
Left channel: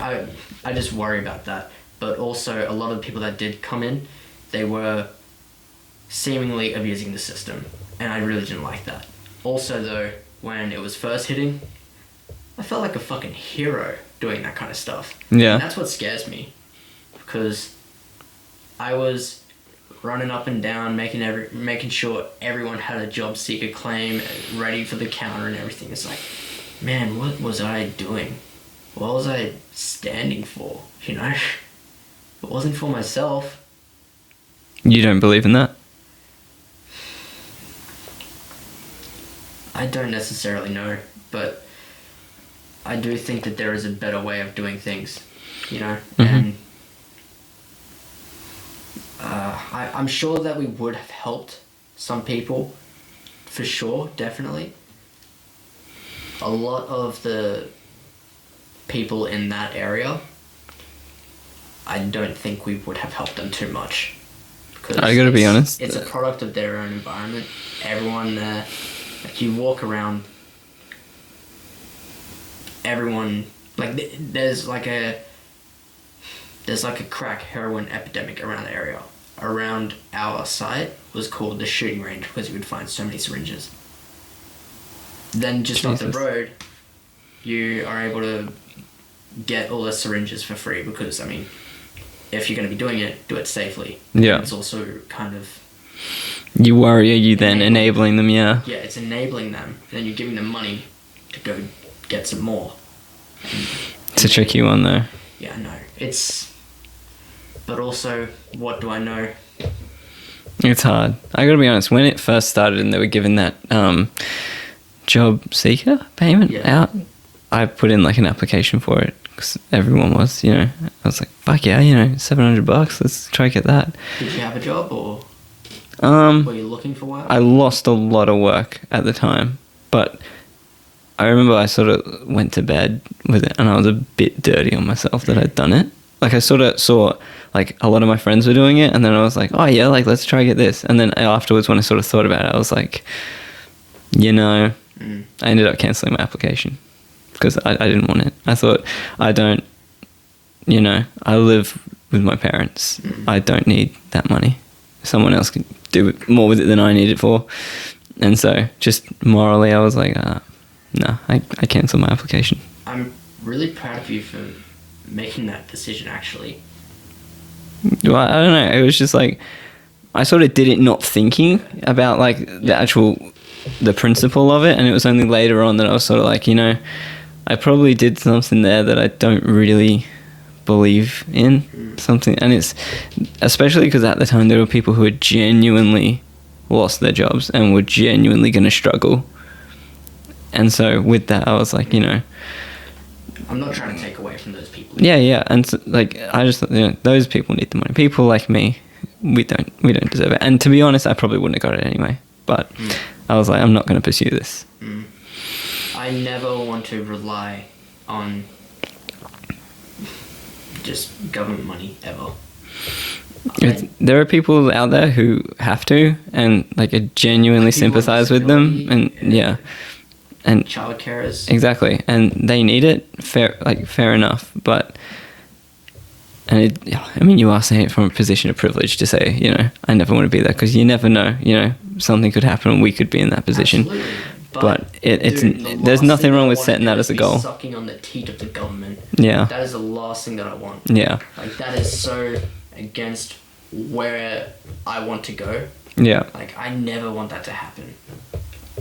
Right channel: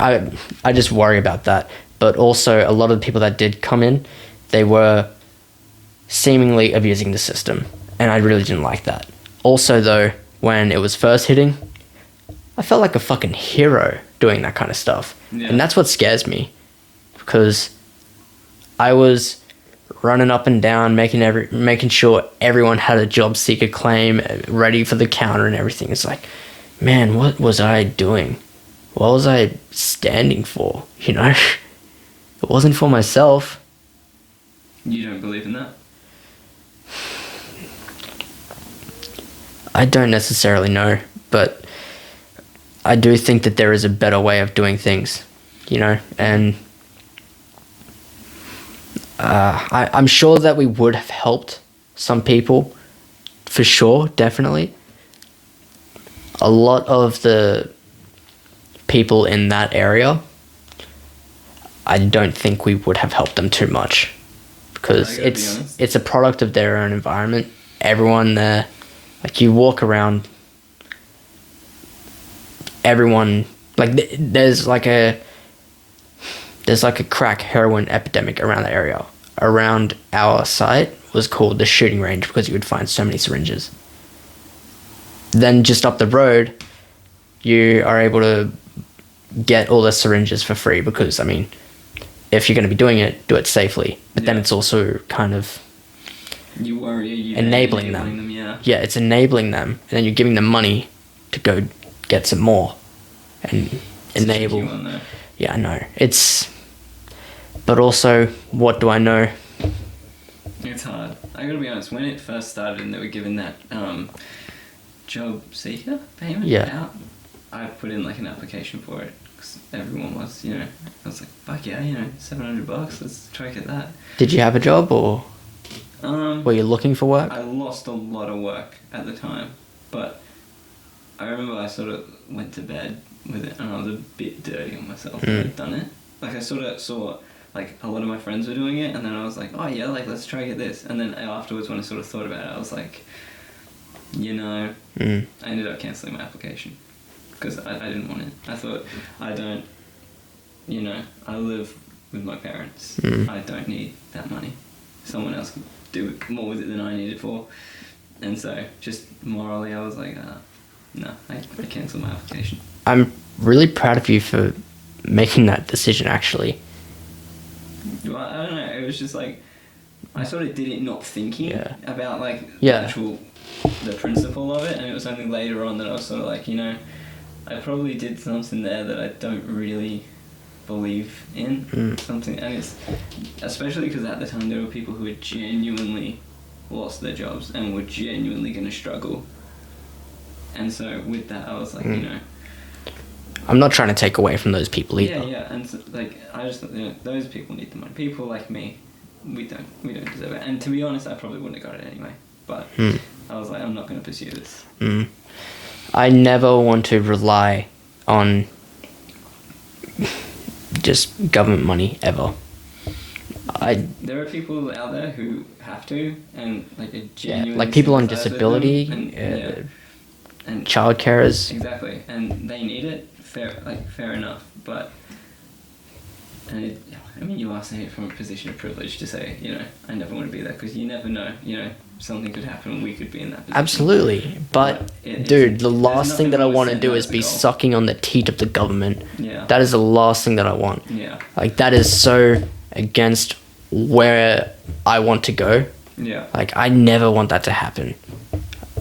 I just worry about that. But also, a lot of the people that did come in, they were seemingly abusing the system. And I really didn't like that. Also, though, when it was first hitting, I felt like a fucking hero doing that kind of stuff. Yeah. And that's what scares me. Because I was running up and down, making sure everyone had a job seeker claim and ready for the counter and everything. It's like, man, what was I doing? What was I standing for? You know? It wasn't for myself. You don't believe in that? I don't necessarily know, but I do think that there is a better way of doing things, you know? Mm-hmm. And I'm sure that we would have helped some people, for sure, definitely. A lot of the people in that area, I don't think we would have helped them too much. Because I gotta be honest. It's a product of their own environment. Everyone there, like, you walk around, everyone, like, there's like a crack heroin epidemic around the area. Around our site was called the shooting range because you would find so many syringes. Then just up the road, you are able to get all the syringes for free because, I mean, if you're going to be doing it, do it safely. But Yeah. then it's also kind of... You worry, are you then Enabling enabling them, yeah. Yeah, it's enabling them, and then you're giving them money to go get some more. And It's a tricky enable- one, though. Yeah, I know. But also, what do I know? It's hard. I gotta be honest, when it first started and they were given that job seeker payment Yeah. out, I put in like an application for it because everyone was, you know. I was like, fuck yeah, you know, $700, let's try to get that. Did you have a job, or were you looking for work? I lost a lot of work at the time, but I remember I sort of went to bed with it and I was a bit dirty on myself that I'd done it. Like, I sort of saw like a lot of my friends were doing it and then I was like, oh yeah, like let's try to get this. And then afterwards when I sort of thought about it, I was like, you know, I ended up cancelling my application because I didn't want it. I thought, I don't, you know, I live with my parents. I don't need that money. Someone else can do more with it than I need it for. And so just morally, I was like, no, I cancelled my application. I'm really proud of you for making that decision, actually. Well, I don't know. It was just like, I sort of did it not thinking about like the Yeah. actual the principle of it, and it was only later on that I was sort of like, I probably did something there that I don't really believe in something. And it's especially because at the time there were people who had genuinely lost their jobs and were genuinely going to struggle. And so with that, I was like, I'm not trying to take away from those people either. yeah. And so, like, I just, those people need the money. People like me, we don't deserve it. And to be honest, I probably wouldn't have got it anyway. But I was like, I'm not going to pursue this. I never want to rely on just government money ever. There are people out there who have to, and like I genuinely like people on sympathize with them, disability, and and child carers. Exactly, and they need it. Fair enough, but. And you are saying it from a position of privilege to say, I never want to be there, because you never know, something could happen and we could be in that position. Absolutely. But there's nothing wrong with setting that as a goal. Sucking on the teat of the government. Yeah. That is the last thing that I want. Yeah. Like, that is so against where I want to go. Yeah. Like, I never want that to happen.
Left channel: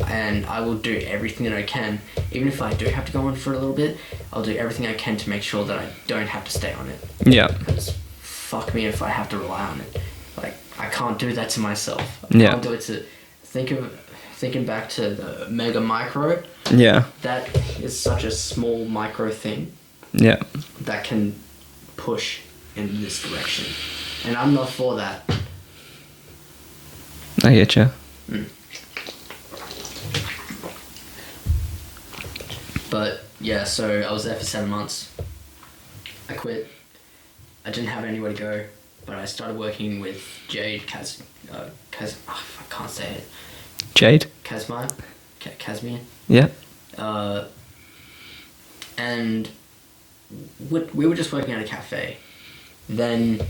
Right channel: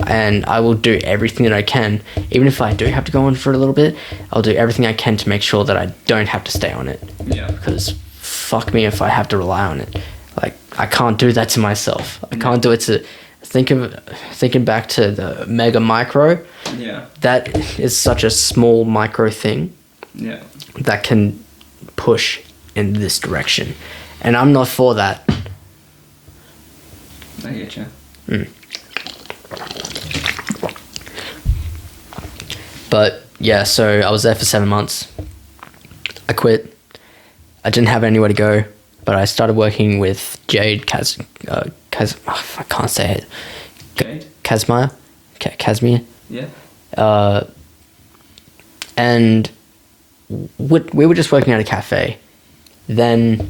And I will do everything that I can. Even if I do have to go on for a little bit, I'll do everything I can to make sure that I don't have to stay on it. Yeah. Because fuck me if I have to rely on it. Like, I can't do that to myself. I can't do it to... Thinking back to the mega micro. Yeah. That is such a small micro thing. Yeah. That can push in this direction. And I'm not for that. I get you. But yeah, so I was there for 7 months. I quit. I didn't have anywhere to go, but I started working with Jade I can't say it. Jade? Casimir. Yeah. And we were just working at a cafe. Then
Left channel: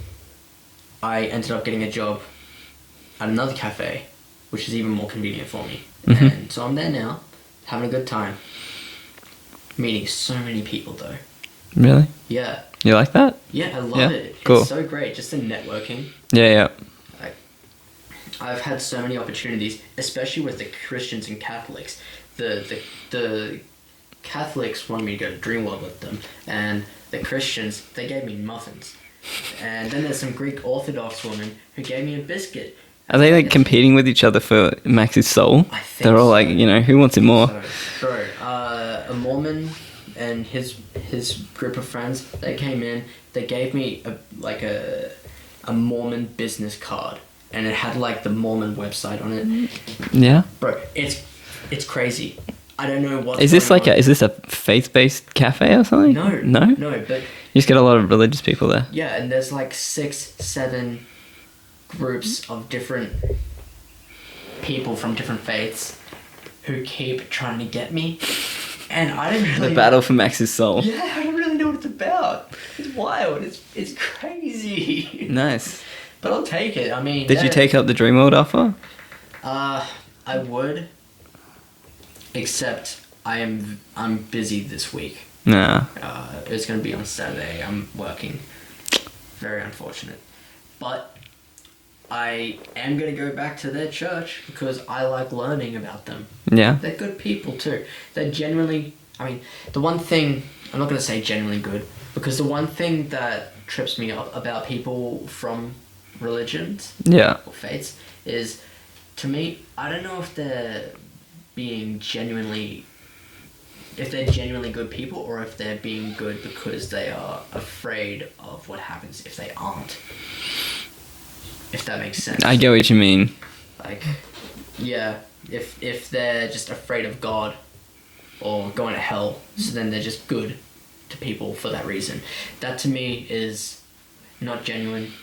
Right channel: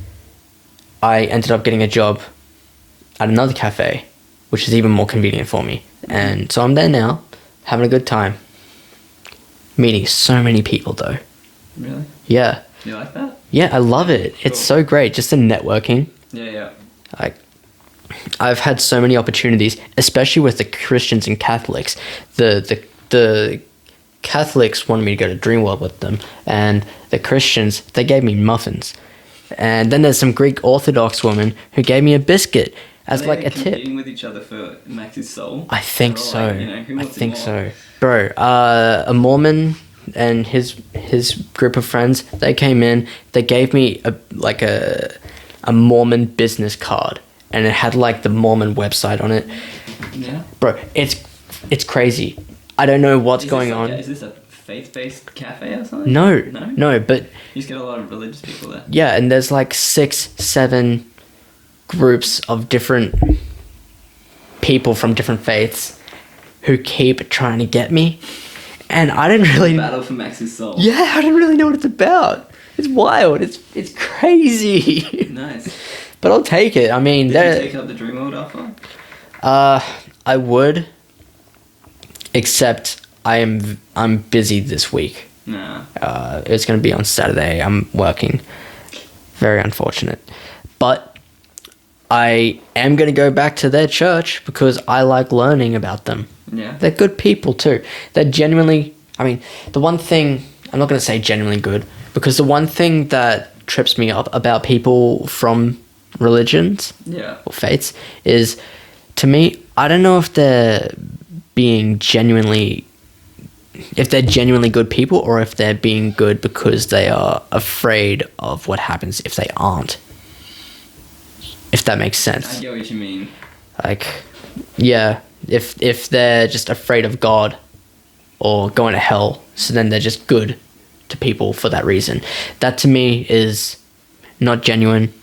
I ended up getting a job at another cafe, which is even more convenient for me. And so I'm there now, having a good time. Meeting so many people, though. Really? Yeah. You like that? Yeah, I love it. Cool. It's so great, just the networking. Yeah. Like, I've had so many opportunities, especially with the Christians and Catholics. The Catholics wanted me to go to Dreamworld with them, and the Christians, they gave me muffins. And then there's some Greek Orthodox woman who gave me a biscuit. Are they competing with each other for Max's soul? I think they're all so. like, who wants it more? So. Bro, a Mormon and his group of friends, they came in, they gave me a Mormon business card, and it had like the Mormon website on it. Yeah. Bro, it's crazy. I don't know what's going on. Is this a faith-based cafe or something? No, but you just get a lot of religious people there. Yeah, and there's like 6-7 groups of different people from different faiths who keep trying to get me, and I didn't really battle for Max's soul. Yeah, I didn't really know what it's about. It's wild. It's crazy. Nice. But I'll take it. I mean, did you take up the Dreamworld offer? I would, except I'm busy this week. Nah. It's gonna be on Saturday. I'm working. Very unfortunate, but I am going to go back to their church because I like learning about them. Yeah. They're good people too. They're genuinely, the one thing, I'm not going to say genuinely good, because the one thing that trips me up about people from religions or faiths is, to me, I don't know if they're genuinely good people, or if they're being good because they are afraid of what happens if they aren't. If that makes sense. I get what you mean. Like, yeah, if they're just afraid of God or going to hell, so then they're just good to people for that reason. That to me is not genuine.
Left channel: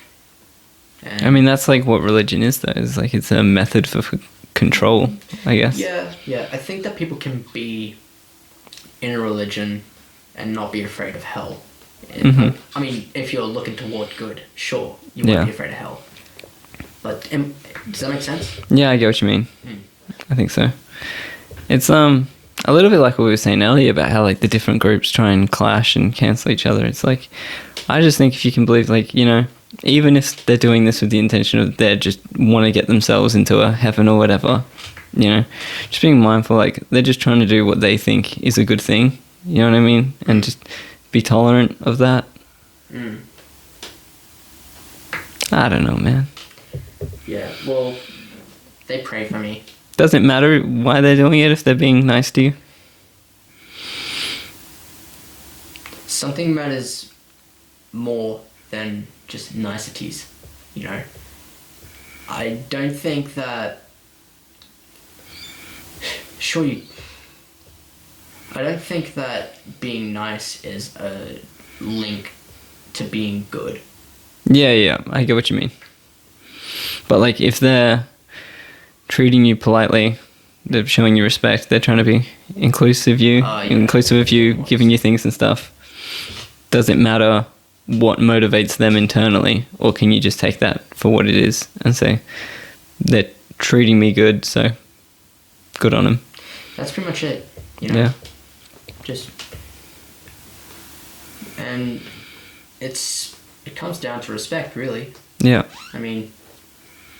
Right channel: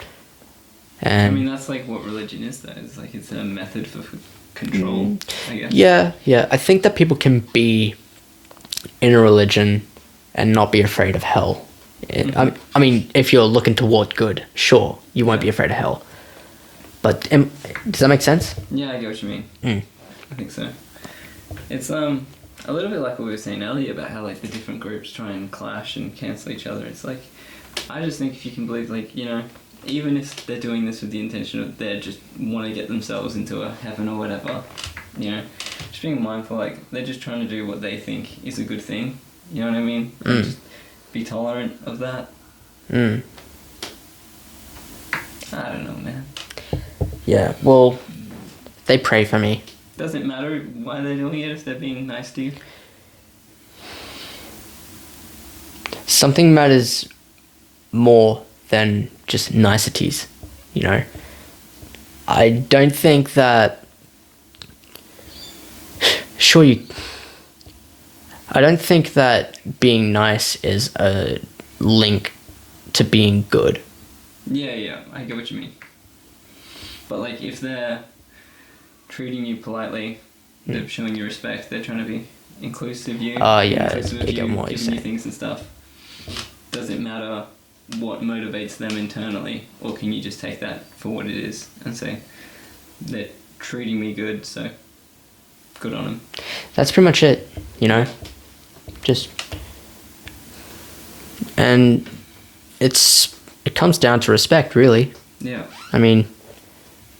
And that's like what religion is, though. It's like it's a method for control, I guess. Yeah. I think that people can be in a religion and not be afraid of hell. If you're looking toward good, sure, you won't be afraid of hell. But does that make sense? Yeah, I get what you mean. I think so. It's a little bit like what we were saying earlier about how like the different groups try and clash and cancel each other. It's like, I just think if you can believe, like, even if they're doing this with the intention of they just want to get themselves into a heaven or whatever, you know, just being mindful, like, they're just trying to do what they think is a good thing, you know what I mean? And just be tolerant of that. I don't know, man. Yeah, well, they pray for me. Doesn't matter why they're doing it if they're being nice to you. Something matters more than just niceties, you know? I don't think that... I don't think that being nice is a link to being good. Yeah, I get what you mean. But, like, if they're treating you politely, they're showing you respect, they're trying to be inclusive of you, giving you things and stuff, does it matter what motivates them internally, or can you just take that for what it is and say, they're treating me good, so good on them? That's pretty much it, you know? Yeah. And it comes down to respect, really. Yeah. I mean,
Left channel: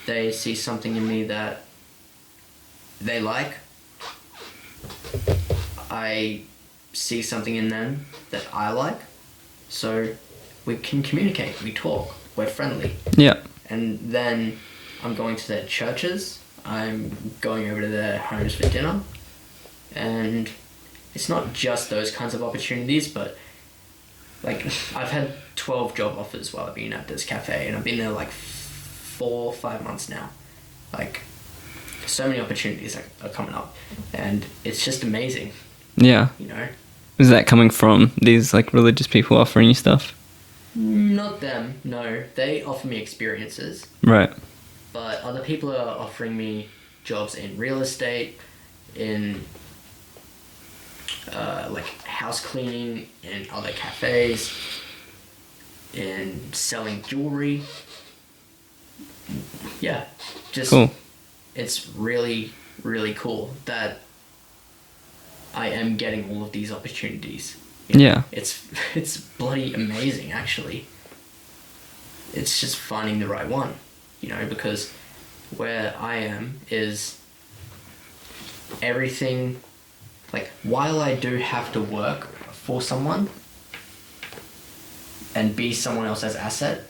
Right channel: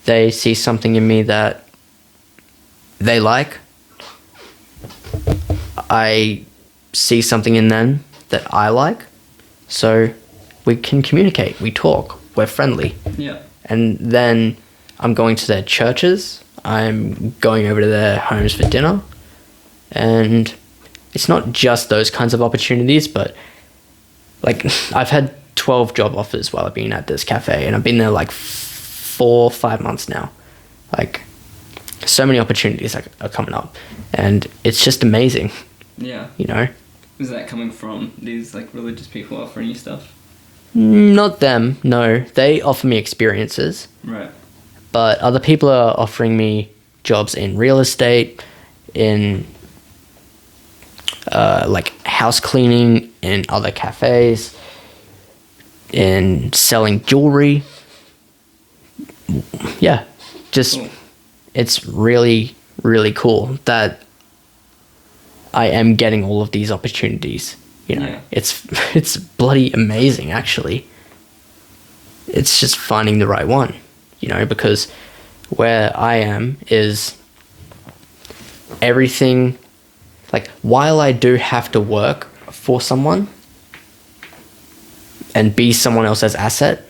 they see something in me that they like. I see something in them that I like. So we can communicate, we talk, we're friendly. Yeah. And then I'm going to their churches, I'm going over to their homes for dinner. And it's not just those kinds of opportunities, but like I've had 12 job offers while I've been at this cafe, and I've been there like 4 or 5 months now. Like, so many opportunities are coming up, and it's just amazing. Yeah. You know? Is that coming from these, like, religious people offering you stuff? Not them, no. They offer me experiences. Right. But other people are offering me jobs in real estate, in like house cleaning, in other cafes, in selling jewelry. Yeah, just cool. It's really, really cool that I am getting all of these opportunities. You know? Yeah. It's bloody amazing, actually. It's just finding the right one, you know, because where I am is everything, like, while I do have to work for someone and be someone else's asset,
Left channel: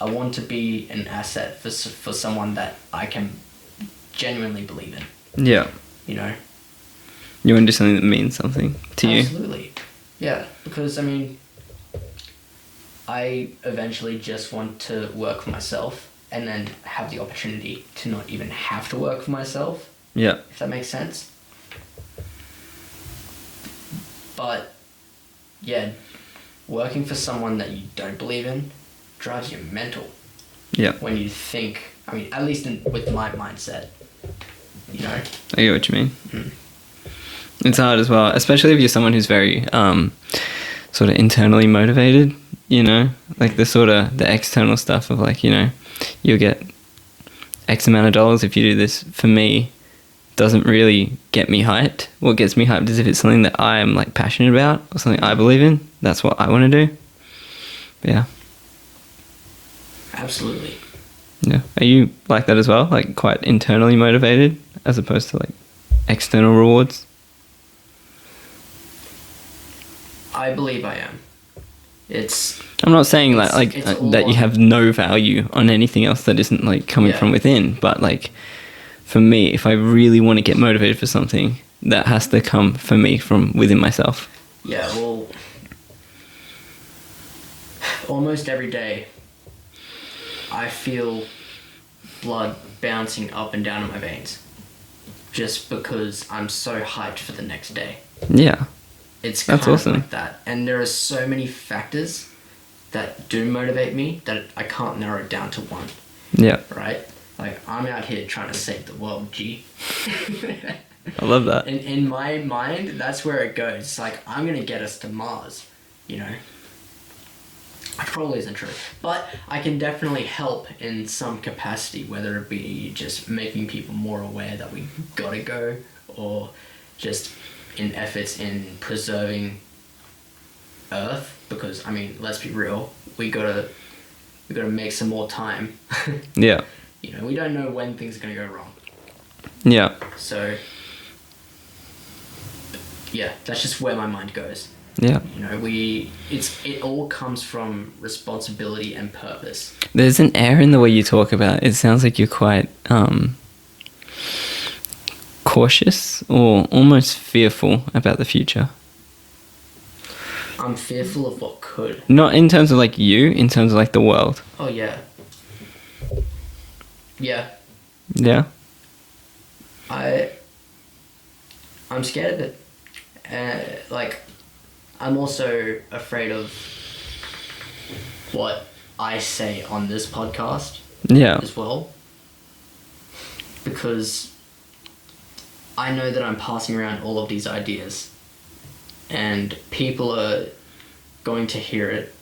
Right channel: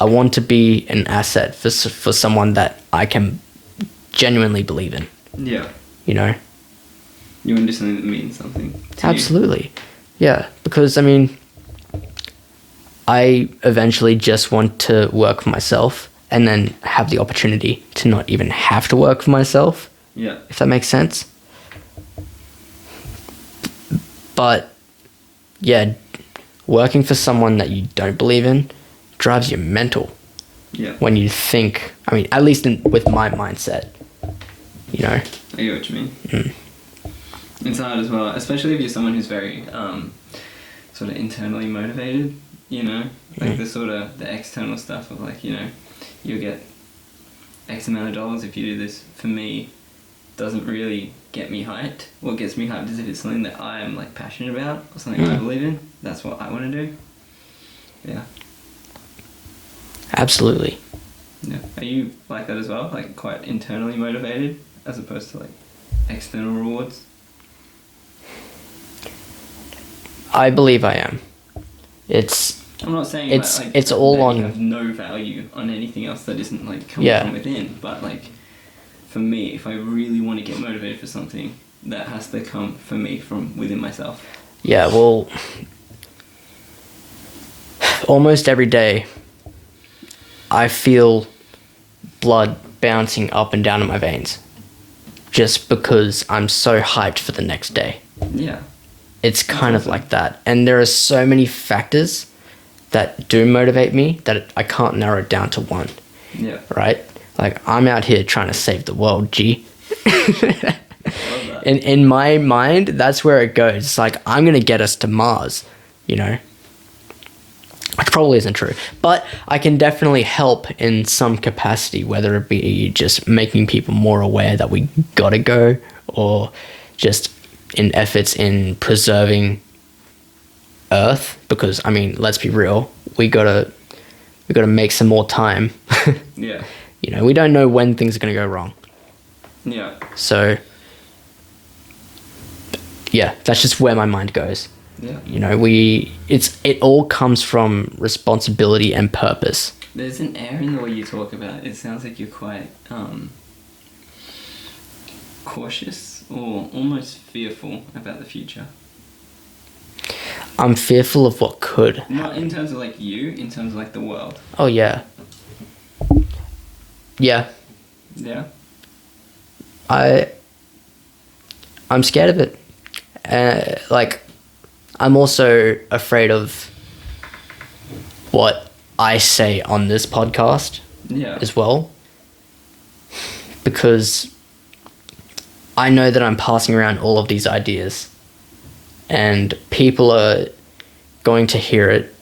I want to be an asset for someone that I can genuinely believe in. Yeah. You know? You want to do something that means something to you. Absolutely. Yeah, because, I mean, I eventually just want to work for myself and then have the opportunity to not even have to work for myself. Yeah. If that makes sense. But, yeah, working for someone that you don't believe in drives you mental. Yeah. When you think, I mean, at least with my mindset, you know? I get what you mean. It's hard as well, especially if you're someone who's very sort of internally motivated, you know? Like the external stuff of, like, you know, you'll get X amount of dollars if you do this. For me, doesn't really get me hyped. What gets me hyped is if it's something that I am, like, passionate about or something I believe in. That's what I want to do. Yeah. Absolutely. Yeah. Are you like that as well? Like, quite internally motivated as opposed to, like, external rewards? I believe I am. I'm not saying that, like, it's all that you have no value on anything else that isn't, like, coming from within, but, like, for me, if I really want to get motivated for something, that has to come for me from within myself. Yeah, well, almost every day I feel blood bouncing up and down in my veins just because I'm so hyped for the next day. Yeah. It's kind of like that. And there are so many factors that do motivate me that I can't narrow it down to one. Yeah. Right? Like, I'm out here trying to save the world, G. I love that. In my mind, that's where it goes. It's like, I'm going to get us to Mars, you know? Which probably isn't true. But I can definitely help in some capacity, whether it be just making people more aware that we gotta go, or just in efforts in preserving Earth. Because, I mean, let's be real, we gotta make some more time. Yeah. You know, we don't know when things are gonna go wrong. Yeah. So, yeah, that's just where my mind goes. Yeah. You know, it all comes from responsibility and purpose. There's an air in the way you talk about it. It sounds like you're quite cautious or almost fearful about the future. I'm fearful of what could. Not in terms of like you, in terms of like the world. Oh, yeah. Yeah. Yeah. I'm scared of it. Like, I'm also afraid of what I say on this podcast Yeah. as well. Because I know that I'm passing around all of these ideas and people are going to hear it.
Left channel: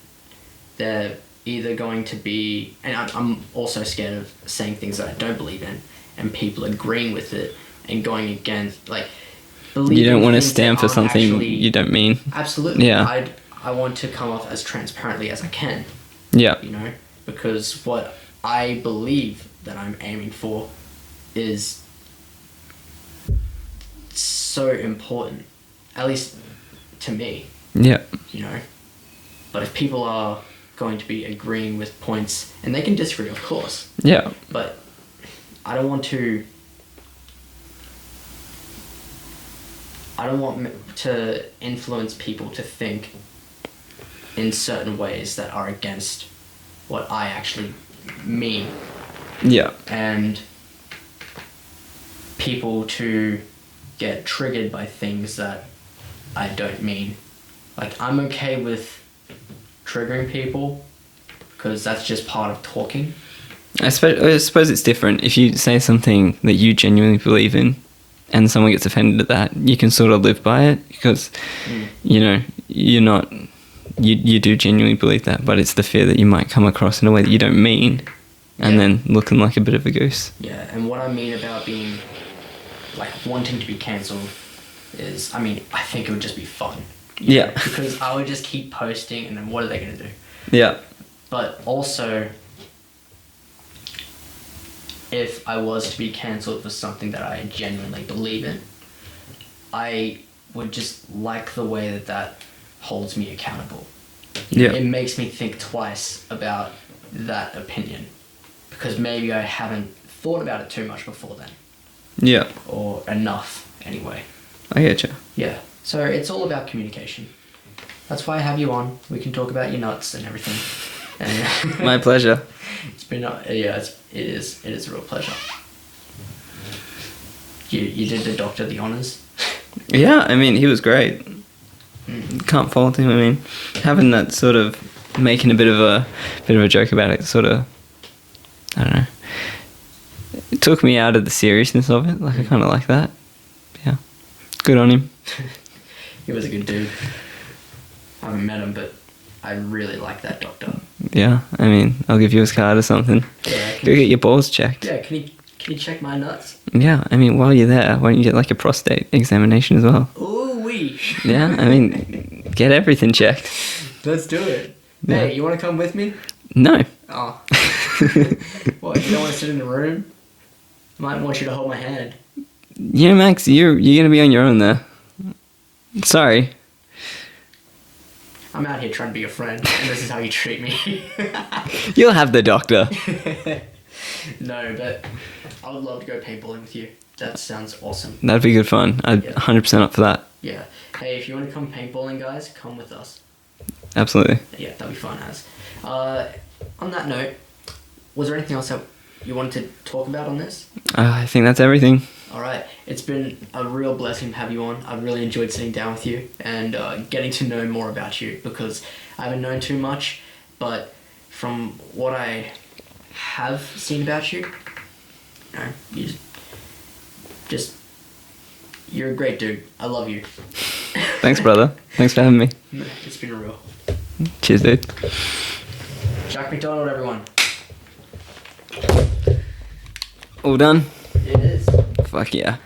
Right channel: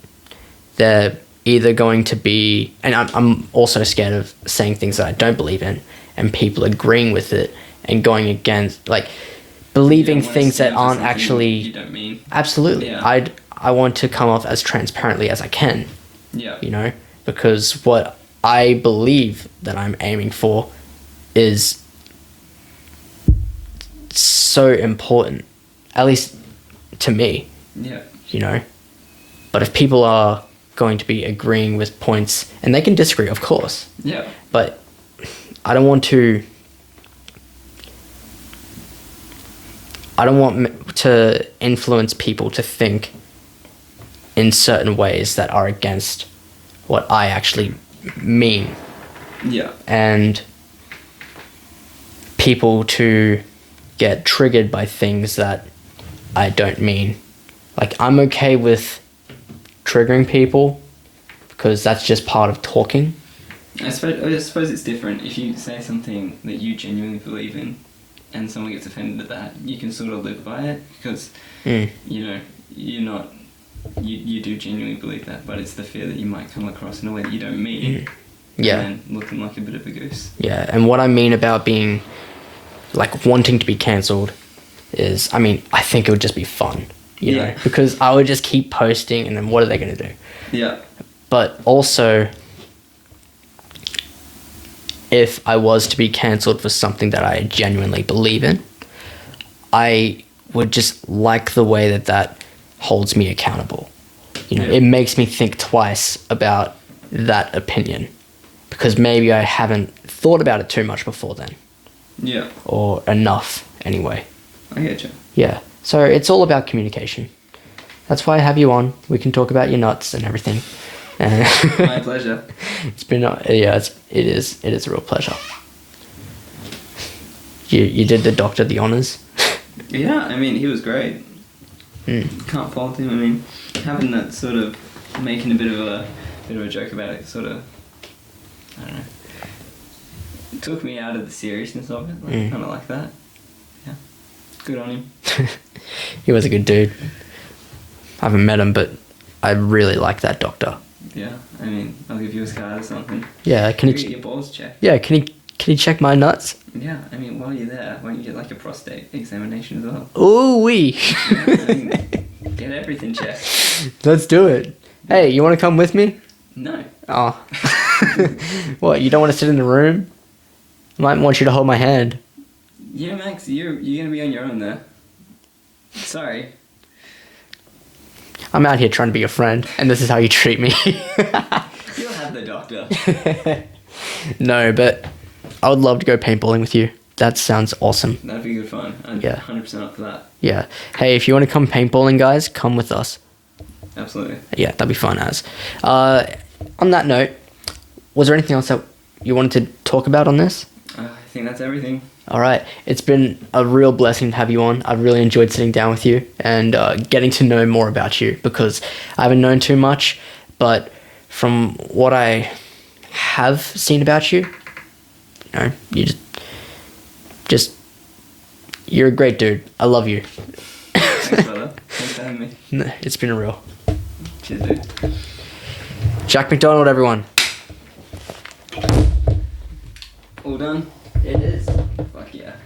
They're either going to be... And I'm also scared of saying things that I don't believe in and people agreeing with it and going against... Like, believing you don't want to things that stand for aren't something actually... you don't mean. Absolutely. Yeah. I want to come off as transparently as I can. Yeah. You know, because what I believe that I'm aiming for is so important, at least to me. Yeah. You know, but if people are going to be agreeing with points, and they can disagree, of course, Yeah. but I don't want to influence people to think in certain ways that are against what I actually mean, Yeah. and people to get triggered by things that I don't mean. Like, I'm okay with triggering people because that's just part of talking. I suppose it's different. If you say something that you genuinely believe in and someone gets offended at that, you can sort of live by it because, you know, you do genuinely believe that, but it's the fear that you might come across in a way that you don't mean and then looking like a bit of a goose. Yeah, and what I mean about being, like, wanting to be cancelled is, I mean, I think it would just be fun. You know? Because I would just keep posting and then what are they going to do? Yeah. But also, if I was to be cancelled for something that I genuinely believe in, I would just like the way that holds me accountable. You know, it makes me think twice about that opinion because maybe I haven't thought about it too much before then. Yeah. Or enough, anyway. I get you. Yeah. So it's all about communication. That's why I have you on. We can talk about your nuts and everything. My pleasure. It's been it is a real pleasure. You did the doctor the honors. Yeah, I mean, he was great. Can't fault him. I mean, having that sort of making a bit of a joke about it, sort of, I don't know. It took me out of the seriousness of it. Like I kind of like that. Yeah, good on him. He was a good dude. I haven't met him, but I really like that doctor. Yeah, I mean, I'll give you his card or something. Yeah, Go get your balls checked. Yeah, can he check my nuts? Yeah, I mean, while you're there, why don't you get like a prostate examination as well? Ooh wee. Yeah, I mean, get everything checked. Let's do it. Yeah. Hey, you want to come with me? No. Oh. What? You don't want to sit in the room? I might want you to hold my hand. Yeah, Max, you're gonna be on your own there. Sorry. I'm out here trying to be your friend, and this is how you treat me. You'll have the doctor. No, but I would love to go paintballing with you. That sounds awesome. That'd be good fun. I'd 100% up for that. Yeah. Hey, if you want to come paintballing, guys, come with us. Absolutely. Yeah, that'd be fun as. On that note, was there anything else that you wanted to talk about on this? I think that's everything. All right. It's been a real blessing to have you on. I've really enjoyed sitting down with you and getting to know more about you because I haven't known too much, but from what I have seen about you, you know, you just you're a great dude. I love you. Thanks, brother. Thanks for having me. No, it's been real. Cheers, dude. Jack Mcdonald, everyone. All done? It is. Fuck yeah.